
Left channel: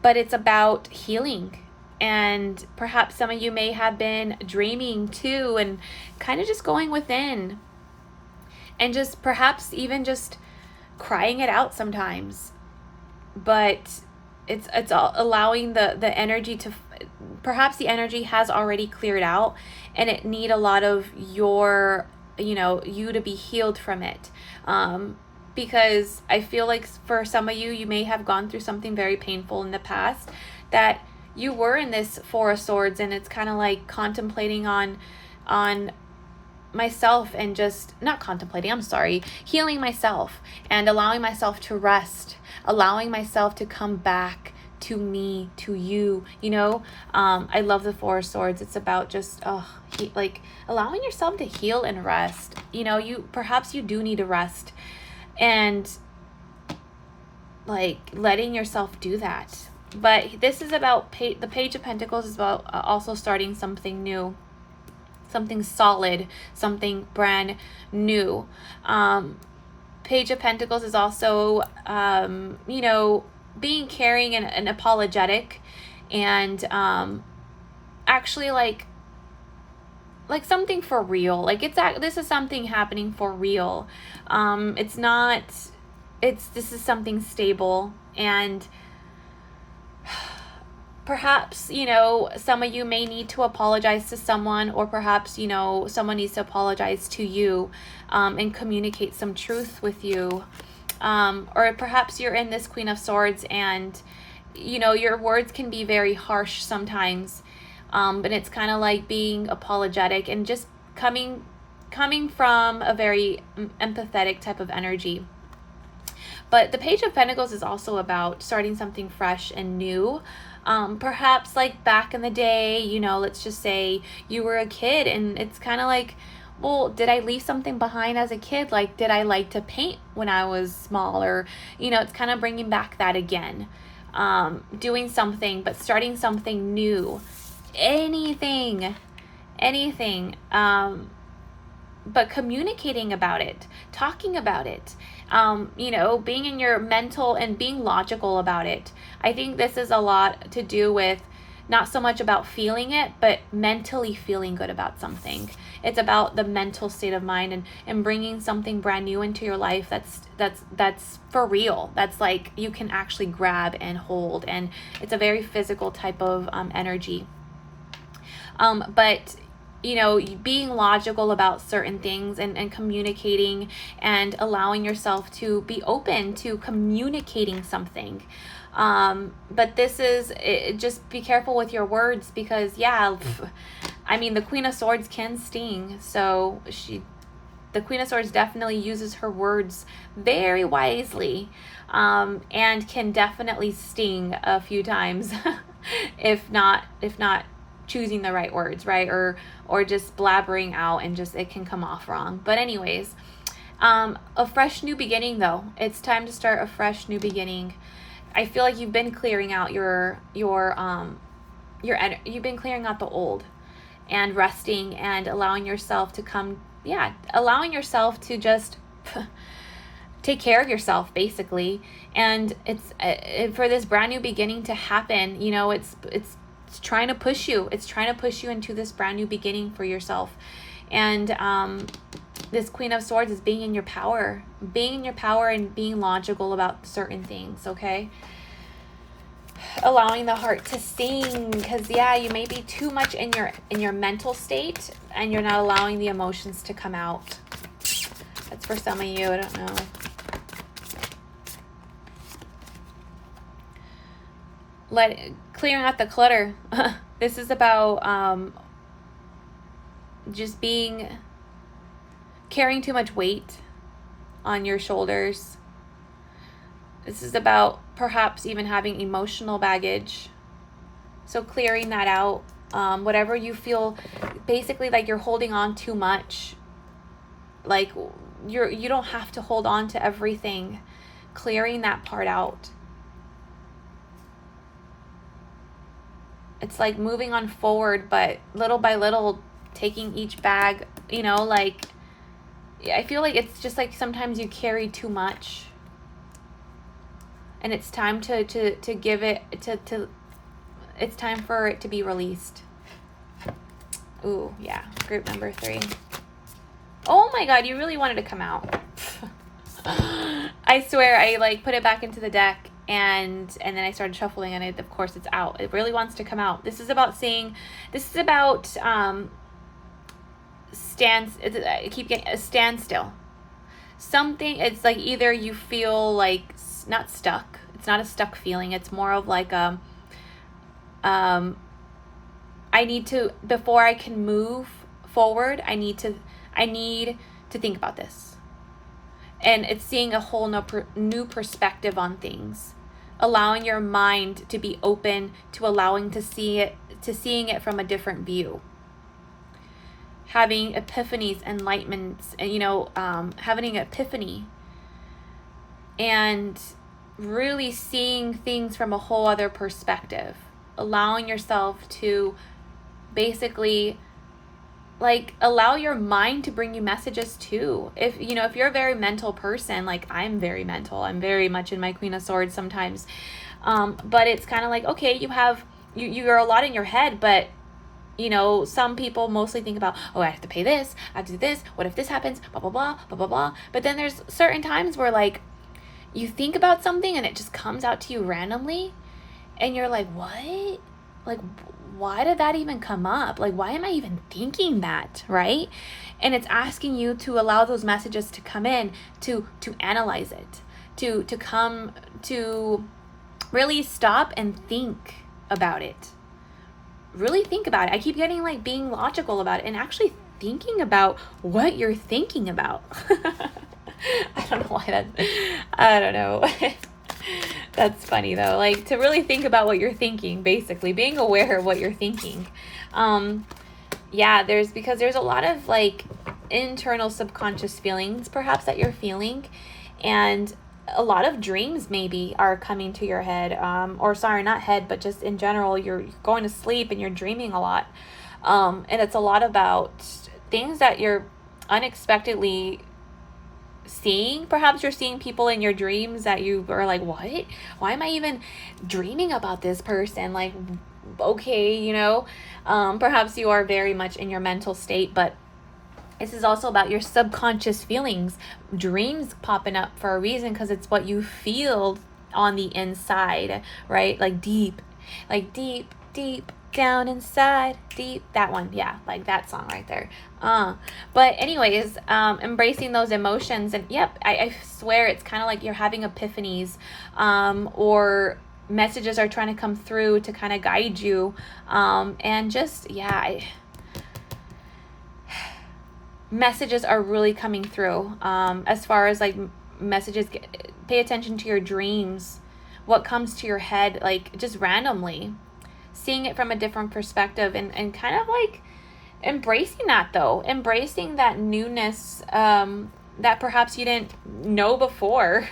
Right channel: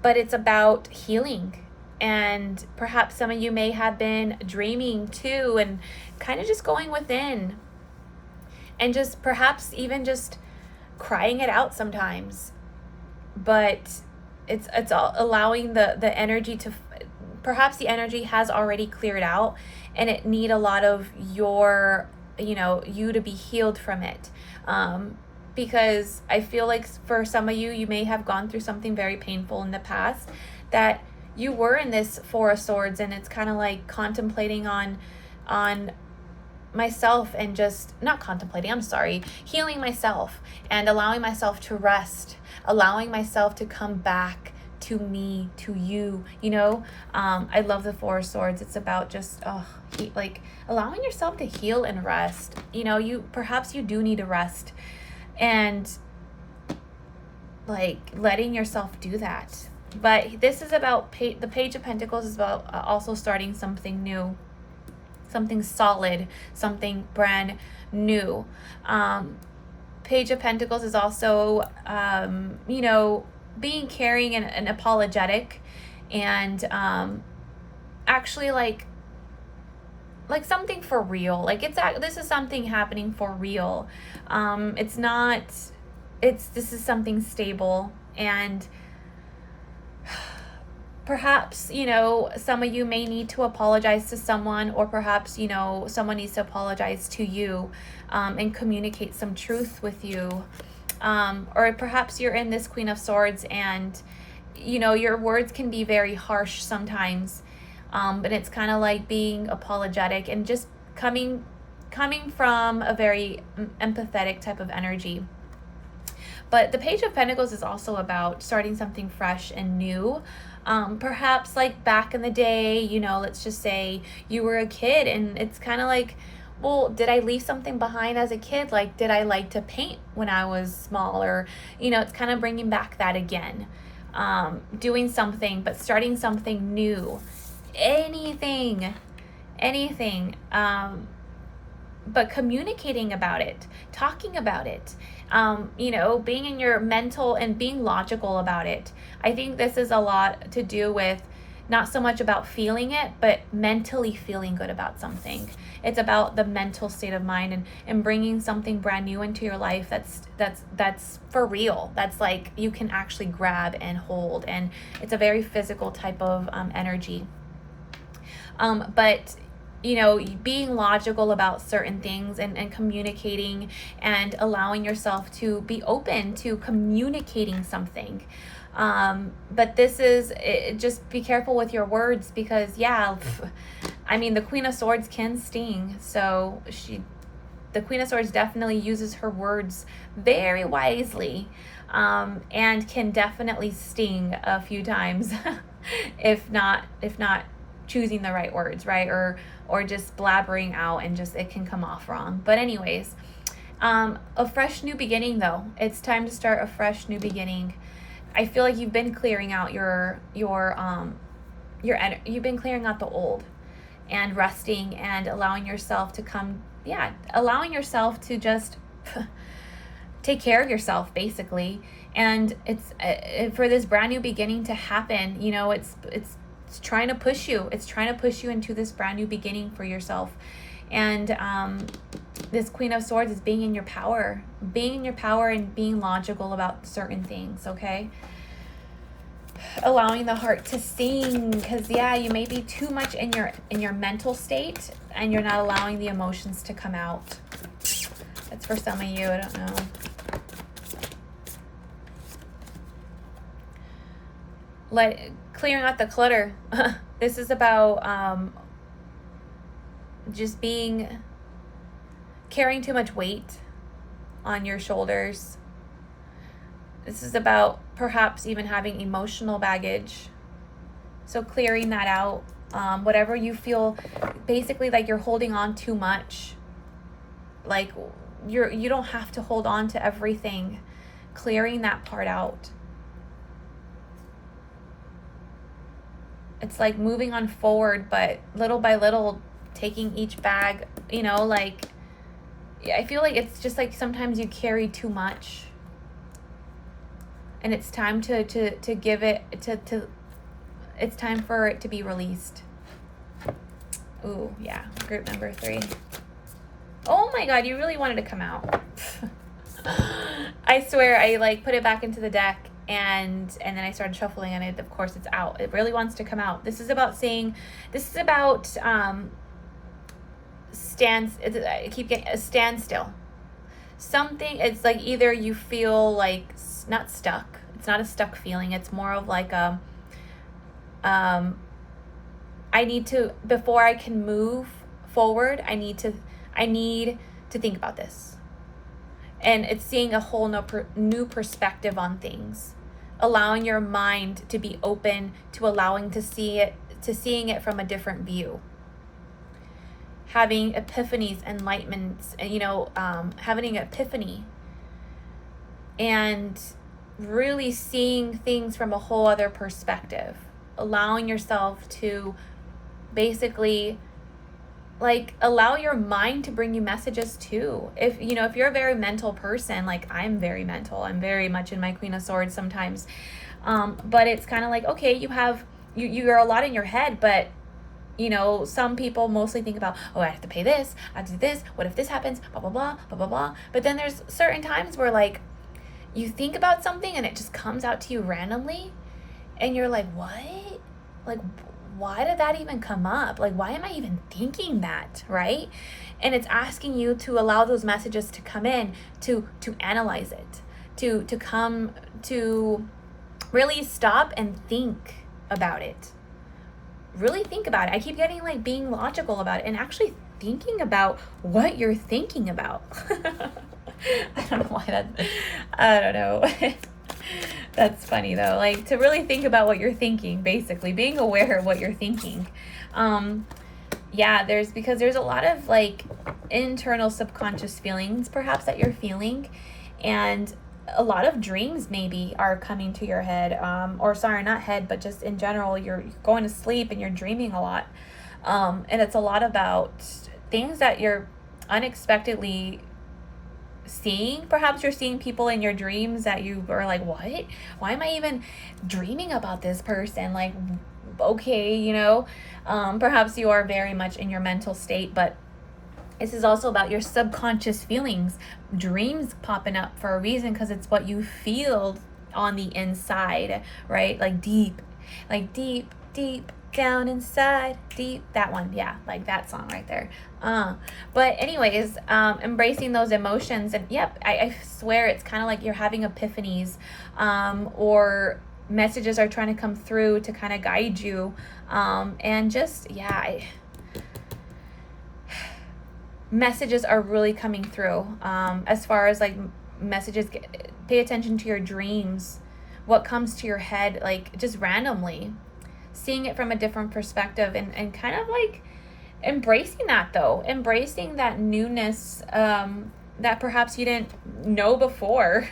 But it's about healing. And perhaps some of you may have been dreaming too, and kind of just going within and just perhaps even just crying it out sometimes. But it's all allowing the energy to, perhaps the energy has already cleared out and it need a lot of you to be healed from it. Because I feel like for some of you, you may have gone through something very painful in the past, that you were in this 4 of Swords, and it's kind of like contemplating on myself, and just not contemplating, healing myself and allowing myself to rest, allowing myself to come back to me, to you, I love the 4 of Swords. It's about just allowing yourself to heal and rest. Perhaps you do need to rest, and like letting yourself do that. But this is about the Page of Pentacles is about also starting something new, something solid, something brand new. Page of Pentacles is also, being caring and apologetic, and actually like something for real. Like this is something happening for real. It's not. This is something stable, and perhaps, some of you may need to apologize to someone, or perhaps, someone needs to apologize to you, and communicate some truth with you. Or perhaps you're in this Queen of Swords, and, your words can be very harsh sometimes. But it's kind of like being apologetic and just coming from a very empathetic type of energy. But the Page of Pentacles is also about starting something fresh and new. Perhaps like back in the day, let's just say you were a kid, and it's kind of like, well, did I leave something behind as a kid? Like, did I like to paint when I was small? Or, it's kind of bringing back that again. Doing something, but starting something new. Anything. But communicating about it, talking about it, being in your mental and being logical about it. I think this is a lot to do with not so much about feeling it, but mentally feeling good about something. It's about the mental state of mind, and bringing something brand new into your life that's for real. That's like you can actually grab and hold, and it's a very physical type of energy. But being logical about certain things, and communicating, and allowing yourself to be open to communicating something. But this is, just be careful with your words, because the Queen of Swords can sting. So the Queen of Swords definitely uses her words very wisely, and can definitely sting a few times if not choosing the right words, right? Or just blabbering out, and just it can come off wrong. But anyways, a fresh new beginning though. It's time to start a fresh new beginning. I feel like you've been clearing out you've been clearing out the old, and resting, and allowing yourself to just take care of yourself, basically. And it's for this brand new beginning to happen, it's trying to push you. It's trying to push you into this brand new beginning for yourself. And this Queen of Swords is being in your power, and being logical about certain things, okay? Allowing the heart to sing, because you may be too much in your mental state, and you're not allowing the emotions to come out. That's for some of you. I don't know. Clearing out the clutter. This is about just carrying too much weight on your shoulders. This is about perhaps even having emotional baggage. So clearing that out. Whatever you feel, basically like you're holding on too much. Like you don't have to hold on to everything. Clearing that part out. It's like moving on forward, but little by little, taking each bag, I feel like it's just like sometimes you carry too much, and it's time to give it it's time for it to be released. Ooh, yeah, group number 3. Oh my God, you really wanted to come out. I swear, I put it back into the deck, and then I started shuffling, and of course it's out. It really wants to come out. This is about I keep getting a standstill. Something, it's like either you feel like not stuck. It's not a stuck feeling. It's more of like I need to, before I can move forward, I need to think about this. And it's seeing a whole new perspective on things. Allowing your mind to be open to seeing it from a different view. Having epiphanies, enlightenments, having an epiphany. And really seeing things from a whole other perspective. Allowing yourself to basically like allow your mind to bring you messages too. If if you're a very mental person, like I'm very mental, I'm very much in my Queen of Swords sometimes, but it's kind of like, okay, you're a lot in your head, but some people mostly think about, oh, I have to pay this, I have to do this, what if this happens, blah blah blah blah blah blah. But then there's certain times where like you think about something and it just comes out to you randomly, and you're like, what? Like, why did that even come up? Like, why am I even thinking that, right? And it's asking you to allow those messages to come in, to analyze it, to come to really stop and think about it. Really think about it. I keep getting like being logical about it and actually thinking about what you're thinking about. I don't know why I don't know. That's funny though. Like to really think about what you're thinking, basically being aware of what you're thinking. Yeah, there's a lot of like internal subconscious feelings perhaps that you're feeling, and a lot of dreams maybe are coming to your head, or sorry, not head, but just in general, you're going to sleep and you're dreaming a lot. And it's a lot about things that you're unexpectedly seeing. Perhaps you're seeing people in your dreams that you are like, what? Why am I even dreaming about this person? Like, okay, perhaps you are very much in your mental state, but this is also about your subconscious feelings, dreams popping up for a reason, because it's what you feel on the inside, right? Like deep down inside, deep, that one, yeah, like that song right there. But anyways, embracing those emotions, and yep, I swear it's kind of like you're having epiphanies, or messages are trying to come through to kind of guide you, and just, yeah, messages are really coming through, as far as like messages. Pay attention to your dreams, what comes to your head, like just randomly, seeing it from a different perspective, and kind of like embracing that newness, that perhaps you didn't know before.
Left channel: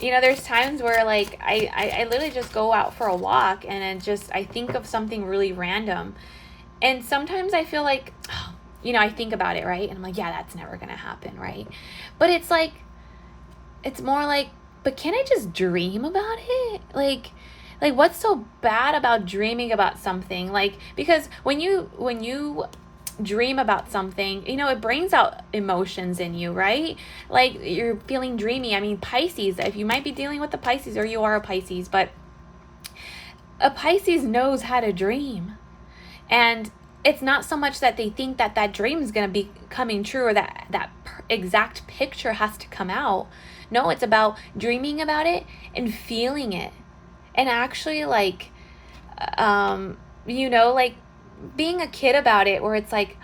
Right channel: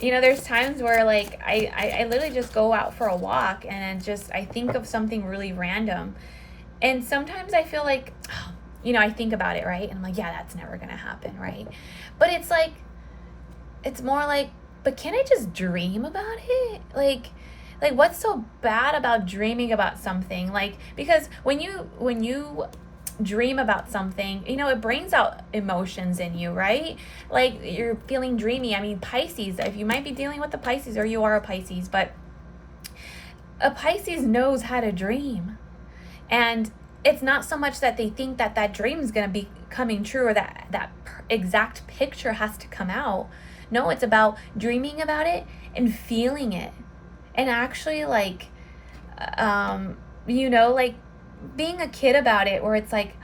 There's times where like I literally just go out for a walk and I think of something really random, and sometimes I feel like, I think about it, right? And I'm like, yeah, that's never gonna happen, right? But it's like, it's more like, but can I just dream about it? Like what's so bad about dreaming about something? Like, because when you dream about something, it brings out emotions in you, right? Like you're feeling dreamy. I mean, Pisces, if you might be dealing with a Pisces, or you are a Pisces, but a Pisces knows how to dream. And it's not so much that they think that dream is going to be coming true, or that exact picture has to come out. No, it's about dreaming about it and feeling it, and actually like, like being a kid about it, where it's like,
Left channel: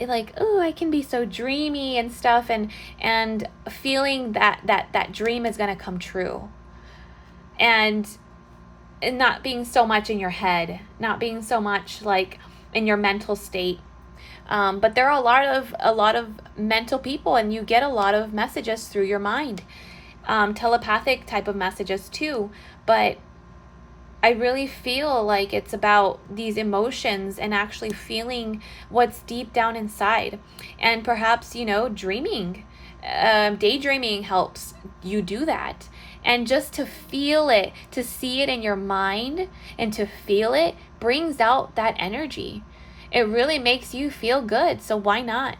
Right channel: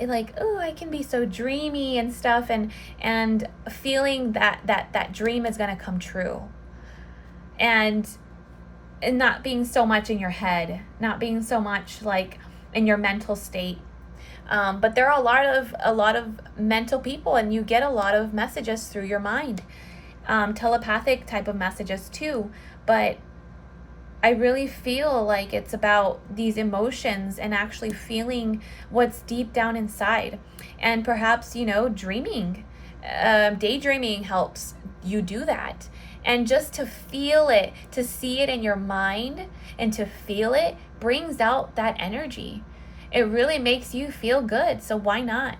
oh, I can be so dreamy and stuff, and feeling that dream is going to come true, and not being so much in your head, not being so much like in your mental state. But there are a lot of mental people, and you get a lot of messages through your mind, telepathic type of messages too. But I really feel like it's about these emotions and actually feeling what's deep down inside. And perhaps, dreaming, daydreaming helps you do that. And just to feel it, to see it in your mind and to feel it, brings out that energy. It really makes you feel good. So why not?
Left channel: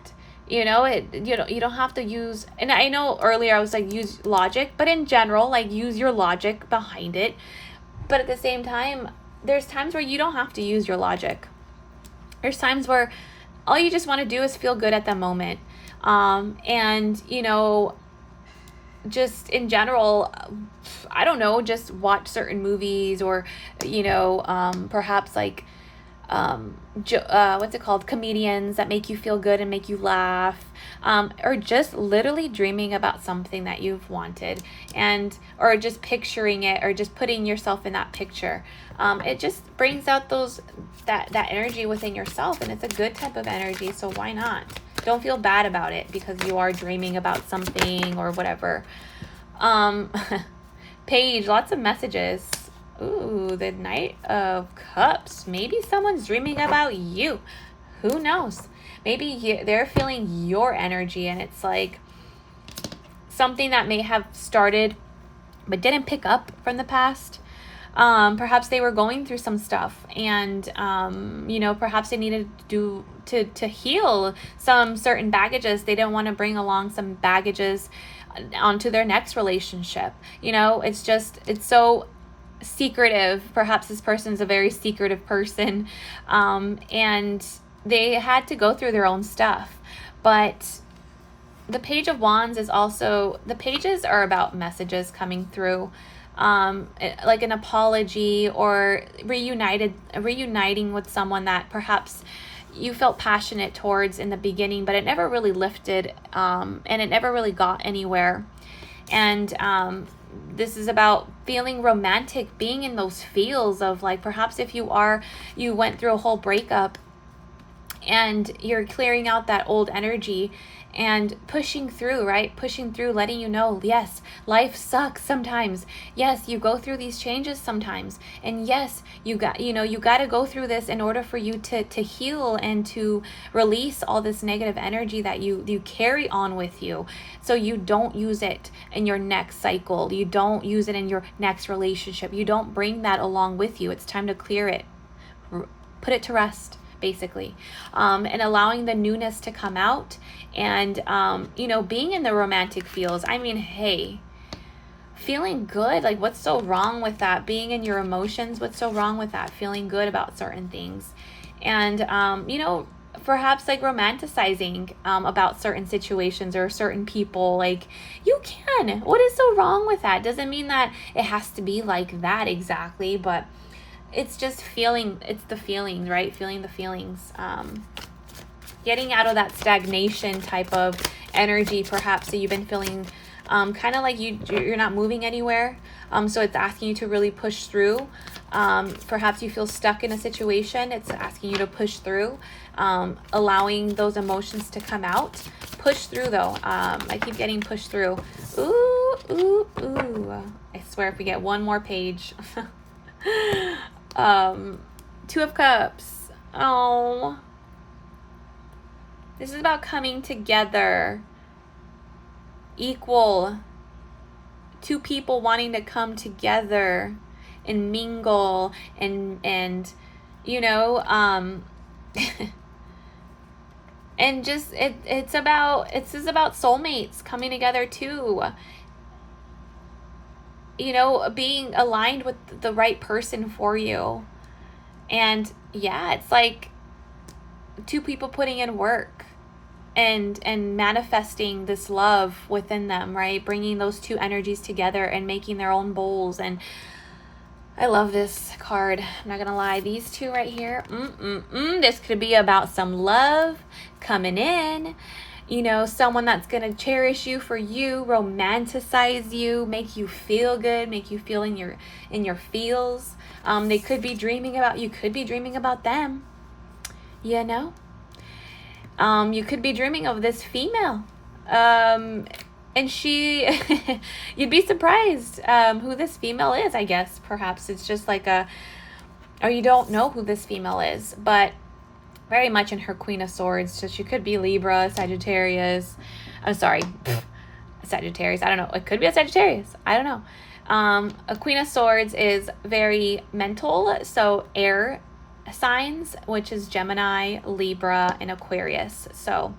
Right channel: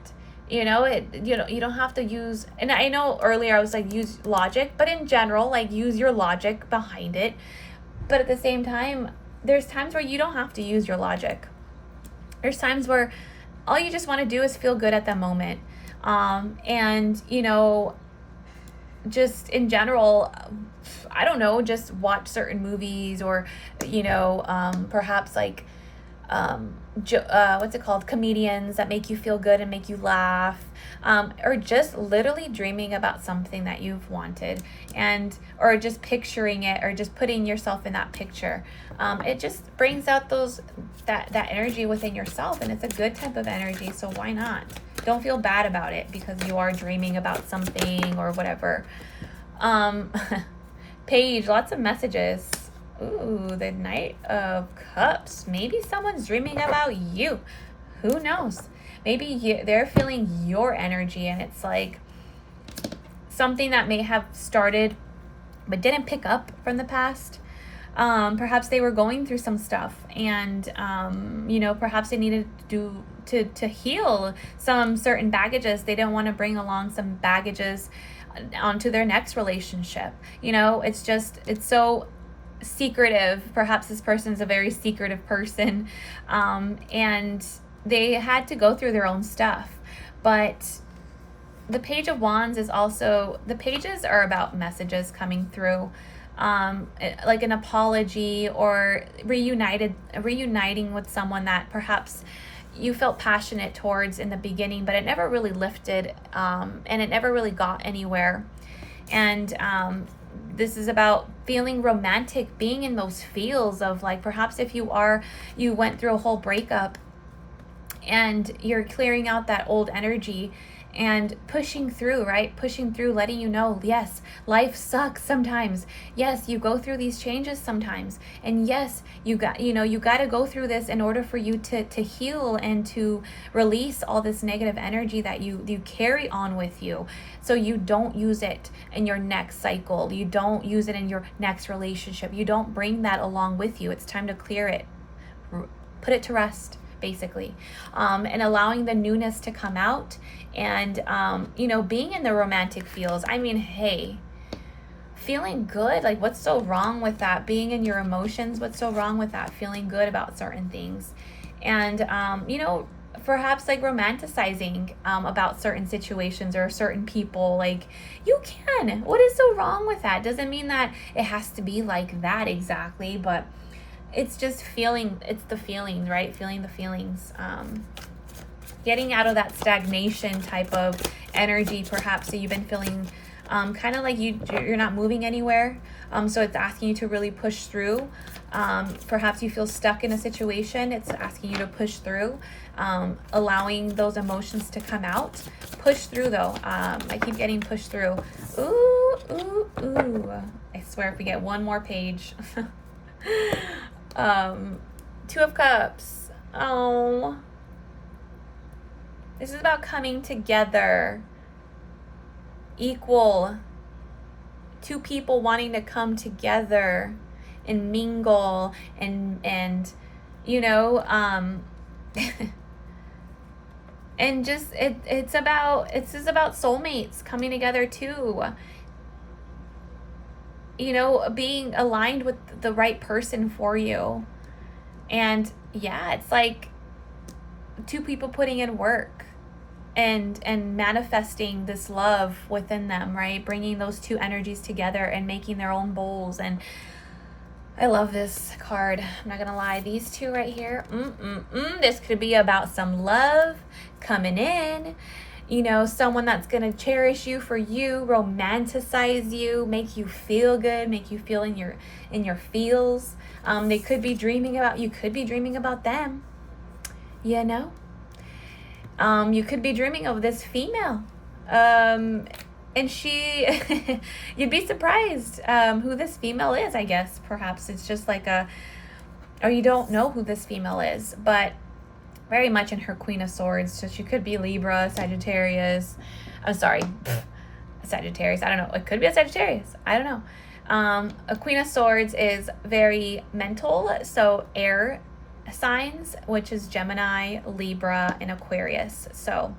You don't have to use, and I know earlier I was like, use logic, but in general, like use your logic behind it. But at the same time, there's times where you don't have to use your logic. There's times where all you just want to do is feel good at the moment. And just in general, I don't know, just watch certain movies, or perhaps like what's it called, comedians that make you feel good and make you laugh, or just literally dreaming about something that you've wanted, or just picturing it, or just putting yourself in that picture. It just brings out that energy within yourself, and it's a good type of energy. So why not? Don't feel bad about it because you are dreaming about something or whatever. Paige, lots of messages. Ooh, the Knight of Cups. Maybe someone's dreaming about you. Who knows? Maybe they're feeling your energy, and it's like something that may have started but didn't pick up from the past. Perhaps they were going through some stuff, and perhaps they needed to heal some certain baggages. They didn't want to bring along some baggages onto their next relationship. It's so secretive. Perhaps this person's a very secretive person, and they had to go through their own stuff. But the Page of Wands is also, the pages are about messages coming through, like an apology, or reuniting with someone that perhaps you felt passionate towards in the beginning, but it never really lifted, and it never really got anywhere. And this is about feeling romantic, being in those feels of, like, perhaps if you went through a whole breakup and you're clearing out that old energy and pushing through, right? Pushing through, letting you know, yes, life sucks sometimes. Yes, you go through these changes sometimes. And yes, you got to go through this in order for you to heal and to release all this negative energy that you carry on with you. So you don't use it in your next cycle. You don't use it in your next relationship. You don't bring that along with you. It's time to clear it. Put it to rest, basically, and allowing the newness to come out, and being in the romantic feels. I mean, hey, feeling good, like, what's so wrong with that? Being in your emotions, what's so wrong with that? Feeling good about certain things, and perhaps like romanticizing about certain situations or certain people. Like, you can. What is so wrong with that? Doesn't mean that it has to be like that exactly, but it's just feeling, it's the feeling, right? Feeling the feelings, getting out of that stagnation type of energy, perhaps, that you've been feeling, kind of like you're not moving anywhere. So it's asking you to really push through. Perhaps you feel stuck in a situation. It's asking you to push through, allowing those emotions to come out. Push through, though. I keep getting pushed through. Ooh, ooh, ooh. I swear, if we get one more page. Two of Cups. Oh, this is about coming together. Equal. Two people wanting to come together and mingle and and just it's about soulmates coming together too. Being aligned with the right person for you. And yeah, it's like two people putting in work and manifesting this love within them, right? Bringing those two energies together and making their own bowls. And I love this card. I'm not gonna lie. These two right here, this could be about some love coming in. Someone that's going to cherish you for you, romanticize you, make you feel good, make you feel in your feels. They could be dreaming about you, could be dreaming about them. You could be dreaming of this female. And she, you'd be surprised who this female is, I guess. Perhaps it's just like or you don't know who this female is, but very much in her Queen of Swords. So she could be Libra, Sagittarius. I'm sorry, Sagittarius. I don't know. It could be a Sagittarius. I don't know. A Queen of Swords is very mental. So air signs, which is Gemini, Libra, and Aquarius. So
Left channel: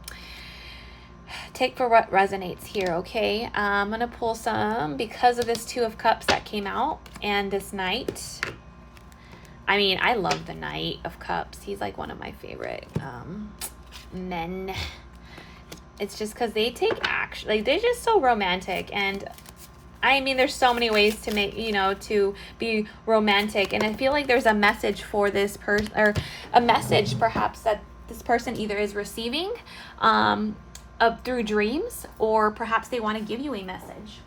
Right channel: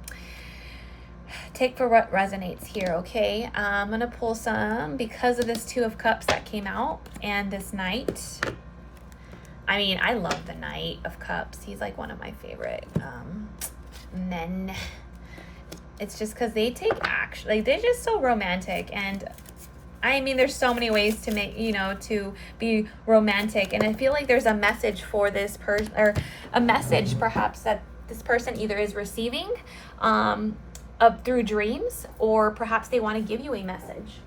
take for what resonates here, okay? I'm going to pull some because of this Two of Cups that came out and this Knight. I mean, I love the Knight of Cups. He's like one of my favorite men. It's just because they take action. Like, they're just so romantic. And I mean, there's so many ways to make, to be romantic. And I feel like there's a message for this person, or a message perhaps that this person either is receiving through dreams, or perhaps they want to give you a message.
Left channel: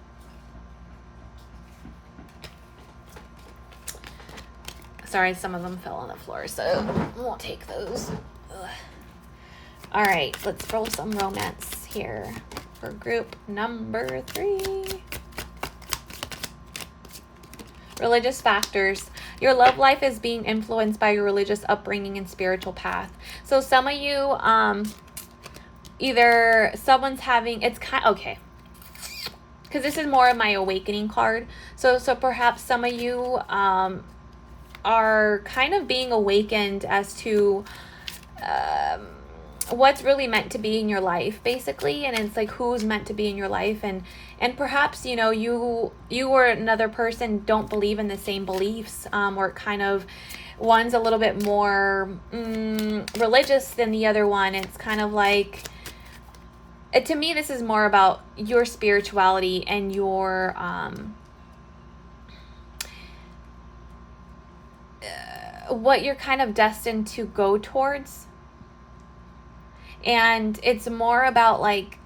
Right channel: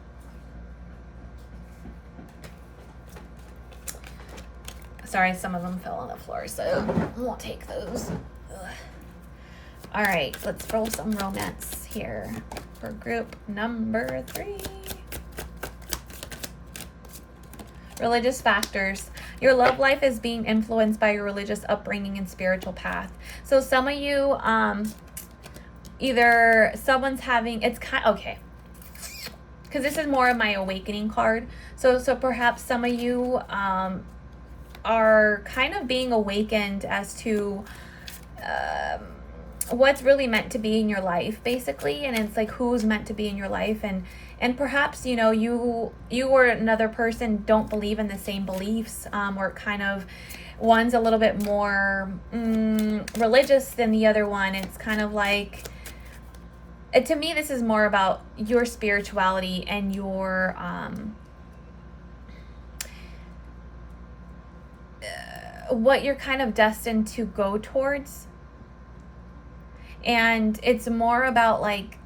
Sorry, some of them fell on the floor, so we'll take those. Ugh. All right, let's roll some romance here for group number 3. Religious factors. Your love life is being influenced by your religious upbringing and spiritual path. So some of you, either someone's having, it's kind, okay, because this is more of my awakening card. So perhaps some of you are kind of being awakened as to what's really meant to be in your life, basically. And it's like who's meant to be in your life, and perhaps, you know, you or another person don't believe in the same beliefs, or kind of one's a little bit more religious than the other one. It's kind of like, to me, this is more about your spirituality and your what you're kind of destined to go towards. And it's more about like,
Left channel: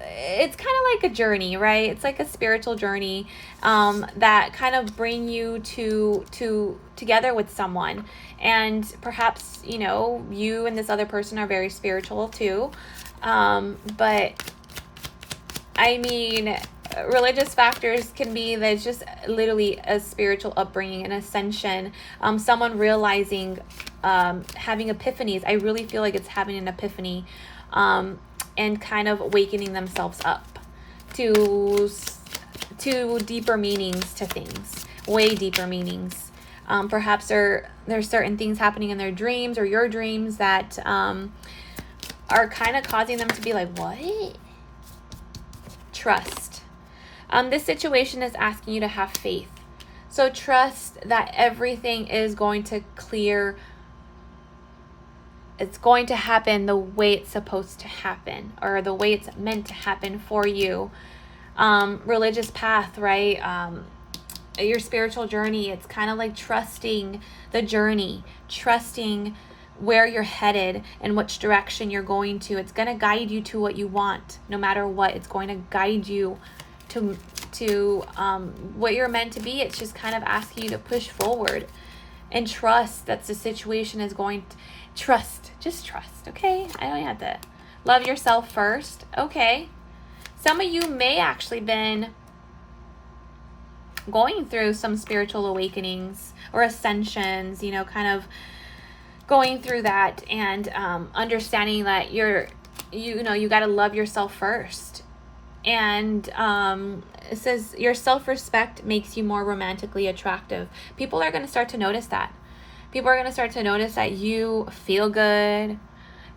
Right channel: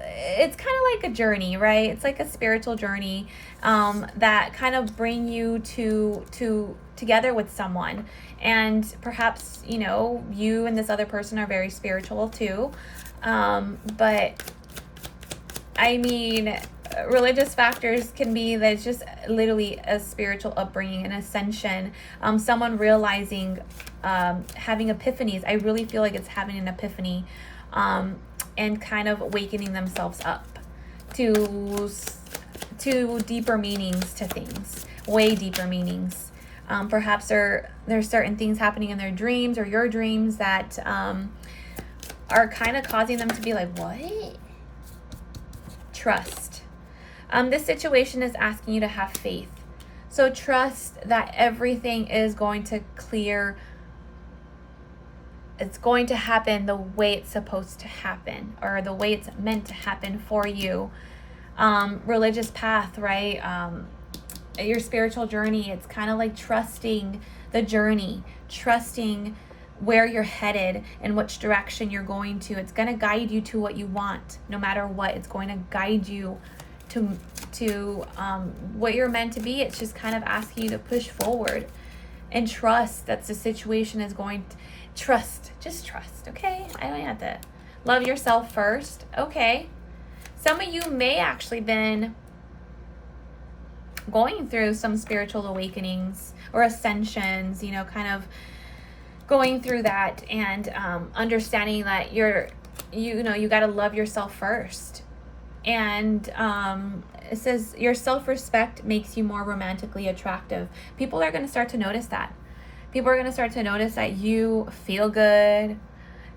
it's kind of like a journey, right? It's like a spiritual journey that kind of bring you to together with someone. And perhaps, you know, you and this other person are very spiritual too. But I mean, religious factors can be that it's just literally a spiritual upbringing, an ascension, someone realizing, having epiphanies. I really feel like it's having an epiphany, and kind of awakening themselves up to deeper meanings to things, way deeper meanings. Perhaps there's certain things happening in their dreams or your dreams that are kind of causing them to be like, what? Trust. This situation is asking you to have faith. So trust that everything is going to clear. It's going to happen the way it's supposed to happen, or the way it's meant to happen for you. Religious path, right? Your spiritual journey, it's kind of like trusting the journey, trusting where you're headed and which direction you're going to. It's going to guide you to what you want, no matter what. It's going to guide you to what you're meant to be. It's just kind of asking you to push forward and trust that the situation is going to just trust. Okay, I don't have to love yourself first. Okay, some of you may actually been going through some spiritual awakenings or ascensions, you know, kind of going through that, and understanding that you got to love yourself first. And it says your self-respect makes you more romantically attractive. People are going to start to notice that. People are going to start to notice that you feel good.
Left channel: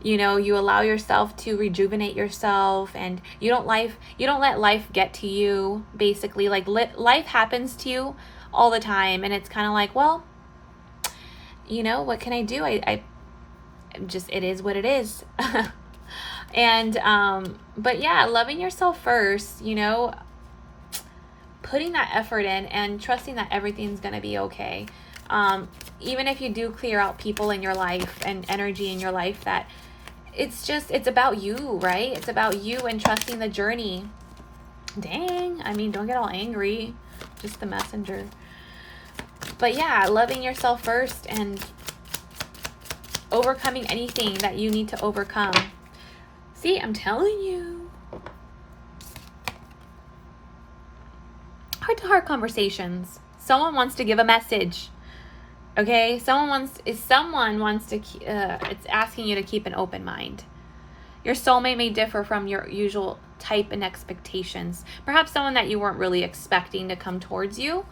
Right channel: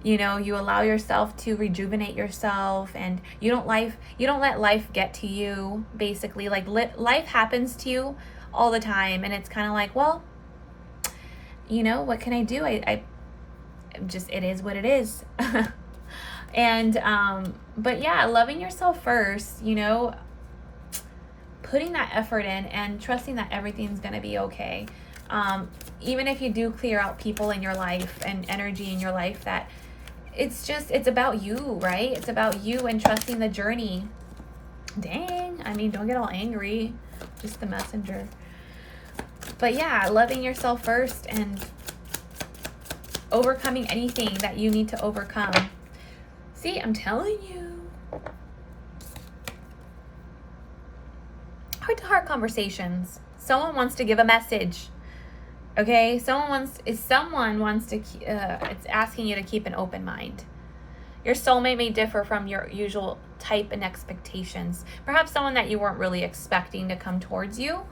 You know, you allow yourself to rejuvenate yourself, and you don't let life get to you, basically. Like life happens to you all the time, and it's kind of like, well, you know, what can I do? I just, it is what it is. And but yeah, loving yourself first, you know, putting that effort in and trusting that everything's going to be okay. Even if you do clear out people in your life and energy in your life, that it's about you, right? It's about you and trusting the journey. Dang, I mean, don't get all angry, just the messenger. But yeah, loving yourself first and overcoming anything that you need to overcome. See, I'm telling you. Heart-to-heart conversations. Someone wants to give a message. Okay, someone wants to, it's asking you to keep an open mind. Your soulmate may differ from your usual type and expectations. Perhaps someone that you weren't really expecting to come towards you.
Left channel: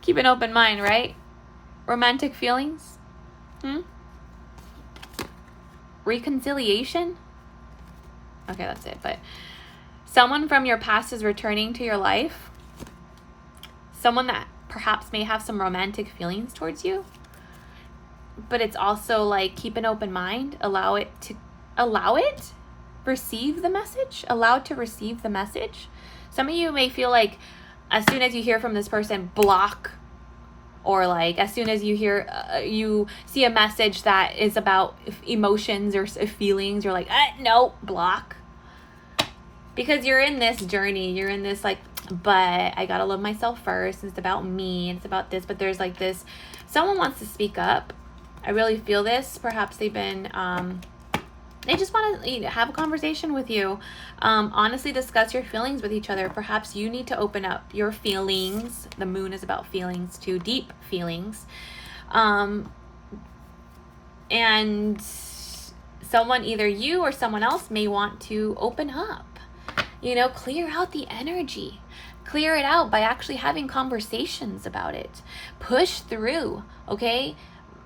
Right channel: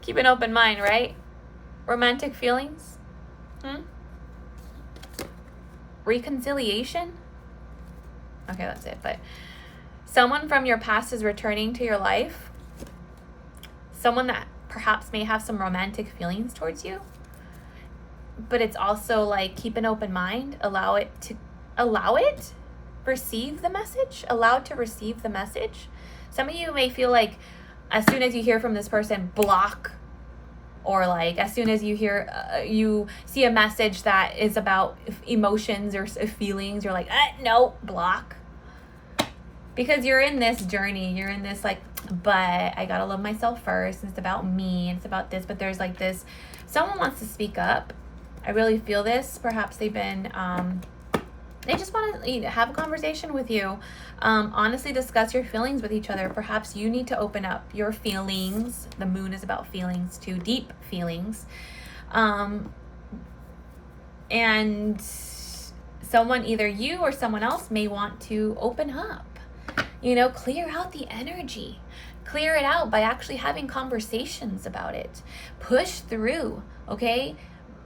Keep an open mind, right? Romantic feelings? Reconciliation? Okay, that's it. But someone from your past is returning to your life. Someone that perhaps may have some romantic feelings towards you. But it's also like, keep an open mind. Allow it. Receive the message. Allow it to receive the message. Some of you may feel like as soon as you hear from this person, block. Or like as soon as you hear, you see a message that is about emotions or feelings, you're like, no, block. Because you're in this journey, you're in this like, but I gotta love myself first. It's about me. It's about this. But there's like this, someone wants to speak up. I really feel this. Perhaps they've been I just want to have a conversation with you. Honestly, discuss your feelings with each other. Perhaps you need to open up your feelings. The moon is about feelings too, deep feelings. Um, and someone, either you or someone else, may want to open up. Clear out the energy. Clear it out by actually having conversations about it. Push through, okay?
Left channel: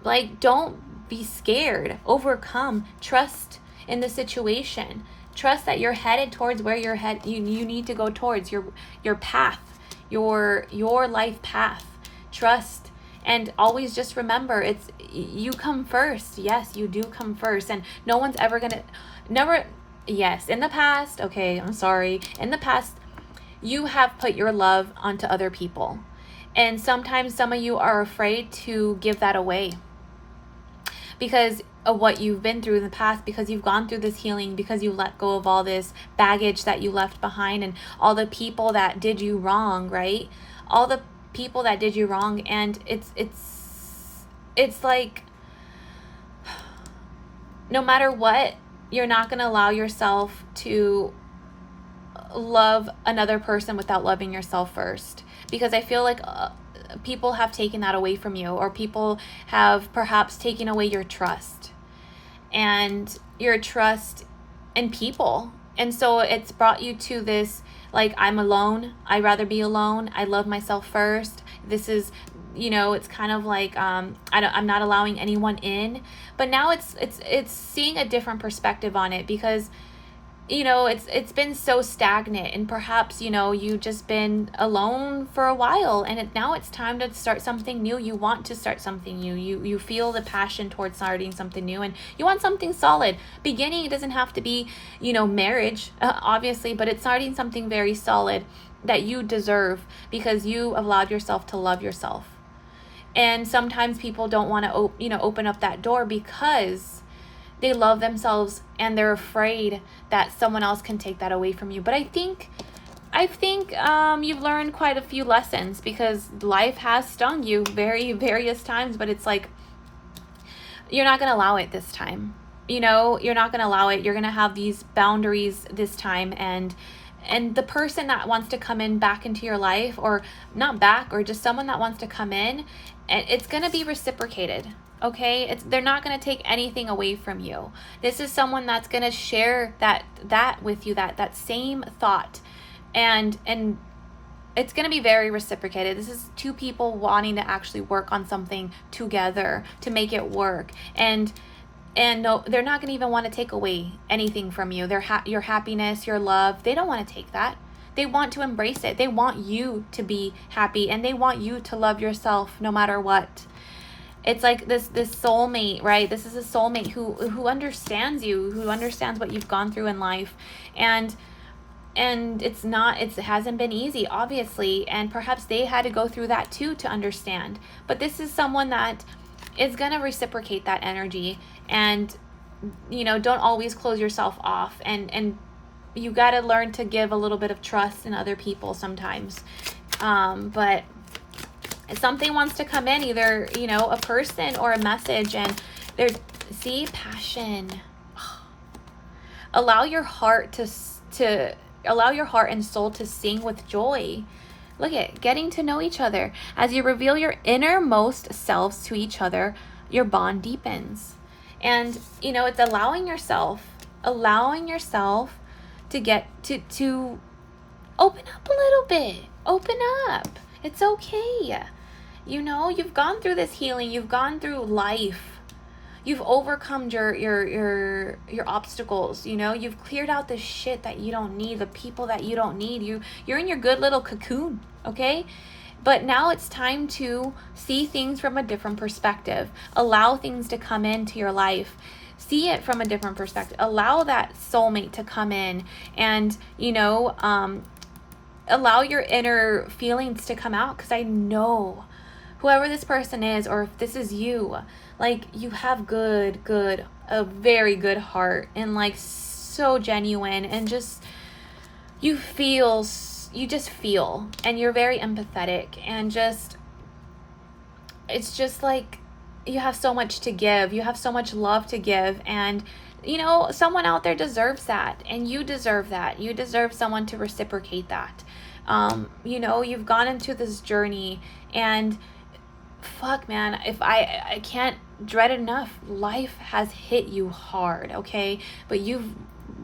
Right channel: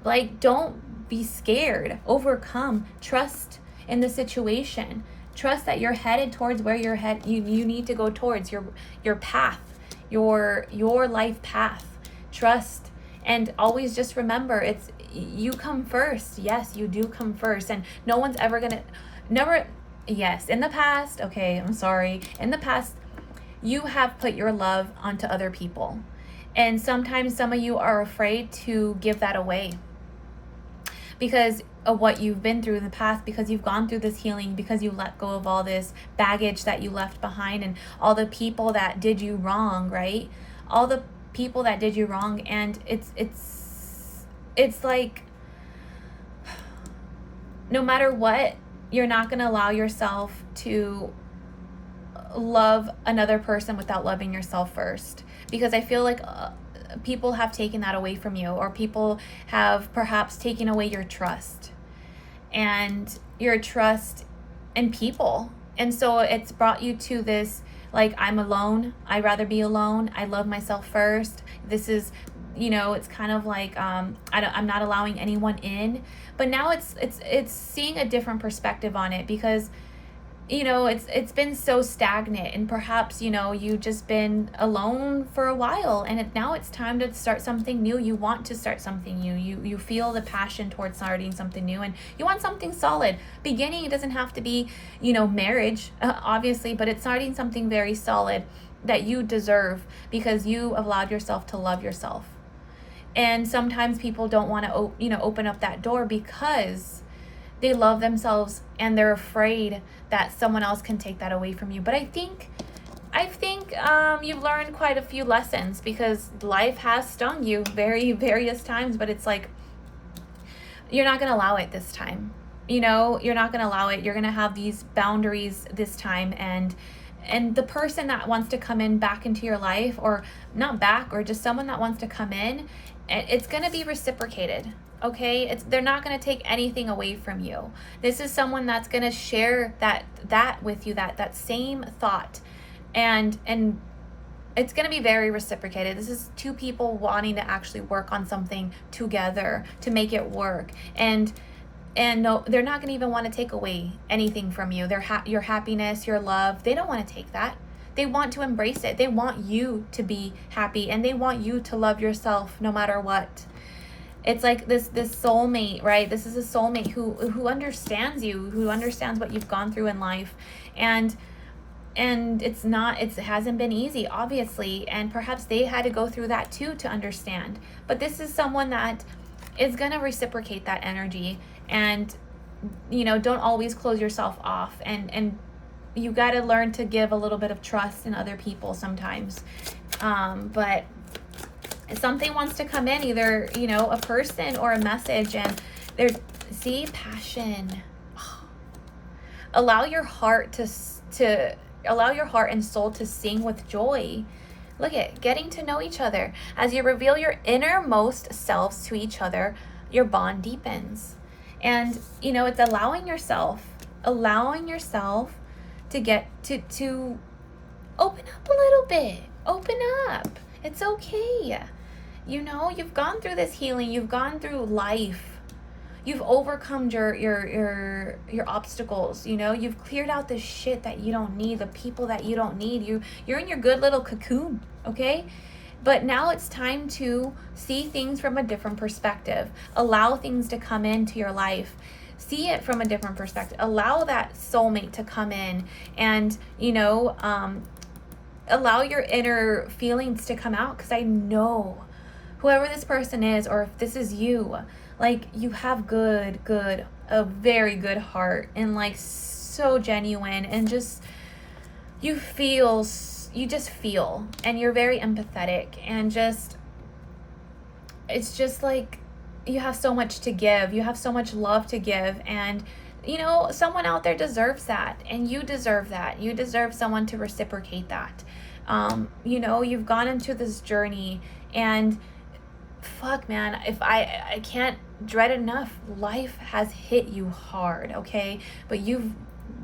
Like, don't be scared. Overcome. Trust in the situation. Trust that you're headed towards where you need to go towards your path, your life path. Trust, and always just remember, it's you come first. Yes, you do come first, and no one's ever gonna never. Yes, in the past, okay, I'm sorry. In the past, you have put your love onto other people, and sometimes some of you are afraid to give that away because of what you've been through in the past, because you've gone through this healing, because you let go of all this baggage that you left behind and all the people that did you wrong, right? All the people that did you wrong. And it's like, no matter what, you're not going to allow yourself to love another person without loving yourself first, because I feel like people have taken that away from you, or people have perhaps taken away your trust in people. And so it's brought you to this, like, I'm alone, I'd rather be alone, I love myself first. This is, it's kind of like, I'm not allowing anyone in. But now it's seeing a different perspective on it, because it's been so stagnant, and perhaps you've just been alone for a while, and now it's time to start something new. You want to start something new. You feel the passion towards starting something new, and you want something solid. Beginning, it doesn't have to be marriage, obviously, but it's starting something very solid that you deserve, because you allowed yourself to love yourself. And sometimes people don't want to open up that door because they love themselves and they're afraid that someone else can take that away from you. But I think you've learned quite a few lessons, because life has stung you various times, but it's like, you're not going to allow it this time. You're not going to allow it. You're going to have these boundaries this time, and the person that wants to come in back into your life, or not back, or just someone that wants to come in, it's going to be reciprocated. Okay, they're not going to take anything away from you. This is someone that's going to share that with you, that same thought, and it's going to be very reciprocated. This is two people wanting to actually work on something together to make it work, and no, they're not going to even want to take away anything from you. Your happiness, your love, they don't want to take that. They want to embrace it. They want you to be happy, and they want you to love yourself no matter what. It's like this soulmate, right? This is a soulmate who understands you, who understands what you've gone through in life. And it hasn't been easy, obviously, and perhaps they had to go through that too to understand. But this is someone that is going to reciprocate that energy, and don't always close yourself off, and you got to learn to give a little bit of trust in other people sometimes. But if something wants to come in, either a person or a message, and there's passion. Allow your heart allow your heart and soul to sing with joy. Look at getting to know each other. As you reveal your innermost selves to each other, your bond deepens. And it's allowing yourself to get to open up a little bit. Open up. It's okay. You've gone through this healing. You've gone through life. You've overcome your obstacles. You've cleared out the shit that you don't need, the people that you don't need. You're in your good little cocoon, okay? But now it's time to see things from a different perspective. Allow things to come into your life. See it from a different perspective. Allow that soulmate to come in, and allow your inner feelings to come out, because I know whoever this person is, or if this is you, like, you have a very good heart, and like so genuine, and just you just feel, and you're very empathetic, and it's just like you have so much to give. You have so much love to give, and someone out there deserves that, and you deserve that. You deserve someone to reciprocate that. You've gone into this journey, and fuck, man, if I can't dread enough, life has hit you hard, okay? But you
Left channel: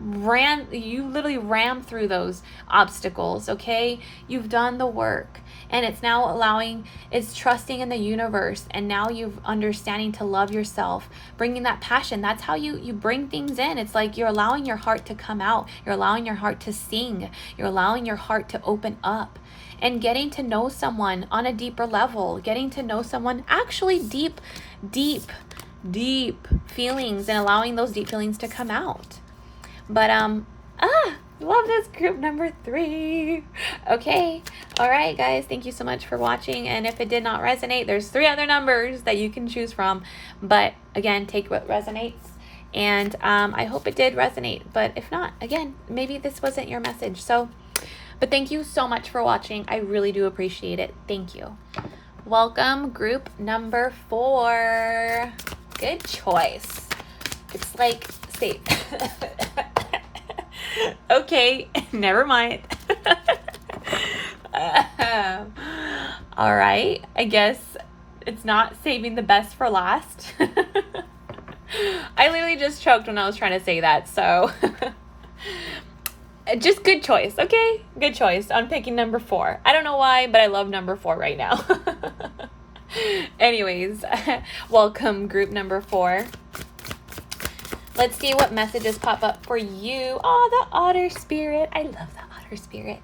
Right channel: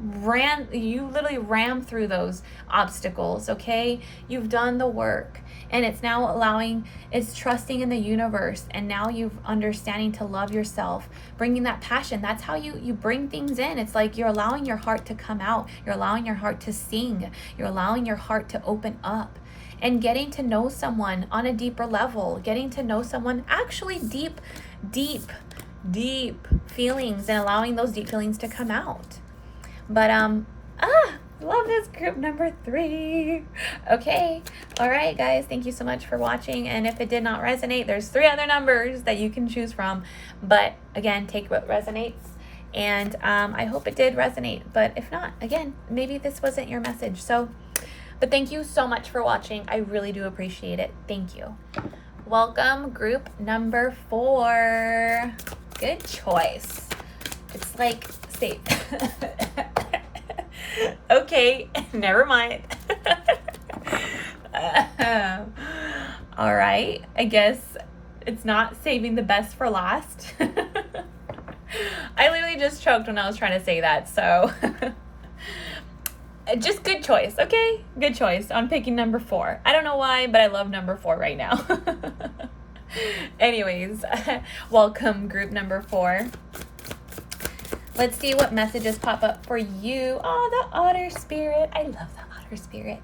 literally ran through those obstacles, okay? You've done the work, and it's trusting in the universe, and now you've understanding to love yourself, bringing that passion. That's how you bring things in. It's like you're allowing your heart to come out, you're allowing your heart to sing, you're allowing your heart to open up, and getting to know someone on a deeper level, getting to know someone actually deep feelings, and allowing those deep feelings to come out. But love this group number 3. Okay, all right, guys, thank you so much for watching. And if it did not resonate, there's 3 other numbers that you can choose from. But again, take what resonates. And I hope it did resonate. But if not, again, maybe this wasn't your message. But thank you so much for watching. I really do appreciate it. Thank you. Welcome, group number 4. Good choice. It's like safe. Okay, never mind. All right, I guess it's not saving the best for last. I literally just choked when I was trying to say that, so just good choice, okay? Good choice on picking number 4. I don't know why, but I love number 4 right now. Anyways, welcome, group number 4. Let's see what messages pop up for you. Oh, the otter spirit. I love the otter spirit.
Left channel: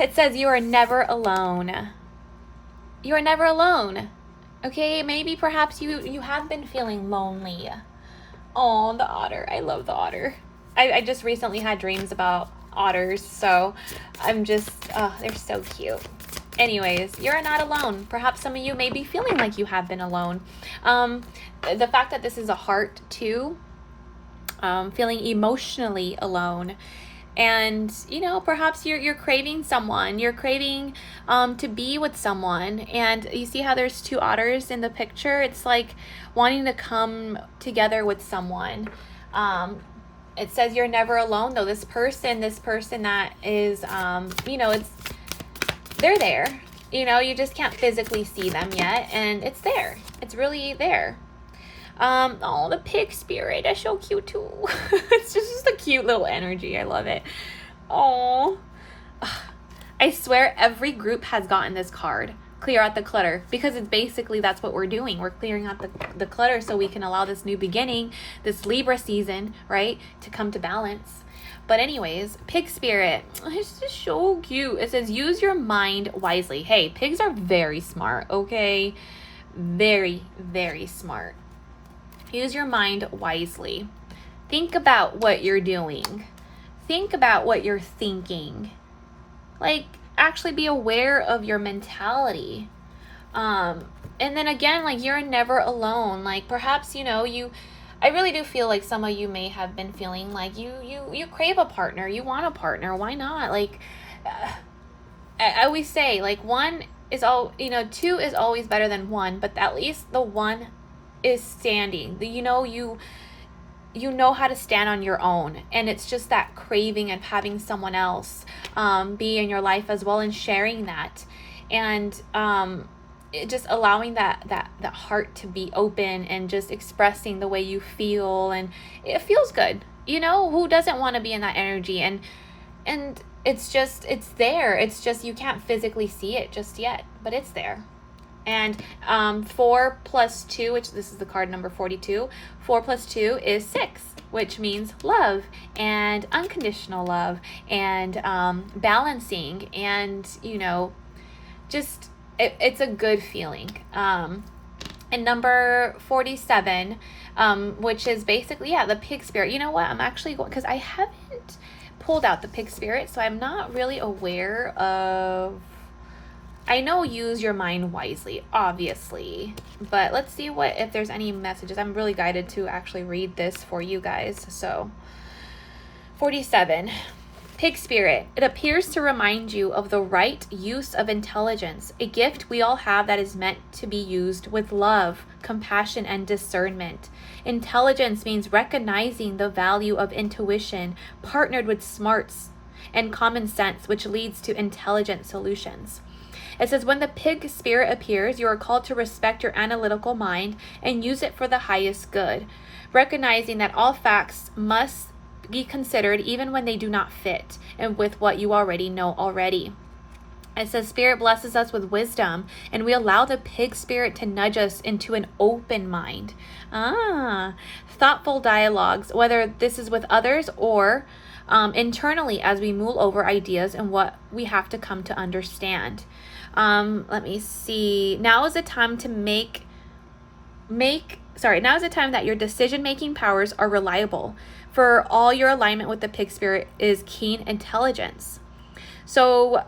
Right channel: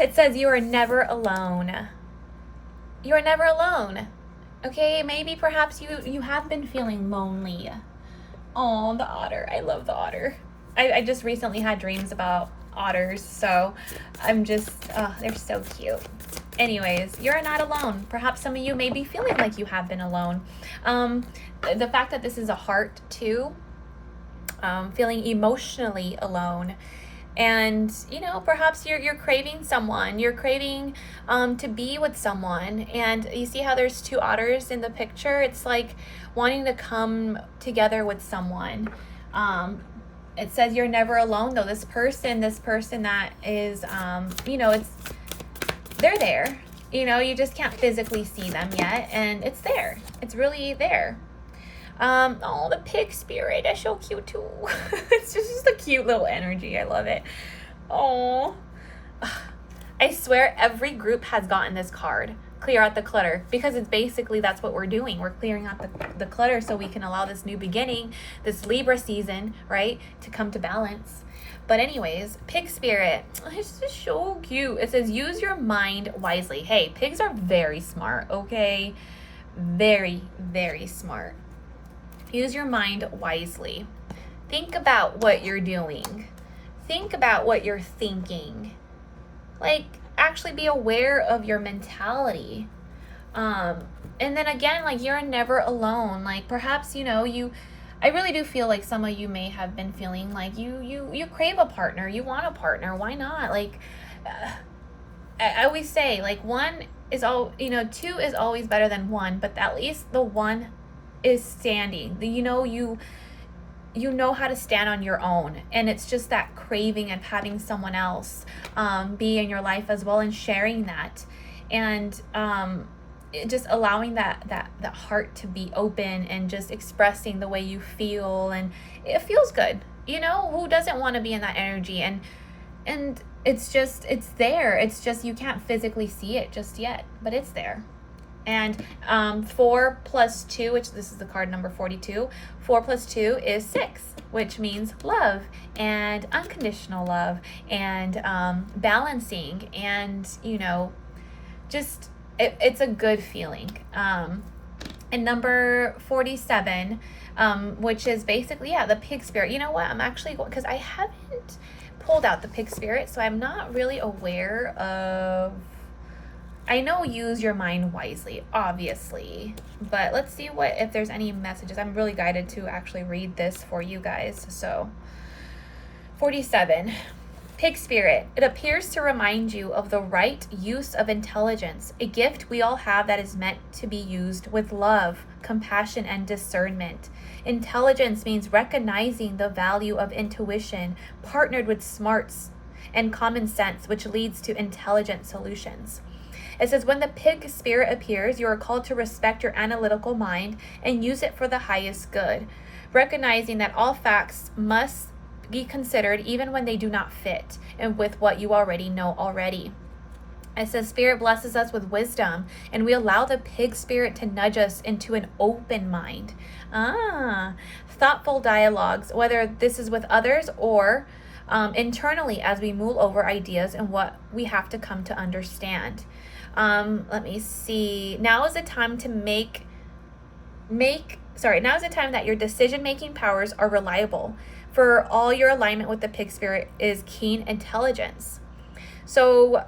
It says you are never alone. You are never alone. Okay, maybe perhaps you have been feeling lonely. Oh, the otter. I love the otter. I just recently had dreams about otters, so I'm just, they're so cute. Anyways, you're not alone. Perhaps some of you may be feeling like you have been alone. The fact that this is a heart too, feeling emotionally alone. And, perhaps you're craving someone. You're craving to be with someone. And you see how there's 2 otters in the picture? It's like wanting to come together with someone. It says you're never alone, though. This person that is, they're there. You just can't physically see them yet, and it's there. It's really there. Oh, the pig spirit is so cute too. It's just a cute little energy. I love it. Oh, I swear every group has gotten this card. Clear out the clutter, because it's basically that's what we're doing. We're clearing out the clutter so we can allow this new beginning, this Libra season, right, to come to balance. But anyways, pig spirit, it's just so cute. It says use your mind wisely. Hey, pigs are very smart, okay? Very, very smart. Use your mind wisely. Think about what you're doing. Think about what you're thinking. Like, actually be aware of your mentality. And then again, like, you're never alone. Like, perhaps, I really do feel like some of you may have been feeling like you crave a partner. You want a partner. Why not? Like, I always say, like, 2 is always better than 1, but at least the 1 is standing. You know how to stand on your own, and it's just that craving and having someone else be in your life as well, and sharing that, and just allowing that heart to be open, and just expressing the way you feel, and it feels good. Who doesn't want to be in that energy? And it's there. It's just you can't physically see it just yet, but it's there. And 4 plus 2, which this is the card number 42, 4 plus 2 is 6, which means love and unconditional love and balancing, and just it's a good feeling. And number 47, which is basically the pig spirit. You know what, I'm actually going, because I haven't pulled out the pig spirit, so I'm not really aware of. I know use your mind wisely, obviously, but let's see if there's any messages. I'm really guided to actually read this for you guys. So 47, Pig spirit, it appears to remind you of the right use of intelligence, a gift we all have that is meant to be used with love, compassion, and discernment. Intelligence means recognizing the value of intuition partnered with smarts and common sense, which leads to intelligent solutions. It says, when the pig spirit appears, you are called to respect your analytical mind and use it for the highest good, recognizing that all facts must be considered even when they do not fit and with what you already know already. It says spirit blesses us with wisdom, and we allow the pig spirit to nudge us into an open mind. Thoughtful dialogues, whether this is with others or internally as we mull over ideas and what we have to come to understand. Let me see. Now is the time to now is the time that your decision-making powers are reliable. For all your alignment with the pig spirit is keen intelligence. So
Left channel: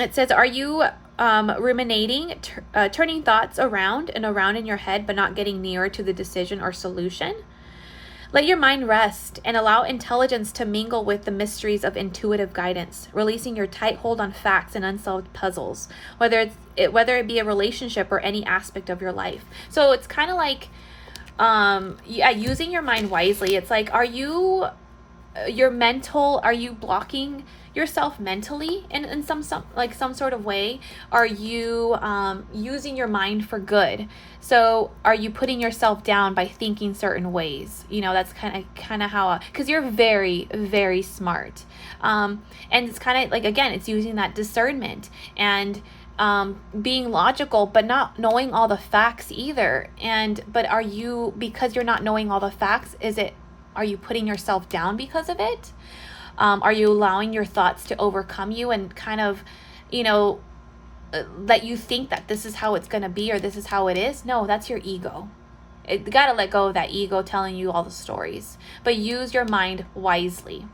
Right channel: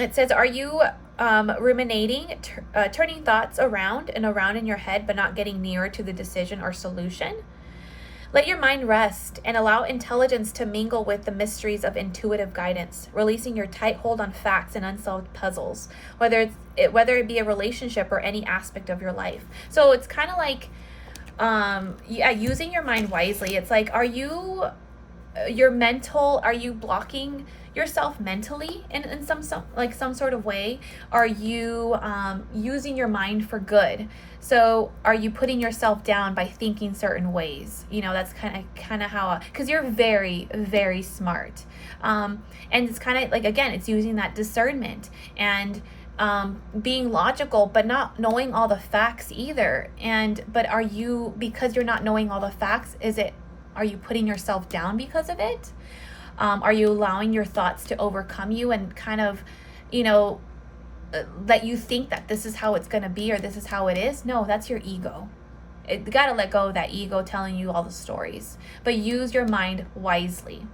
it says, are you ruminating, turning thoughts around and around in your head, but not getting nearer to the decision or solution? Let your mind rest and allow intelligence to mingle with the mysteries of intuitive guidance, releasing your tight hold on facts and unsolved puzzles, whether it be a relationship or any aspect of your life. So it's kind of like, using your mind wisely. It's like, are you blocking yourself mentally in some sort of way? Are you using your mind for good? So are you putting yourself down by thinking certain ways? That's kind of how, because you're very, very smart, and it's kind of like, again, it's using that discernment and being logical, but not knowing all the facts either. But are you, because you're not knowing all the facts, are you putting yourself down because of it? Are you allowing your thoughts to overcome you and kind of, that you think that this is how it's going to be or this is how it is? No, that's your ego. You got to let go of that ego telling you all the stories, but use your mind wisely.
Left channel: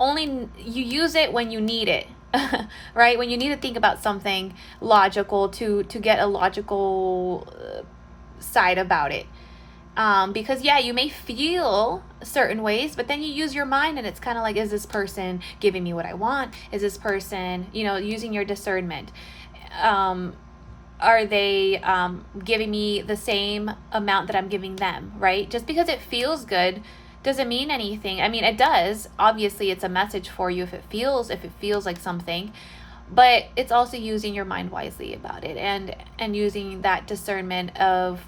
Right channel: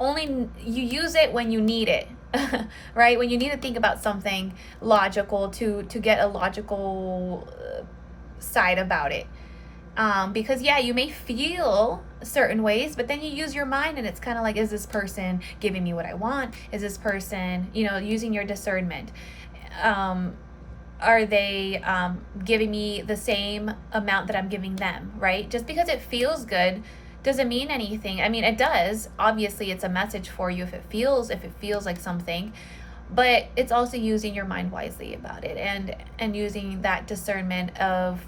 Only you use it when you need it. Right? When you need to think about something logical to get a logical side about it. Because you may feel certain ways, but then you use your mind and it's kind of like, is this person giving me what I want? Is this person, using your discernment? Are they giving me the same amount that I'm giving them, right? Just because it feels good doesn't mean anything. I mean, it does. Obviously, it's a message for you if it feels like something, but it's also using your mind wisely about it and using that discernment of,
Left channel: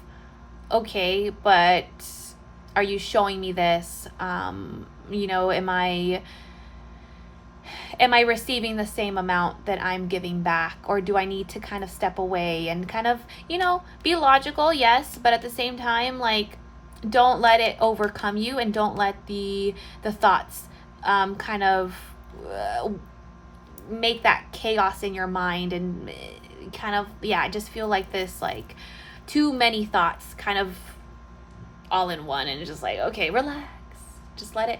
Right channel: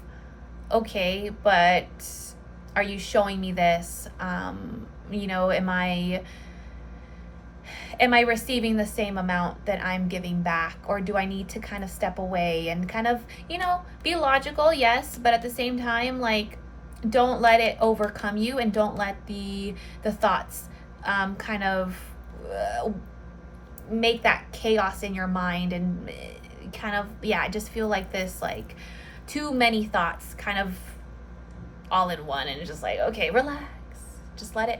okay, but are you showing me this? Am I receiving the same amount that I'm giving back, or do I need to kind of step away and kind of, be logical? Yes, but at the same time, like, don't let it overcome you, and don't let the thoughts kind of make that chaos in your mind and kind of, I just feel like this, like, too many thoughts kind of all in one, and it's just like, okay, relax, just let it,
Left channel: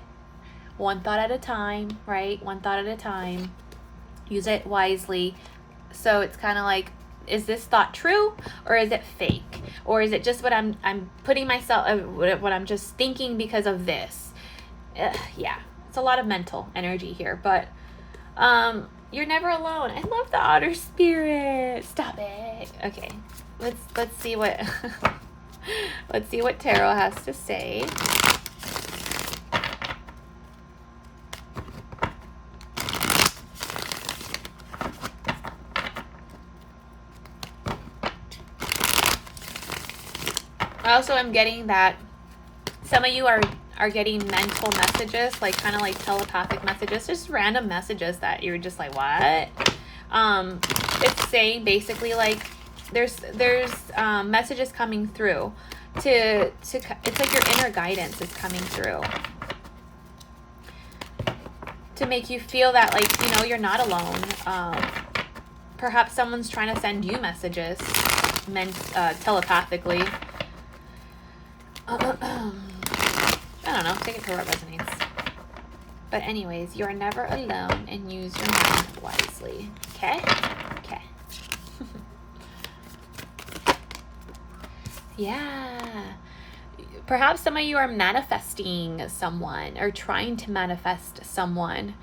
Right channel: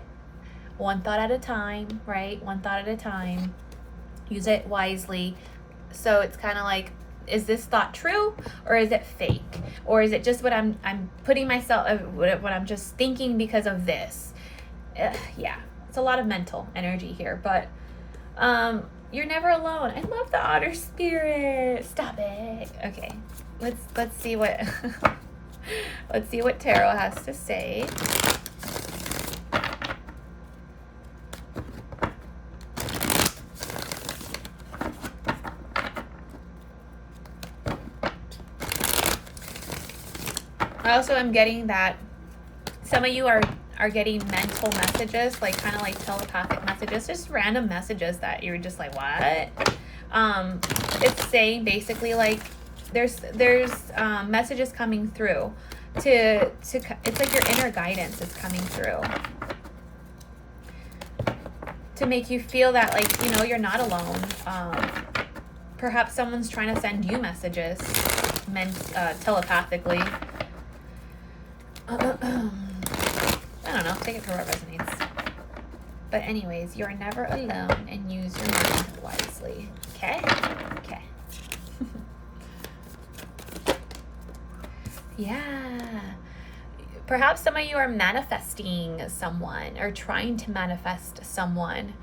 one thought at a time, right? One thought at a time. Use it wisely. So it's kind of like, is this thought true, or is it fake, or is it just what I'm putting myself, what I'm just thinking because of this? It's a lot of mental energy here, but you're never alone. I love the otter spirit. Stop it. Okay, let's see what let's see what tarot has to say. Also, I'm getting that some of you are getting mental messages, like kind of like telepathic messages, just random messages that you're just like, what? It's saying basically like there's messages coming through to it's like your inner guidance is coming through to make you feel that, like, you're not alone. Perhaps someone's trying to send you messages telepathically. I don't know, take it for what resonates. But anyways, you are never alone, and use your mind wisely. Okay? Okay. Yeah. Perhaps some of you are manifesting someone or trying to manifest someone.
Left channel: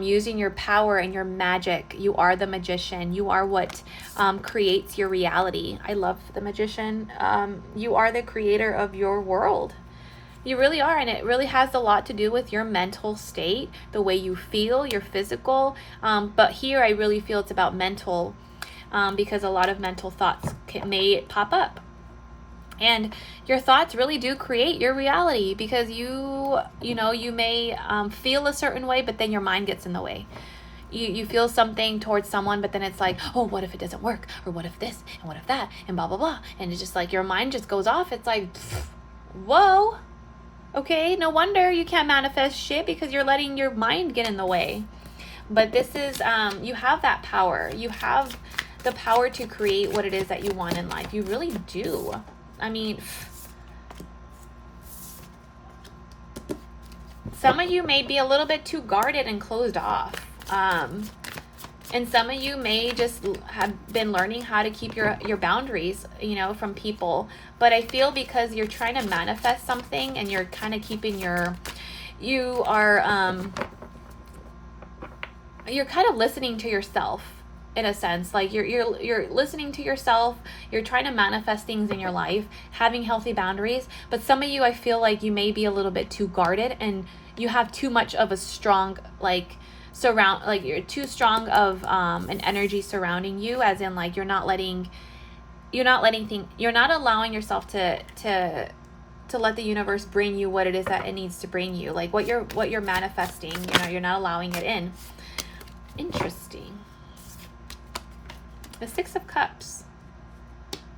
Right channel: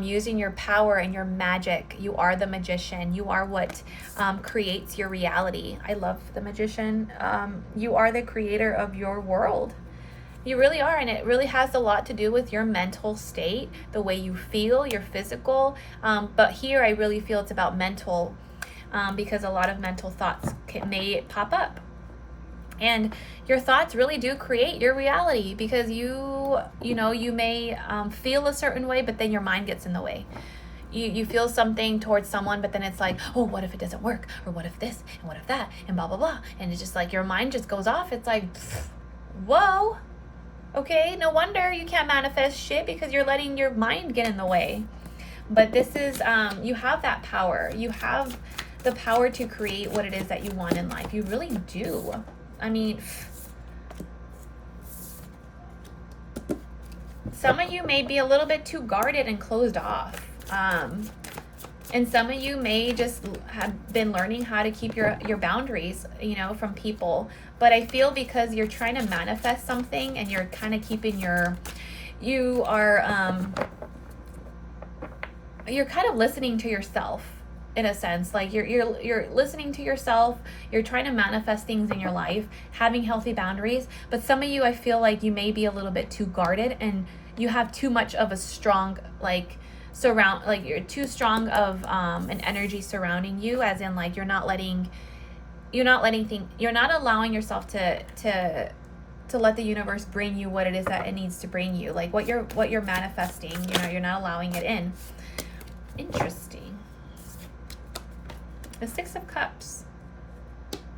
Using your power and your magic. You are the magician. You are what creates your reality. I love the magician. You are the creator of your world. You really are, and it really has a lot to do with your mental state, the way you feel, your physical. But here I really feel it's about mental, because a lot of mental thoughts may pop up. And your thoughts really do create your reality, because you may feel a certain way, but then your mind gets in the way. You feel something towards someone, but then it's like, oh, what if it doesn't work? Or what if this? And what if that? And blah, blah, blah. And it's just like your mind just goes off. It's like, whoa. Okay, no wonder you can't manifest shit, because you're letting your mind get in the way. But this is, you have that power. You have the power to create what it is that you want in life. You really do. I mean, some of you may be a little bit too guarded and closed off. And some of you may just have been learning how to keep your boundaries, from people. But I feel because you're trying to manifest something and you're kind of keeping you're kind of listening to yourself in a sense. Like you're listening to yourself. You're trying to manifest things in your life, having healthy boundaries. But some of you, I feel like you may be a little bit too guarded, and you have too much of a strong you're too strong of an energy surrounding you, as in like you're not allowing yourself to let the universe bring you what it is that it needs to bring you, like what you're manifesting. You're not allowing it in. Interesting. The Six of Cups.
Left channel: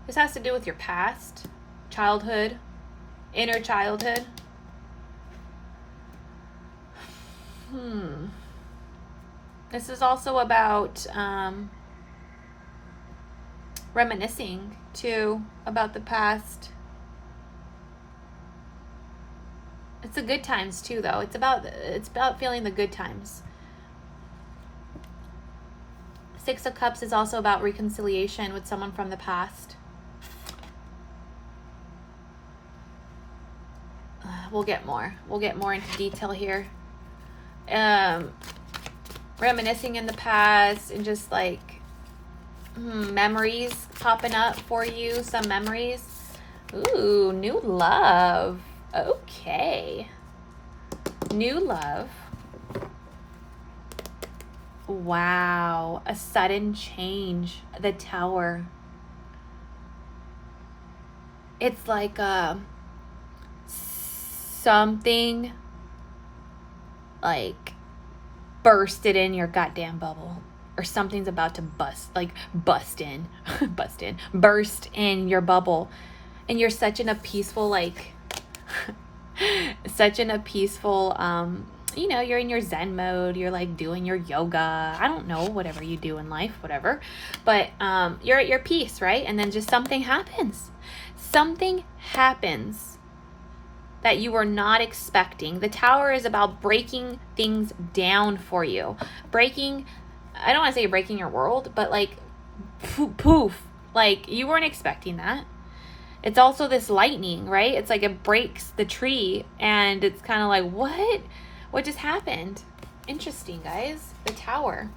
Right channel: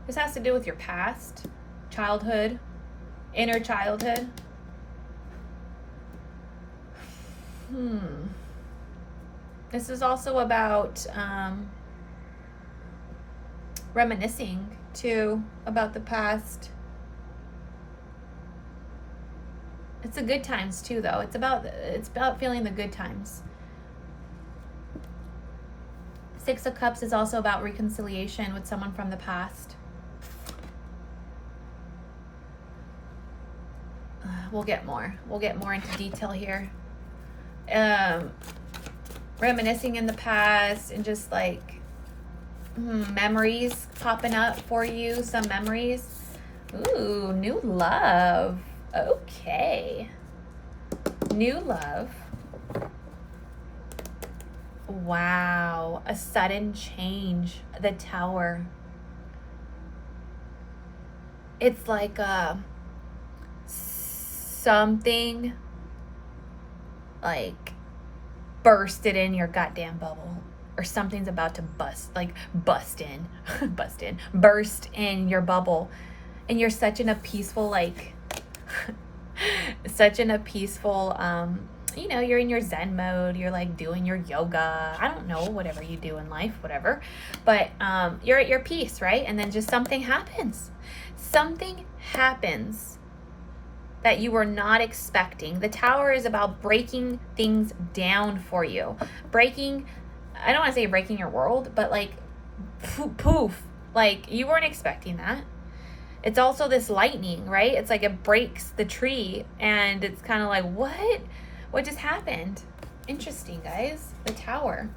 This has to do with your past, childhood, inner childhood. This is also about reminiscing too about the past. It's the good times too, though. It's about feeling the good times. Six of Cups is also about reconciliation with someone from the past. We'll get more into detail here. Reminiscing in the past, and just like memories popping up for you. Some memories. Ooh, new love. Okay. New love. Wow. A sudden change. The Tower. It's like something like bursted in your goddamn bubble, or something's about to burst in your bubble, and you're such in a peaceful you're in your Zen mode. You're like doing your yoga. I don't know, whatever you do in life, whatever. But you're at your peace, right? And then just something happens. Something happens that you were not expecting. The Tower is about breaking things down for you. I don't want to say breaking your world, but like poof. Like you weren't expecting that. It's also this lightning, right? It's like it breaks the tree, and it's kind of like, what just happened? Interesting, guys. The Tower.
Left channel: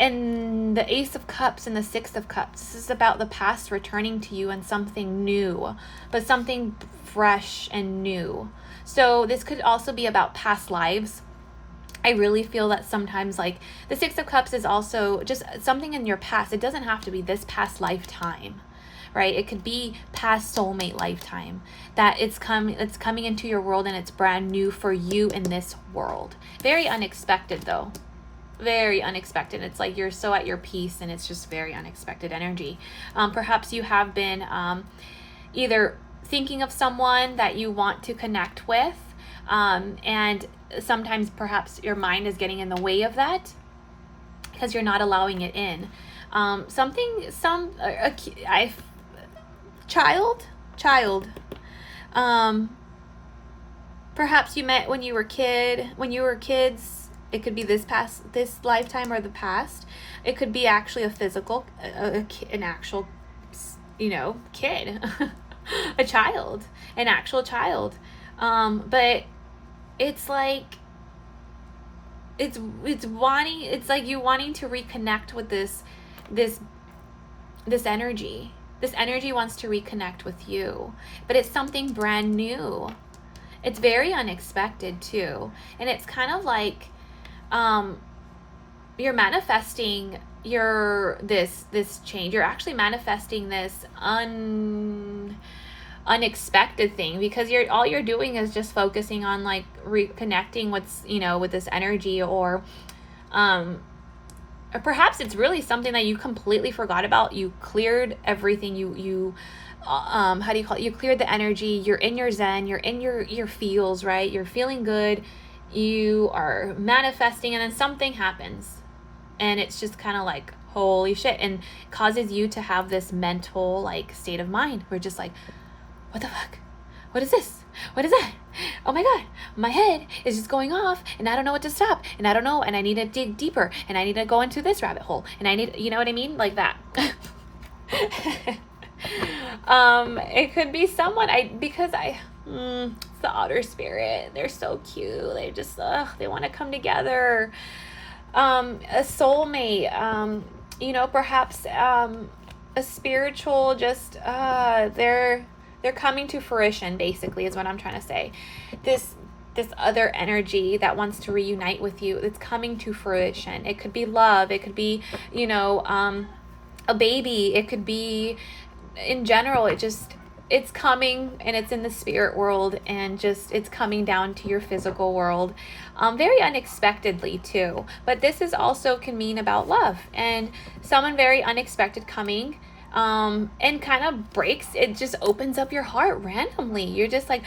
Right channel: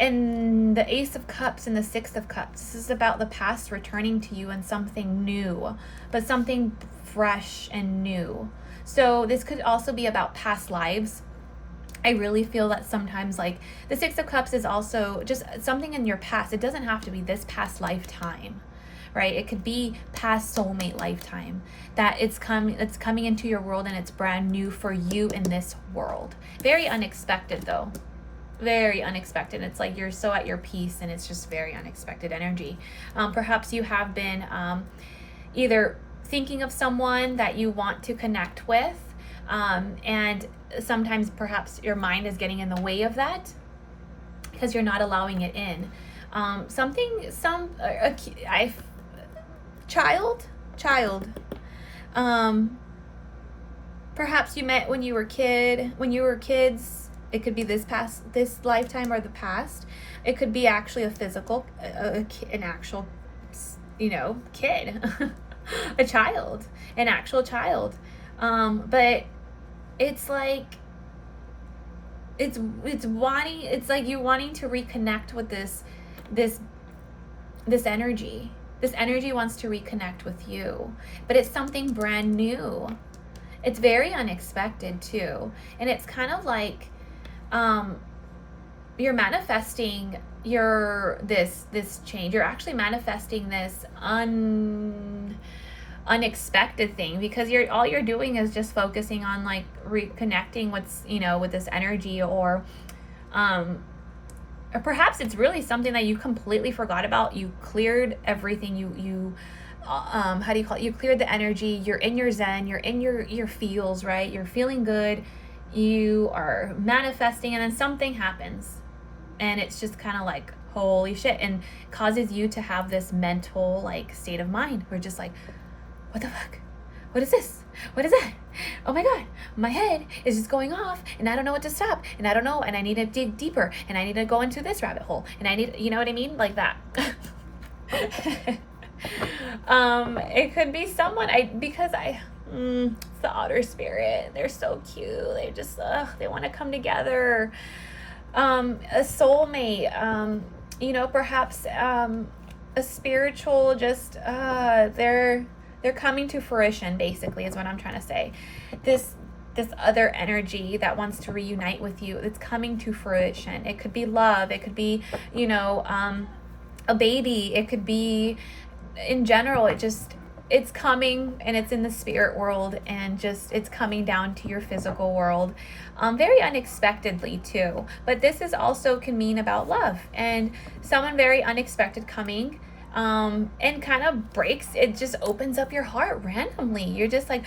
And the Ace of Cups and the Six of Cups. This is about the past returning to you and something new, but something fresh and new. So this could also be about past lives. I really feel that sometimes, like, the Six of Cups is also just something in your past. It doesn't have to be this past lifetime, right? It could be past soulmate lifetime, that it's coming into your world, and it's brand new for you in this world. Very unexpected, though. Very unexpected. It's like you're so at your peace, and it's just very unexpected energy. Perhaps you have been either thinking of someone that you want to connect with, and sometimes perhaps your mind is getting in the way of that because you're not allowing it in. Child. Perhaps you met when you were kids. It could be this lifetime or the past. It could be actually a physical, an actual, kid. a child, an actual child. But it's like, it's wanting, it's like you wanting to reconnect with this this energy. This energy wants to reconnect with you, but it's something brand new. It's very unexpected too, and it's kind of like you're manifesting this change. You're actually manifesting this unexpected thing, because all you're doing is just focusing on like reconnecting with this energy, or perhaps it's really something that you completely forgot about. You cleared everything. You how do you call it? You cleared the energy. You're in your zen. You're in your feels, right? You're feeling good. You are manifesting, and then something happens, and it's just kind of like, holy shit, and causes you to have this mental like state of mind. We're just like, what the fuck? What is this? What is that? Oh my God, my head is just going off, and I don't know what to stop, and I don't know, and I need to dig deeper, and I need to go into this rabbit hole, and I need, you know what I mean? Like that. It could be someone, it's the otter spirit. They're so cute. They just, they want to come together. A soulmate, perhaps, a spiritual, just, they're coming to fruition, basically, is what I'm trying to say. This other energy that wants to reunite with you, it's coming to fruition. It could be love. It could be, a baby. It could be, in general, it's coming, and it's in the spirit world, and just it's coming down to your physical world, very unexpectedly too. But this is also can mean about love, and someone very unexpected coming, and kind of breaks. It just opens up your heart randomly. You're just like,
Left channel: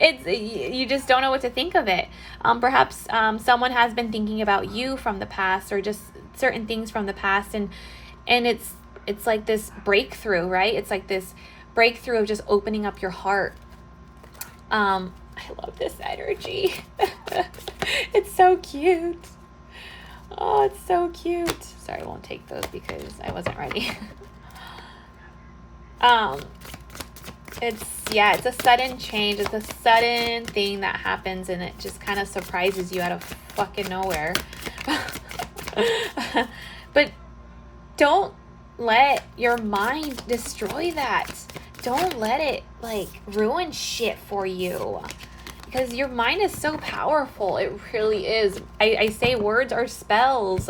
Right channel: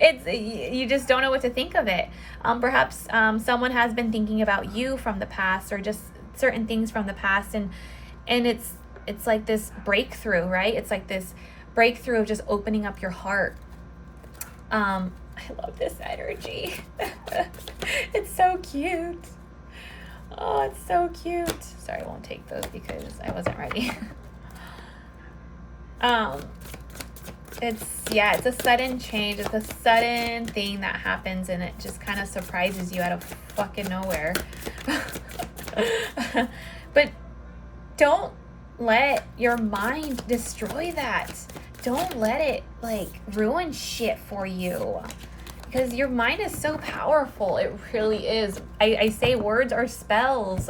it's, you just don't know what to think of it. Perhaps someone has been thinking about you from the past, or just certain things from the past, and it's like this breakthrough, right? It's like this breakthrough of just opening up your heart. I love this energy. It's so cute. Oh, it's so cute. Sorry, I won't take those because I wasn't ready. It's a sudden change. It's a sudden thing that happens, and it just kind of surprises you out of fucking nowhere. But don't let your mind destroy that. Don't let it like ruin shit for you, because your mind is so powerful. It really is. I say words are spells.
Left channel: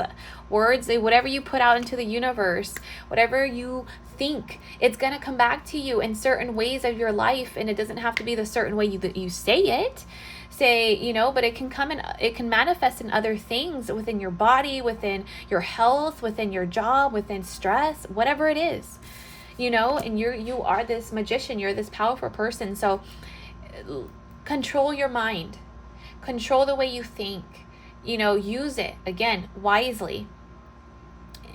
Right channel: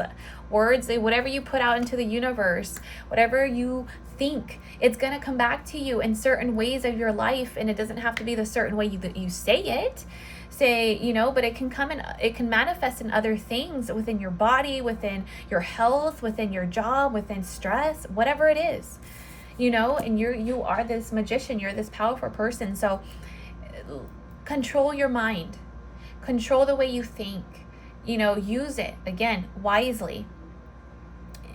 Words, whatever you put out into the universe, whatever you think, it's gonna come back to you in certain ways of your life, and it doesn't have to be the certain way that you say it. But it can manifest in other things within your body, within your health, within your job, within stress, whatever it is, and you are this magician. You're this powerful person. So control your mind, control the way you think, use it again wisely.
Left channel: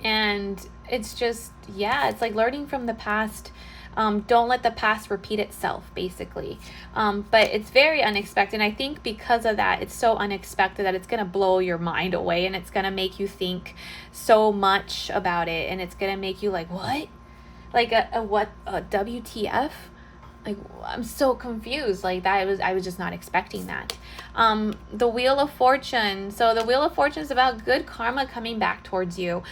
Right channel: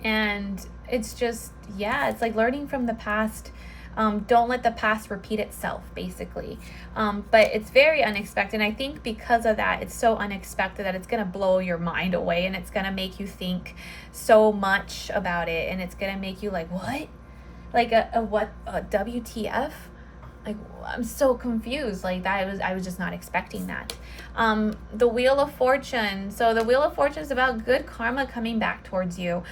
And it's just, it's like learning from the past. Don't let the past repeat itself, basically. But it's very unexpected. And I think because of that, it's so unexpected that it's going to blow your mind away, and it's going to make you think so much about it. And it's going to make you like, what? Like a WTF? Like, I'm so confused. Like that, I was just not expecting that. The Wheel of Fortune. So the Wheel of Fortune is about good karma coming back towards you.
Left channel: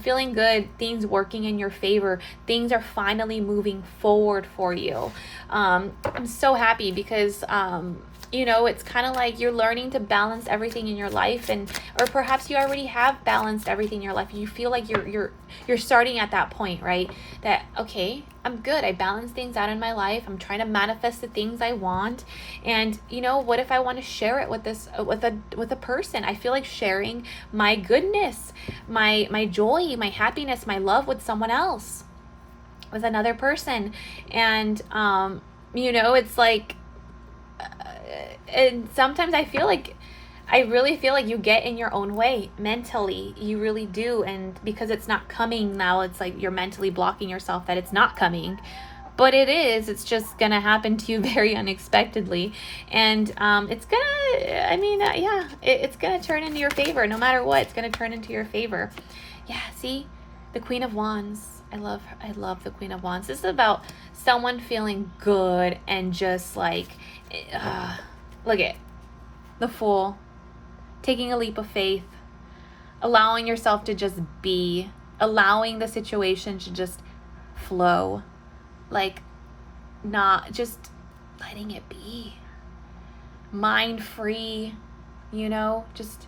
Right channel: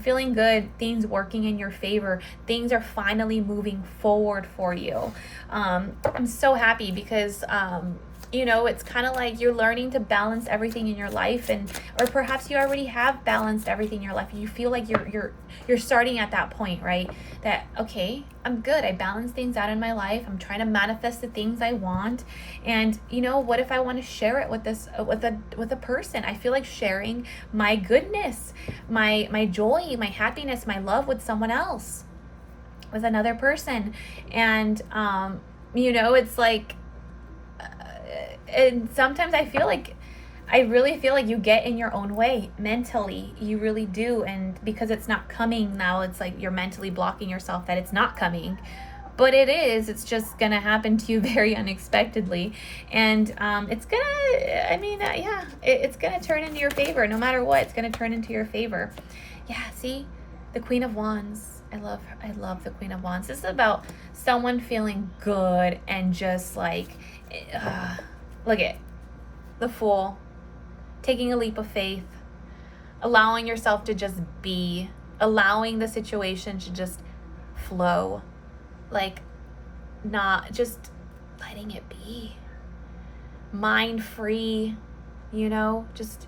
Feeling good, things working in your favor. Things are finally moving forward for you. I'm so happy because it's kind of like you're learning to balance everything in your life, or perhaps you already have balanced everything in your life. You feel like you're starting at that point, right? That, okay, I'm good. I balance things out in my life. I'm trying to manifest the things I want. And what if I want to share it with a person? I feel like sharing my goodness, my joy, my happiness, my love with someone else, with another person. And it's like, and sometimes I really feel like you get in your own way mentally. You really do. And because it's not coming now, it's like you're mentally blocking yourself that it's not coming. But it is. It's just going to happen to you very unexpectedly. And it's going to, it's going to turn into your favor. No matter what, it's going to turn into your favor. Yeah, see? The Queen of Wands. I love the Queen of Wands. This is about someone feeling good and just like, look at the Fool, taking a leap of faith, allowing yourself to just be, allowing the situation to just flow, like not just letting it be, mind free, just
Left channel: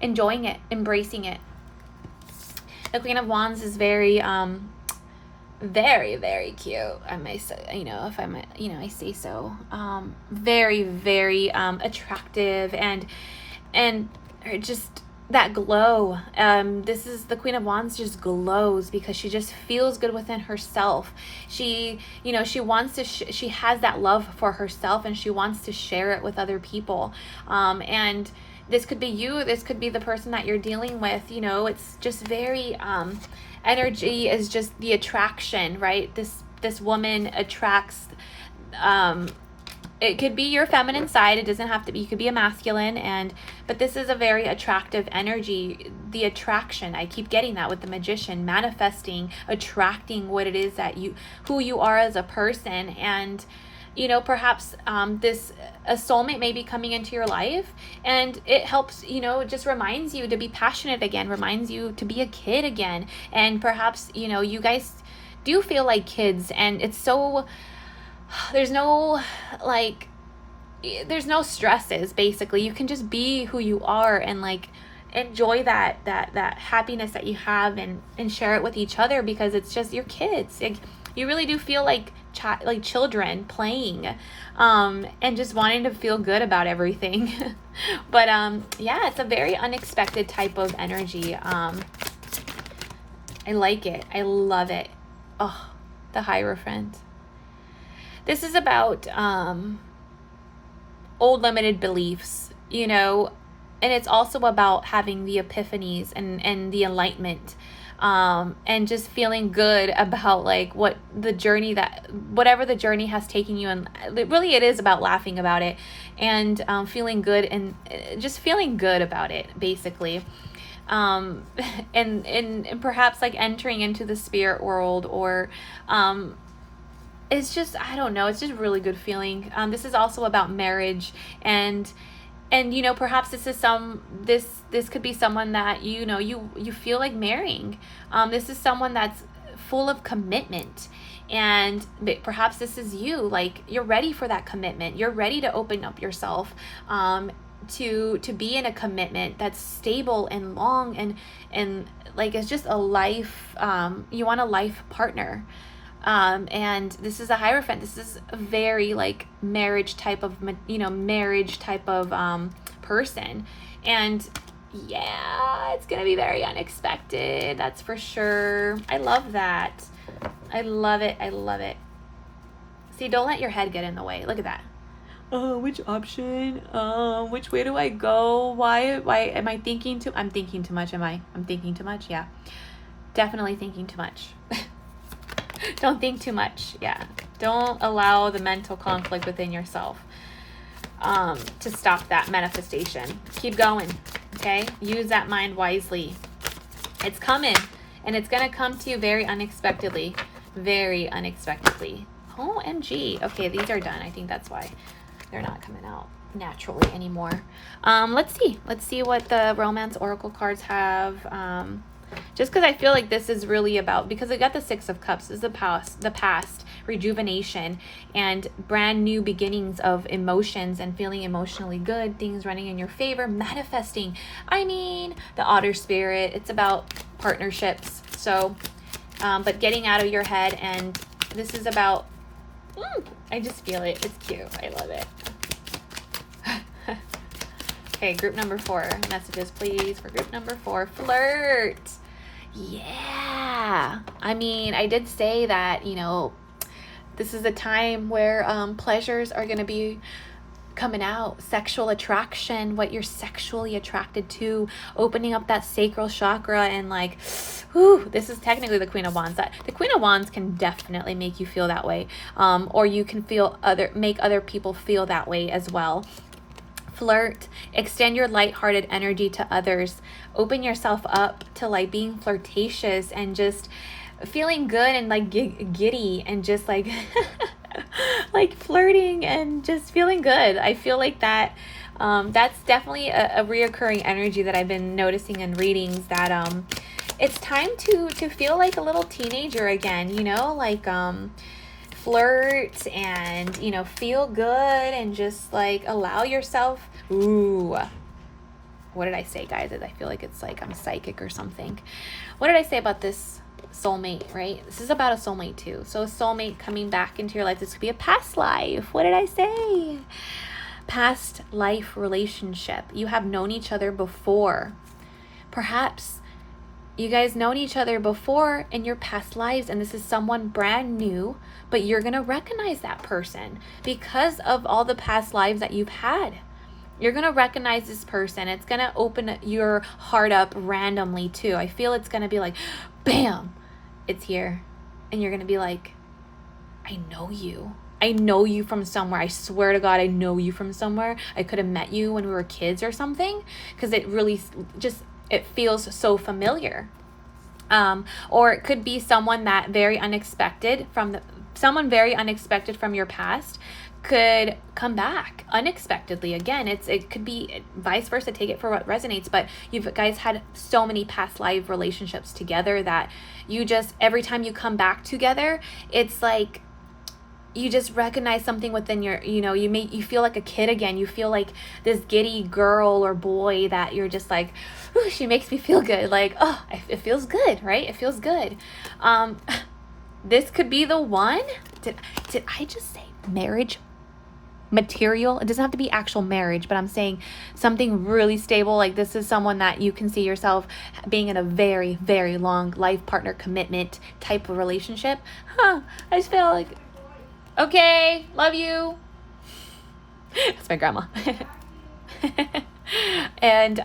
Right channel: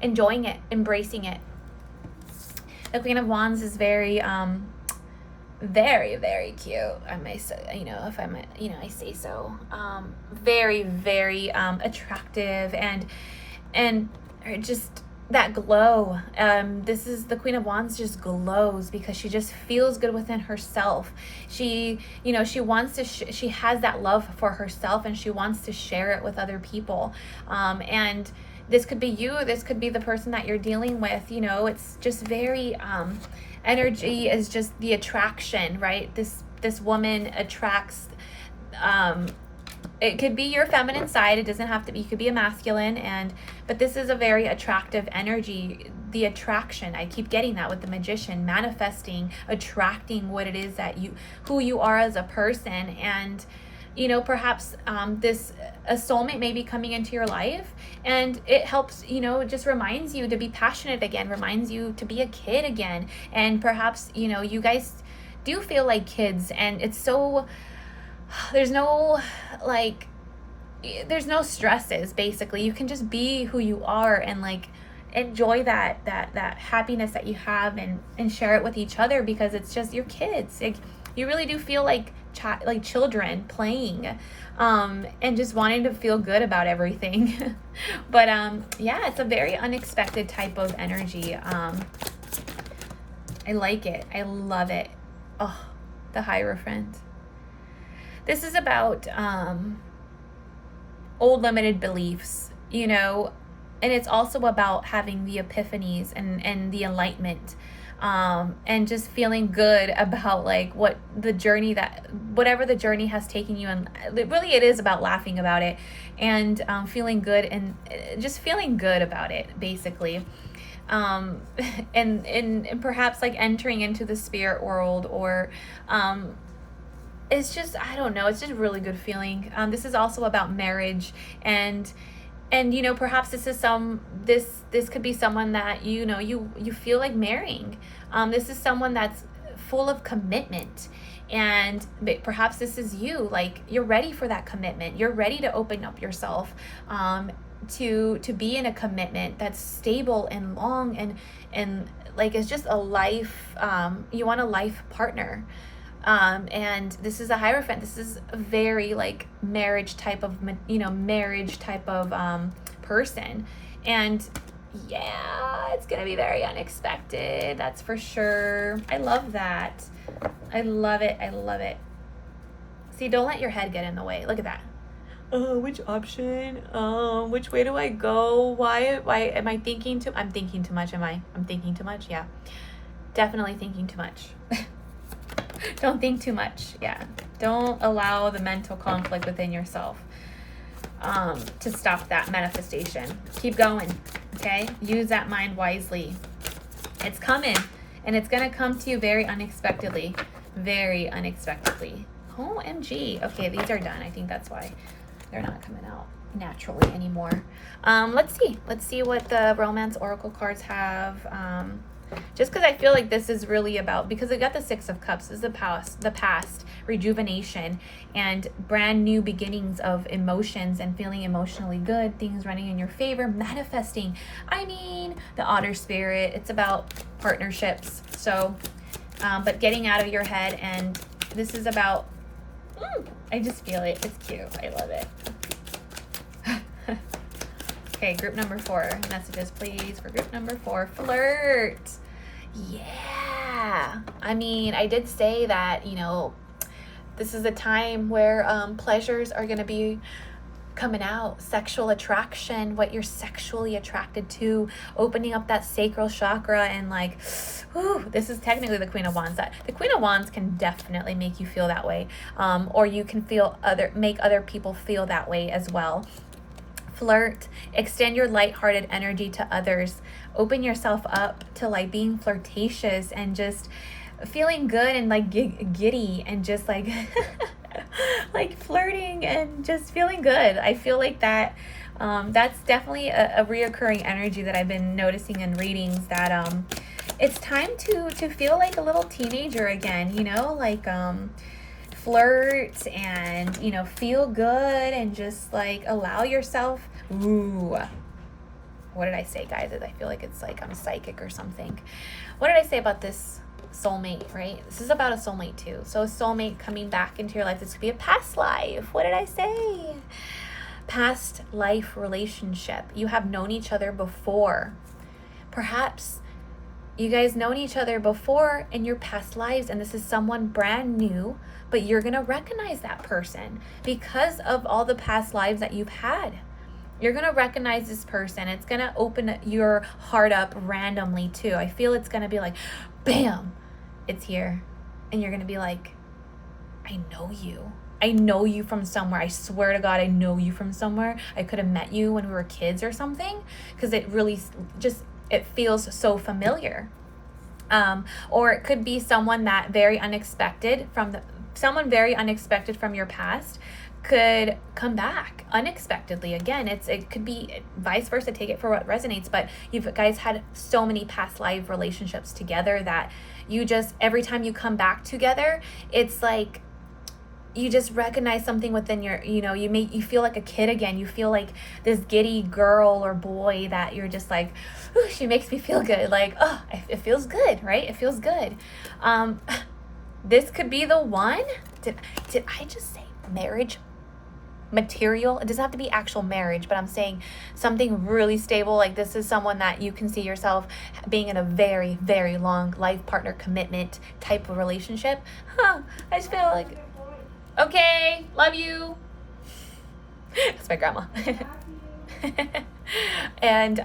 enjoying it, embracing it. The Queen of Wands is very very, very cute. I may say, if I'm, I say so. Very, very attractive and just that glow. This is the Queen of Wands just glows because she just feels good within herself. She, she wants to, she has that love for herself and she wants to share it with other people. And this could be you, this could be the person that you're dealing with, it's just very, energy is just the attraction, right? This woman attracts, it could be your feminine side, it doesn't have to be, you could be a masculine, but this is a very attractive energy. The attraction, I keep getting that with the Magician, manifesting, attracting what it is that who you are as a person. And perhaps a soulmate may be coming into your life, and it helps, it just reminds you to be passionate again, reminds you to be a kid again. And perhaps, you guys do feel like kids, and it's so, there's no stresses, basically. You can just be who you are and enjoy that happiness that you have and share it with each other, because it's just your kids. You really do feel like children playing, and just wanting to feel good about everything. But yeah, it's a very unexpected type of energy. I like it. I love it. Oh, the Hierophant. This is about old limited beliefs, and it's also about having the epiphanies and the enlightenment. And just feeling good about what the journey, whatever the journey has taken you, and really it is about laughing about it and feeling good, and just feeling good about it, basically. And perhaps entering into the spirit world, or it's just, I don't know, it's just really good feeling. This is also about marriage, and perhaps this could be someone that you feel like marrying. This is someone that's full of commitment, and perhaps this is you. You're ready for that commitment, you're ready to open up yourself, to be in a commitment that's stable and long, and it's just a life, you want a life partner. And this is a Hierophant. This is a very marriage type of person. And yeah, it's gonna be very unexpected, that's for sure. I love that. I love it. I love it. See, don't let your head get in the way. Look at that. Oh, which option? Which way do I go? Why am I thinking too? I'm thinking too much. I'm thinking too much. Yeah, definitely thinking too much. Don't think too much. Yeah, don't allow the mental conflict within yourself to stop that manifestation. Keep going. Okay, use that mind wisely. It's coming, and it's gonna come to you very unexpectedly. Very unexpectedly. OMG. Okay, these are done. I think that's why they're not coming out naturally anymore. Let's see what the romance oracle cards have. Just because I feel like this is really about, because I got the Six of Cups, this is the past, rejuvenation, and brand new beginnings of emotions, and feeling emotionally good, things running in your favor, manifesting. I mean, the Otter Spirit, it's about partnerships. So, but getting out of your head, and this is about, I just feel it. It's cute. I love it. Okay, group number 4. Messages, please, for group number 4. Flirt. Yeah. I mean, I did say that, this is a time where pleasures are going to be coming out. Sexual attraction, what you're sexually attracted to, opening up that sacral chakra, and this is technically the Queen of Wands. The Queen of Wands can definitely make you feel that way, or you can make other people feel that way as well. Flirt, extend your lighthearted energy to others, open yourself up to being flirtatious, and just feeling good and like giddy and just like like flirting and just feeling good. I feel like that that's definitely a reoccurring energy that I've been noticing in readings, that it's time to feel like a little teenager again, you know, like flirt and, you know, feel good and just like allow yourself. Ooh, what did I say, guys? I feel like it's like I'm psychic or something. What did I say about this soulmate, right? This is about a soulmate too. So a soulmate coming back into your life. This could be a past life. What did I say? Past life relationship. You have known each other before. Perhaps you guys known each other before in your past lives, and this is someone brand new, but you're going to recognize that person because of all the past lives that you've had. You're going to recognize this person. It's going to open your heart up randomly too. I feel it's going to be like, bam, it's here. And you're going to be like, I know you. I know you from somewhere. I swear to God, I know you from somewhere. I could have met you when we were kids or something, because it really just, it feels so familiar. Or it could be someone that very unexpected someone very unexpected from your past could come back unexpectedly again. It could be vice versa. Take it for what resonates, but you guys had so many past life relationships together that you just, every time you come back together, it's like you just recognize something within your, you know, you feel like a kid again. You feel like this giddy girl or boy that you're just like, ooh, she makes me feel good. Like, oh, it feels good, right? It feels good. This could be the one. Did I just say marriage material? It doesn't have to be actual marriage, but I'm saying something really stable. Like, this is someone that you can see yourself being in a very, very long life partner commitment type of relationship. I just feel like, okay, love you. It's my grandma. And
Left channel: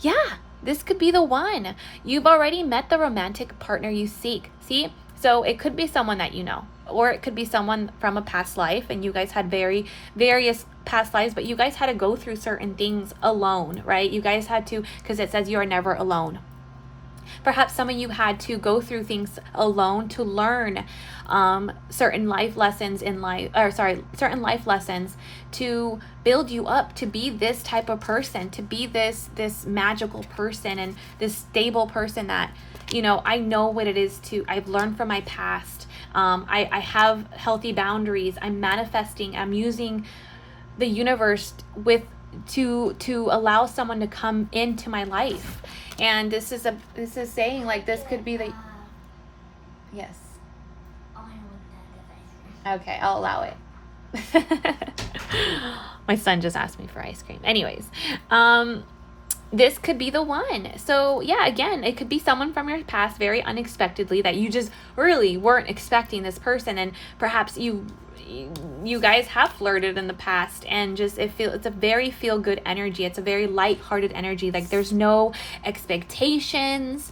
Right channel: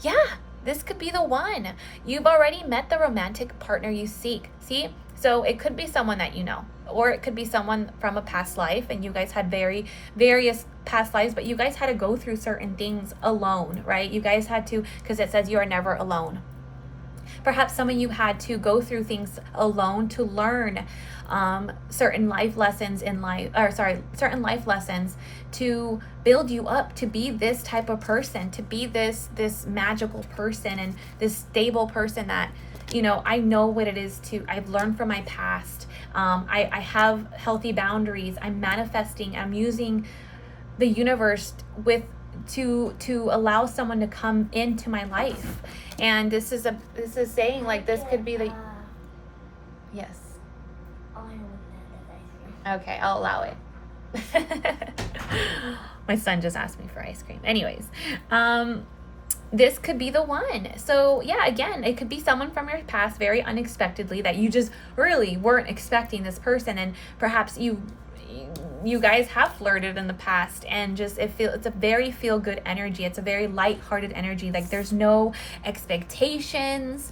yeah, this could be the one. You've already met the romantic partner you seek. See? So it could be someone that you know, or it could be someone from a past life, and you guys had various past lives, but you guys had to go through certain things alone, right? You guys had to, because it says you are never alone. Perhaps some of you had to go through things alone to learn certain life lessons certain life lessons to build you up to be this type of person, to be this magical person and this stable person that, you know, I know what it is I've learned from my past. I have healthy boundaries. I'm manifesting. I'm using the universe to allow someone to come into my life. And this is saying, like, this could be the, yes. Okay, I'll allow it. My son just asked me for ice cream. Anyways, this could be the one. So yeah, again, it could be someone from your past very unexpectedly that you just really weren't expecting this person, and perhaps you guys have flirted in the past, and just it's a very feel good energy. It's a very light-hearted energy. Like, there's no expectations.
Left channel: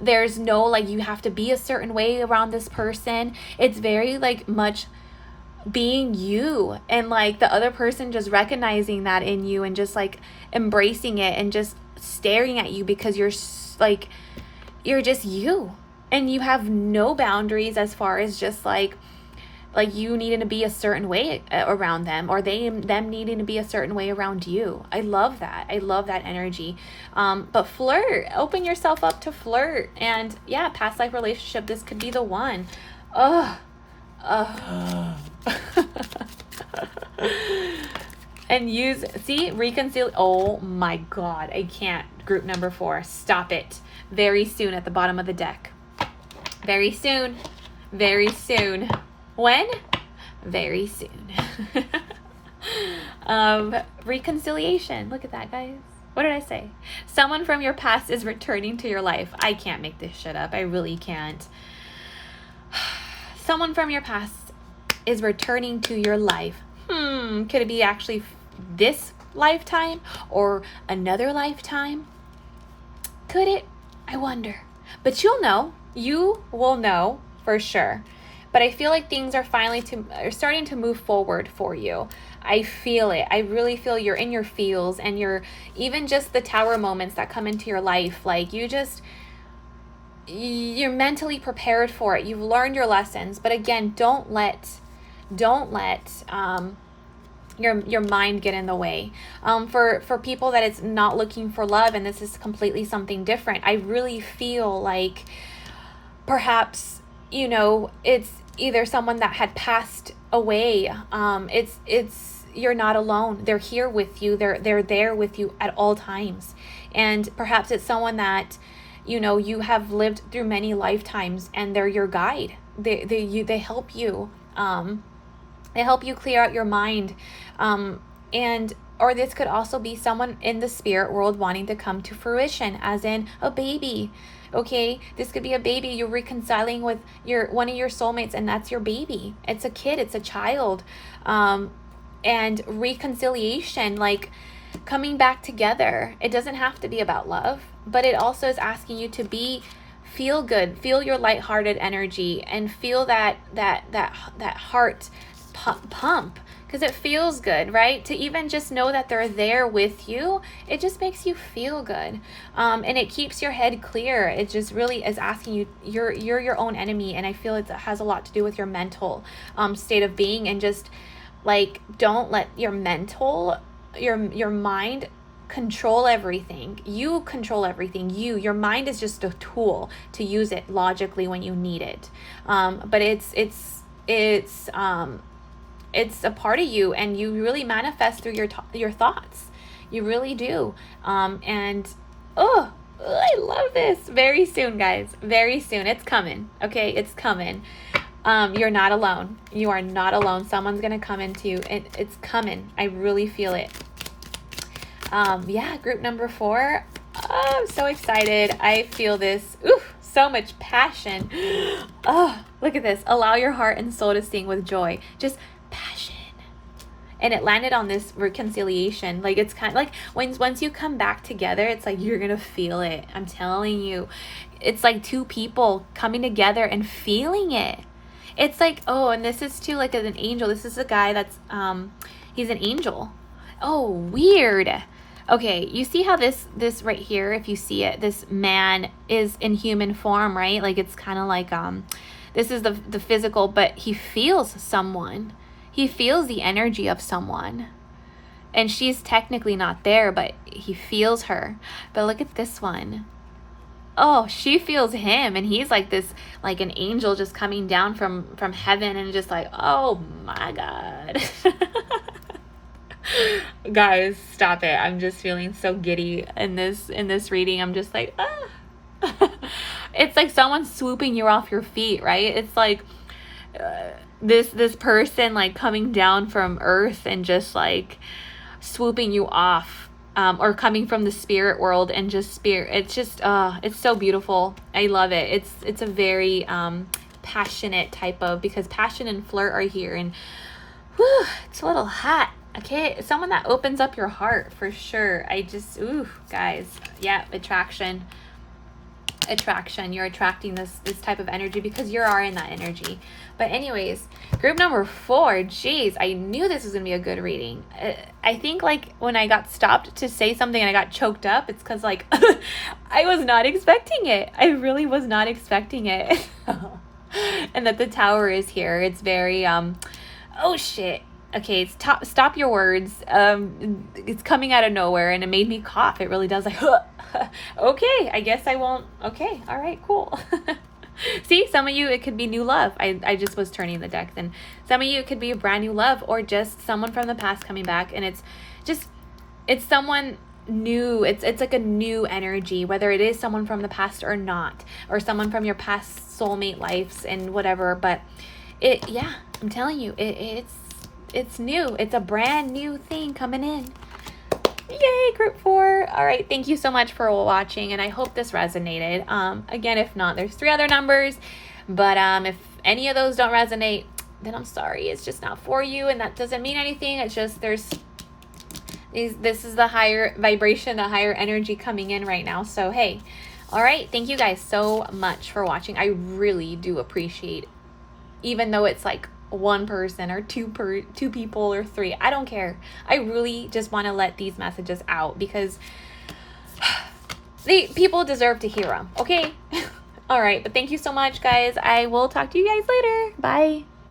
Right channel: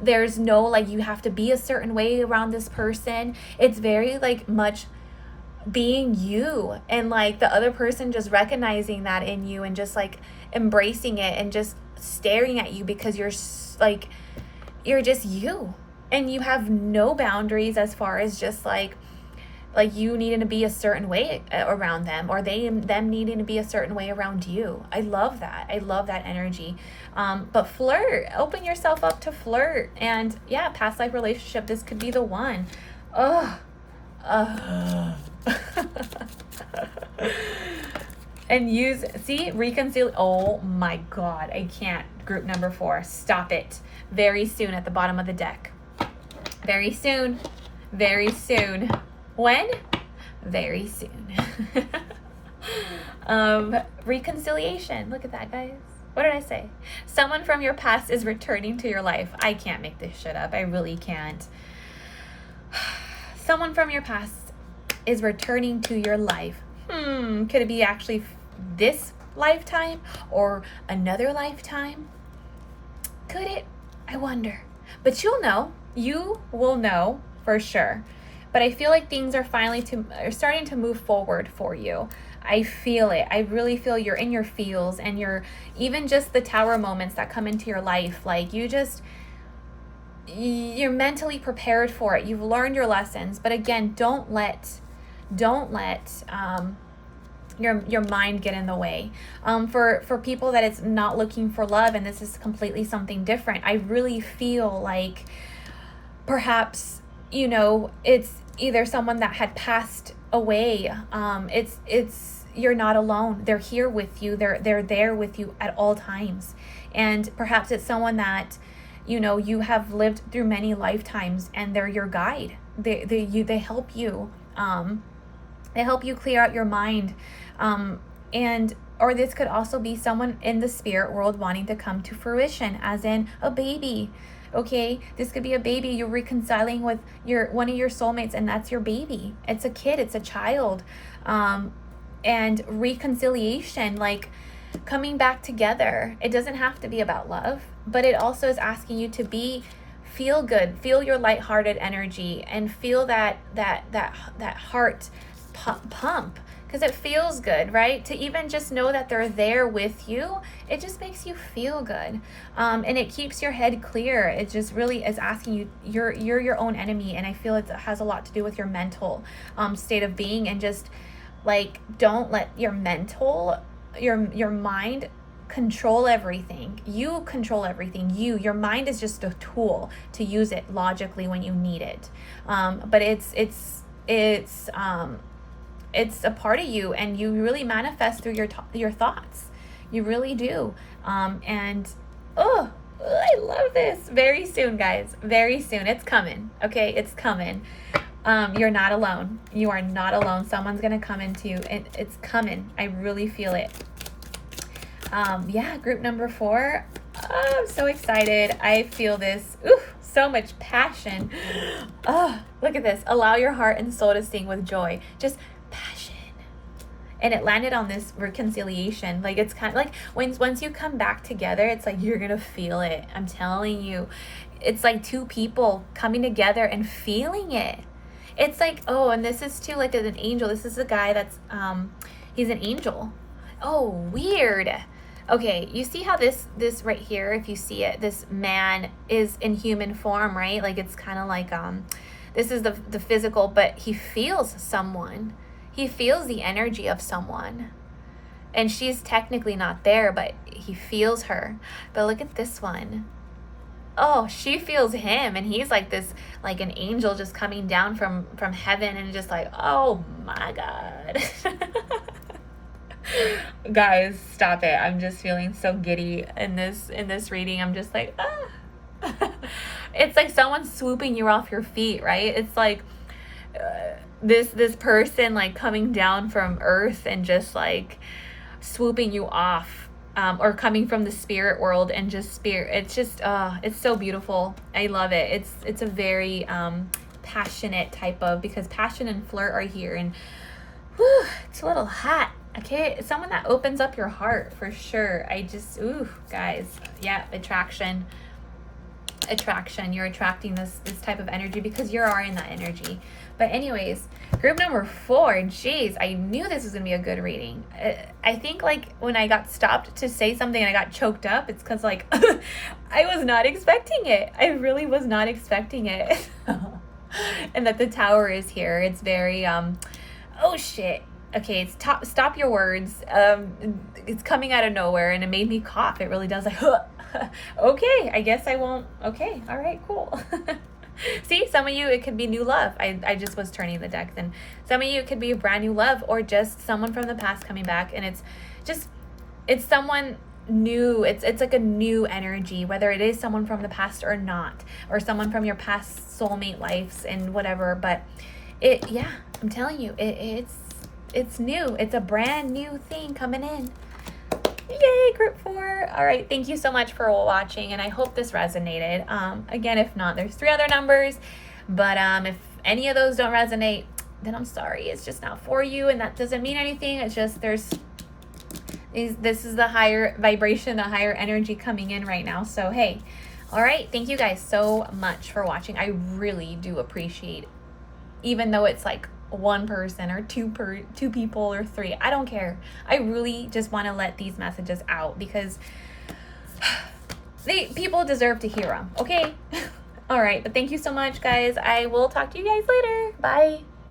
There's no like you have to be a certain way around this person. It's very like much being you, and like the other person just recognizing that in you and just like embracing it and just staring at you because you're just you, and you have no boundaries as far as just like you needing to be a certain way around them, or them needing to be a certain way around you. I love that. I love that energy. But flirt, open yourself up to flirt. And yeah, past life relationship, this could be the one. And reconcile. Oh my God, I can't. Group number 4, stop it. Very soon at the bottom of the deck. Very soon. Very soon. When? Very soon. Reconciliation. Look at that, guys. What did I say? Someone from your past is returning to your life. I can't make this shit up. I really can't. Someone from your past is returning to your life. Could it be actually this lifetime or another lifetime? Could it? I wonder. But you'll know. You will know for sure. But I feel like things are are starting to move forward for you. I feel it. I really feel you're in your feels, and you're even just the tower moments that come into your life. Like, you you're mentally prepared for it. You've learned your lessons, but again, don't let your mind get in the way. For people that it's not looking for love and this is completely something different, I really feel like perhaps, you know, it's either someone that had passed away. It's you're not alone. They're here with you. They're there with you at all times. And perhaps it's someone that, you know, you have lived through many lifetimes and they're your guide. They help you. They help you clear out your mind. And or this could also be someone in the spirit world wanting to come to fruition, as in a baby. Okay, this could be a baby. You're reconciling with one of your soulmates, and that's your baby. It's a kid. It's a child. And reconciliation, like coming back together. It doesn't have to be about love, but it also is asking you to feel good, feel your lighthearted energy, and feel that heart pump, because it feels good, right? To even just know that they're there with you, it just makes you feel good. And it keeps your head clear. It just really is asking you, you're your own enemy, and I feel it has a lot to do with your mental state of being, and just like, don't let your mind control everything. You control everything. Your mind is just a tool to use it logically when you need it. But it's a part of you, and you really manifest through your thoughts. You really do. And I love this. Very soon, guys. Very soon. It's coming. Okay, it's coming. You're not alone. You are not alone. Someone's gonna come into you. It's coming. I really feel it. Yeah, group number 4. Oh, I'm so excited. I feel this. Ooh, so much passion. Oh, look at this. Allow your heart and soul to sing with joy. Just passion. And it landed on this reconciliation. Like, it's kind of like once you come back together, it's like you're gonna feel it. I'm telling you. It's like two people coming together and feeling it. It's like, oh, and this is too like an angel. This is a guy that's he's an angel. Oh, weird. Okay, you see how this right here, if you see it, this man is in human form, right? Like, it's kind of like this is the physical, but he feels someone. He feels the energy of someone. And she's technically not there, but he feels her. But look at this one. Oh, she feels him, and he's like this, like an angel just coming down from heaven, and just like, oh my God. Guys, stop it. I'm just feeling so giddy in this reading. I'm just like, ah. It's like someone swooping you off your feet, right? It's like this person like coming down from earth and just like swooping you off. Or coming from the spirit world, and just spirit. It's just, it's so beautiful. I love it. It's a very passionate type of, because passion and flirt are here, and whew, it's a little hot. Okay, someone that opens up your heart for sure. I just, ooh, guys, yeah, attraction. You're attracting this type of energy because you are in that energy. But anyways, group number 4, geez, I knew this was gonna be a good reading. I think like when I got stopped to say something and I got choked up, it's because like I was not expecting it. I really was not expecting it. And that the tower is here. It's very oh shit. Okay, stop your words. It's coming out of nowhere, and it made me cough. It really does, like, okay, I guess I won't. Okay, all right, cool. See, some of you, it could be new love. I just was turning the deck. Then some of you, it could be a brand new love, or just someone from the past coming back, and it's someone new. It's like a new energy, whether it is someone from the past or not, or someone from your past soulmate lives and whatever. But yeah, I'm telling you, it's new. It's a brand new thing coming in. Yay, group 4. All right, thank you so much for watching, and I hope this resonated. Again, if not, there's 3 other numbers, but if any of those don't resonate, then I'm sorry. It's just not for you, and that doesn't mean anything. It's just this is the higher vibration, a higher energy coming in right now. So hey, all right, thank you guys so much for watching. I really do appreciate, even though it's like 1 person or 2 people or 3, I don't care. I really just want to let these messages out because people deserve to hear them. Okay. All right, but thank you so much, guys. I will talk to you guys later. Bye.